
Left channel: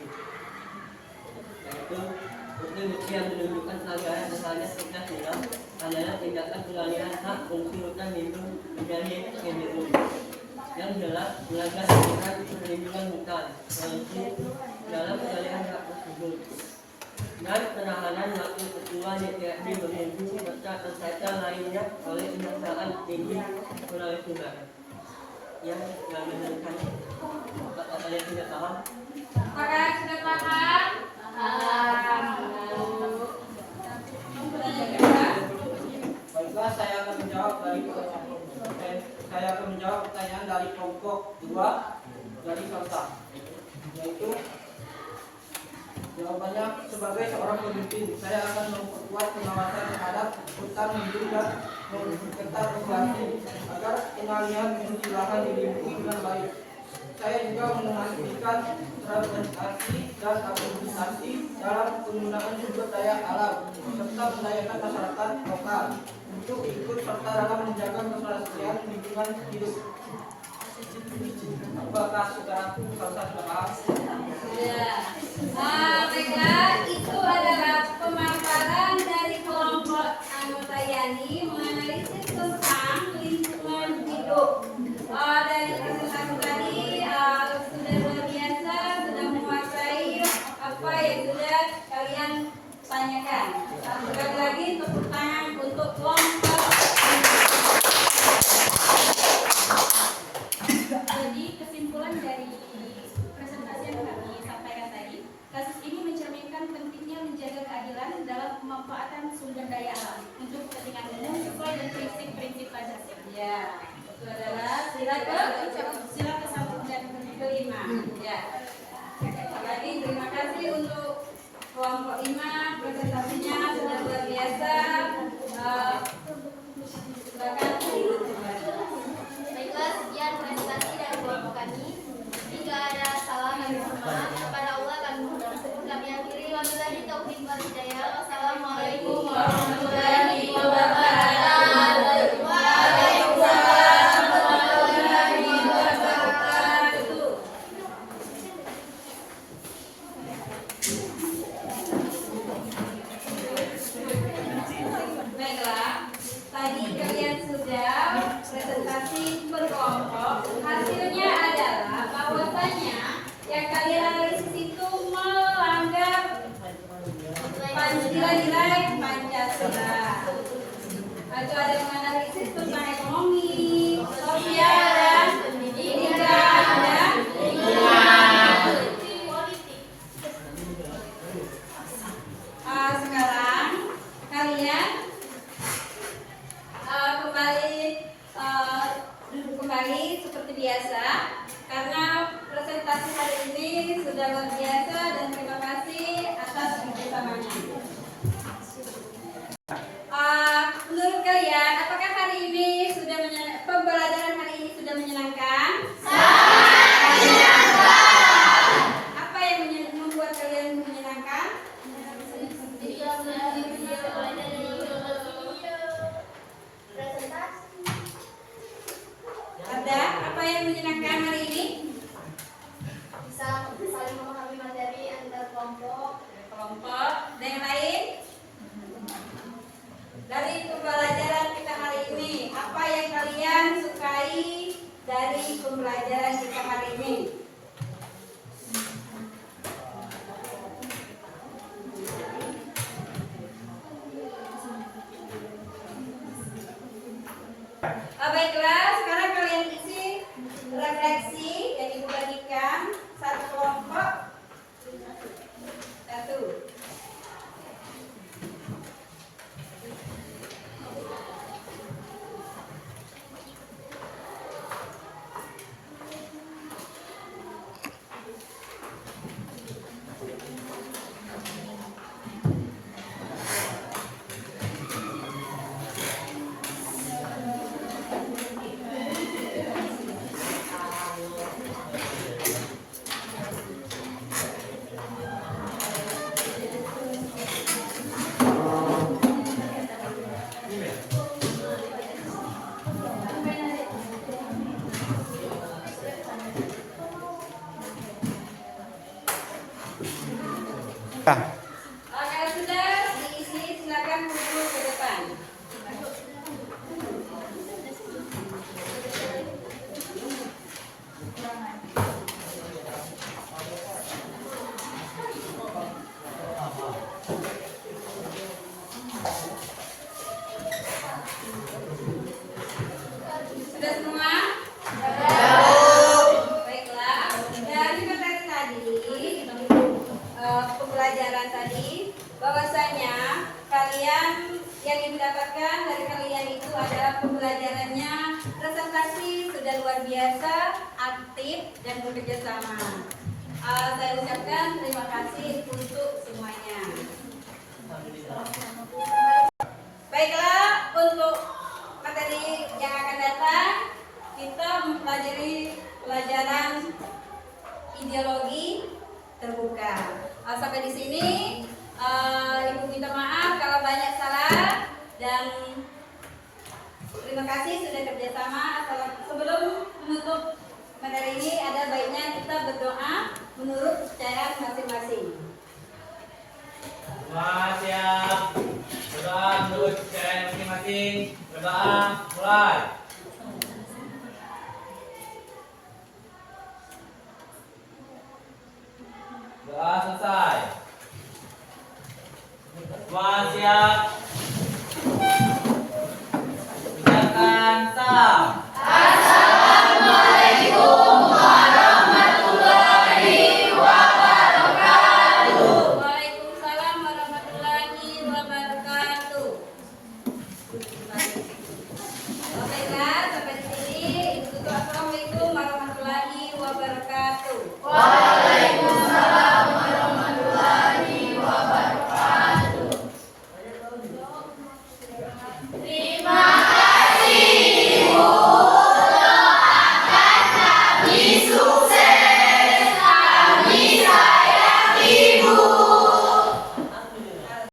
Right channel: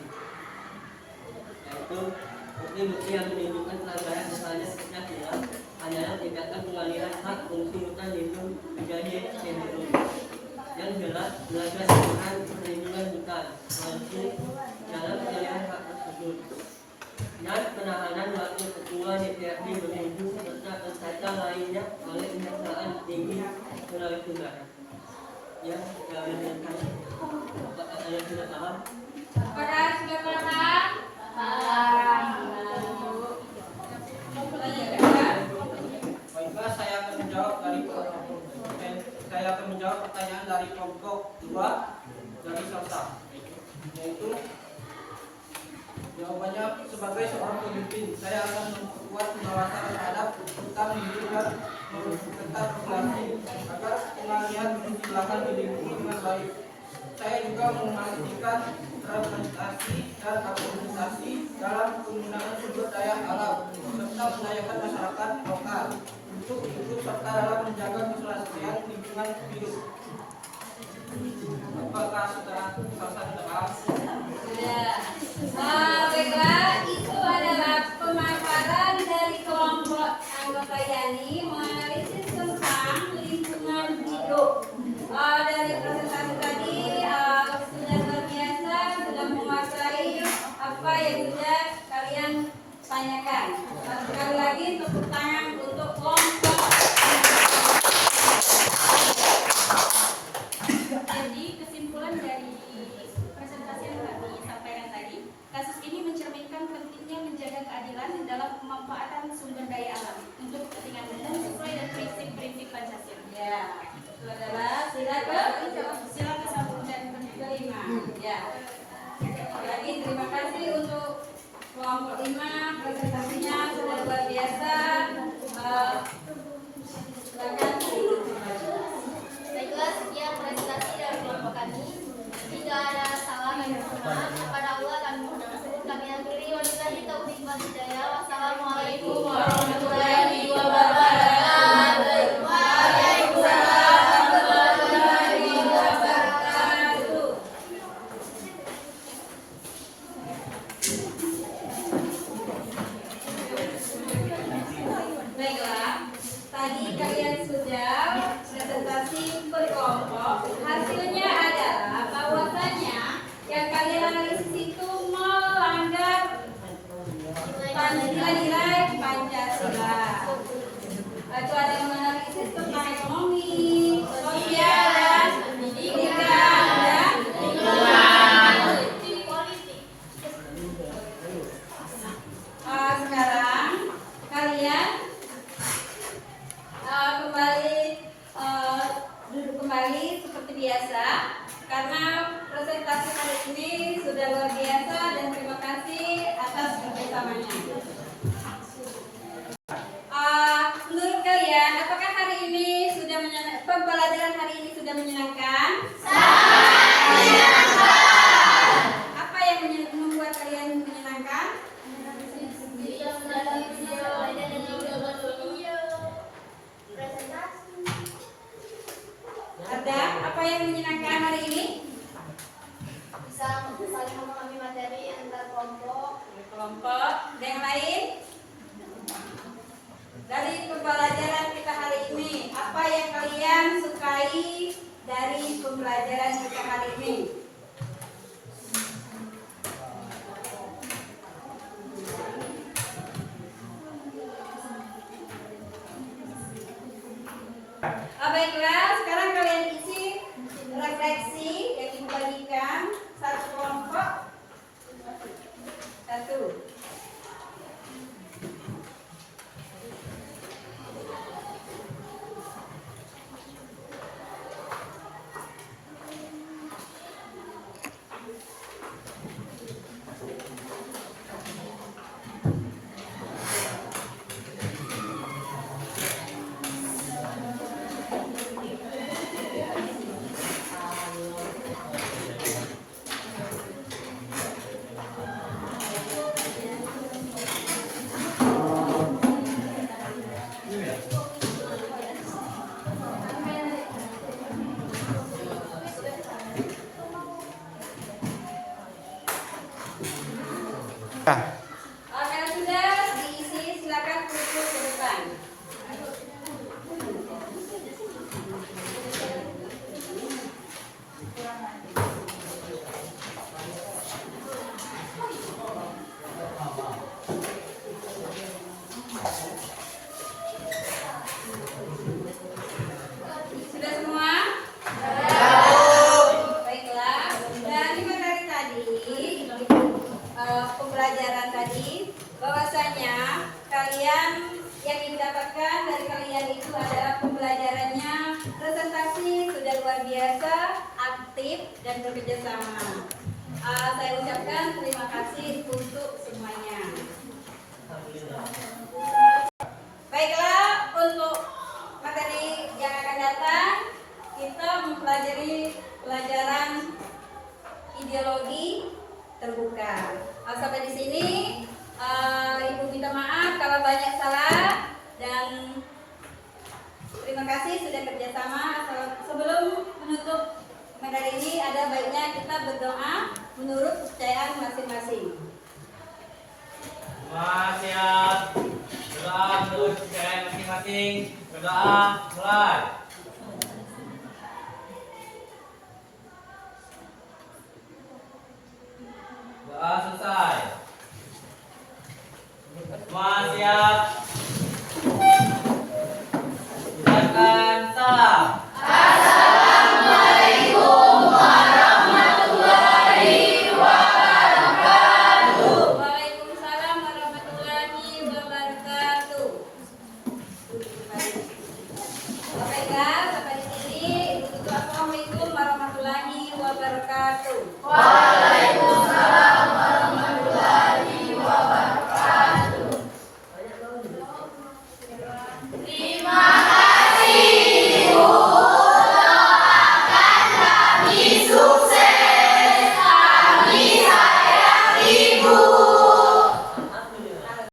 yaitu bukti-bukti yang menunjukkan pelanggaran misalnya fitnah hilang adalah tindakan pengalihan hak fungsi hutan lindung menjadi PBU yang jelas melanggar aturan perlindungan hutan polisi dalam pengalihan hak tersebut, dan penahanan wakil ketua DPRD Bengkulu serta peserta lainnya oleh Kejaksaan Tinggi Sulawesi Barat. Yang menunjukkan ada yang tidak paham. Apakah sudah paham? Baiklah, saya akan menjawab pertanyaan dari kelompok 2 dari Salsa, yaitu jawabannya sebagai seorang pemimpin saya akan memperkuat pengawasan terhadap hutan lindung dan memperketat regulasi agar pengalihan fungsi lahan dilindungi dengan baik. Saya juga mengajukan transplantasi dan akomodasi dalam penggunaan sumber daya alam serta mendayakan masyarakat lokal untuk ikut serta dalam menjaga keberlangsungan lingkungan hidup. Apakah saudara sudah paham? Sudah. Baiklah, itu adalah pemaparan dari kelompok anggota Yani menganalisis tentang lingkungan hidup. Dari presentasi tadi sudah luar biasa, sudah menguasai apa yang sudah kalian tanyakan. Sekali lagi tepuk tangan untuk kelompok. Jadi kesimpulan dari presentasi yang kami sampaikan tadi, kasus ini mencerminkan pentingnya menjaga keadilan dalam pemanfaatan sumber daya alam untuk kepentingan umum sesuai dengan prinsip-prinsip Pancasila. Ya, itu adalah sila ke-1 dan ke-5. Ya. Lagi terima kasih untuk kelompok 5, presentasinya sudah luar biasa. Silakan. Baiklah, sekian presentasi dari kelompok kami. Jika ada salah kami mohon maaf. Kepada Allah kami mohon maaf. Kami akhiri. Wabillahi taufiq wal hidayah. Wassalamualaikum warahmatullahi wabarakatuh. Waalaikumsalam warahmatullahi wabarakatuh. Baiklah, tadi kalian sudah presentasi berkelompok. Hasilnya adalah bahwasanya yang kalian analisis itu melanggar nilai-nilai Pancasila. Lalu ada yang menganalisis tentang ekonomi, sosial, dan pendidikan dan lingkungan. Sekarang kalian kembali duduk kembali seperti biasa karena presentasi hari ini sudah luar biasa dan terima kasih atas kerjasamanya. Menurut kalian, apakah hari ini pembelajaran hari ini sudah menyenangkan? Apa yang membuat kalian menyenangkan? Ada apa yang menyenangkan hari ini? Bisa saling memahami materi antar kelompok. Dan yang lain? Dari pembelajaran kita hari ini, apa yang kalian sukai dari pembelajaran kita hari ini. Baiklah, sekarang kalian isi refleksi yang ibu bagikan satu kelompok. Satu. Kalau sudah diisi, silakan duduk ke depan. Sudah semua? Baiklah. Dari materi tadi, pembelajaran tadi, bahwasanya kalian yang didapatkan dari kalian itu adalah pembelajarannya presentasi sudah luar biasa, aktif dan bekerja sama. Saya ucapkan terima kasih untuk semuanya. Baiklah, untuk materi yang akan datang kita mempelajari pelajaran ideologi terbuka. Sampai di sini Ibu minta maaf kalau banyak salah dan terima kasih sudah kerjasama. Sebelum menutup materi ini ada baiknya kita berdoa menurut kepercayaan masing-masing. Semua siap. Berdoa menurut kepercayaan masing-masing. Berdoa mulai.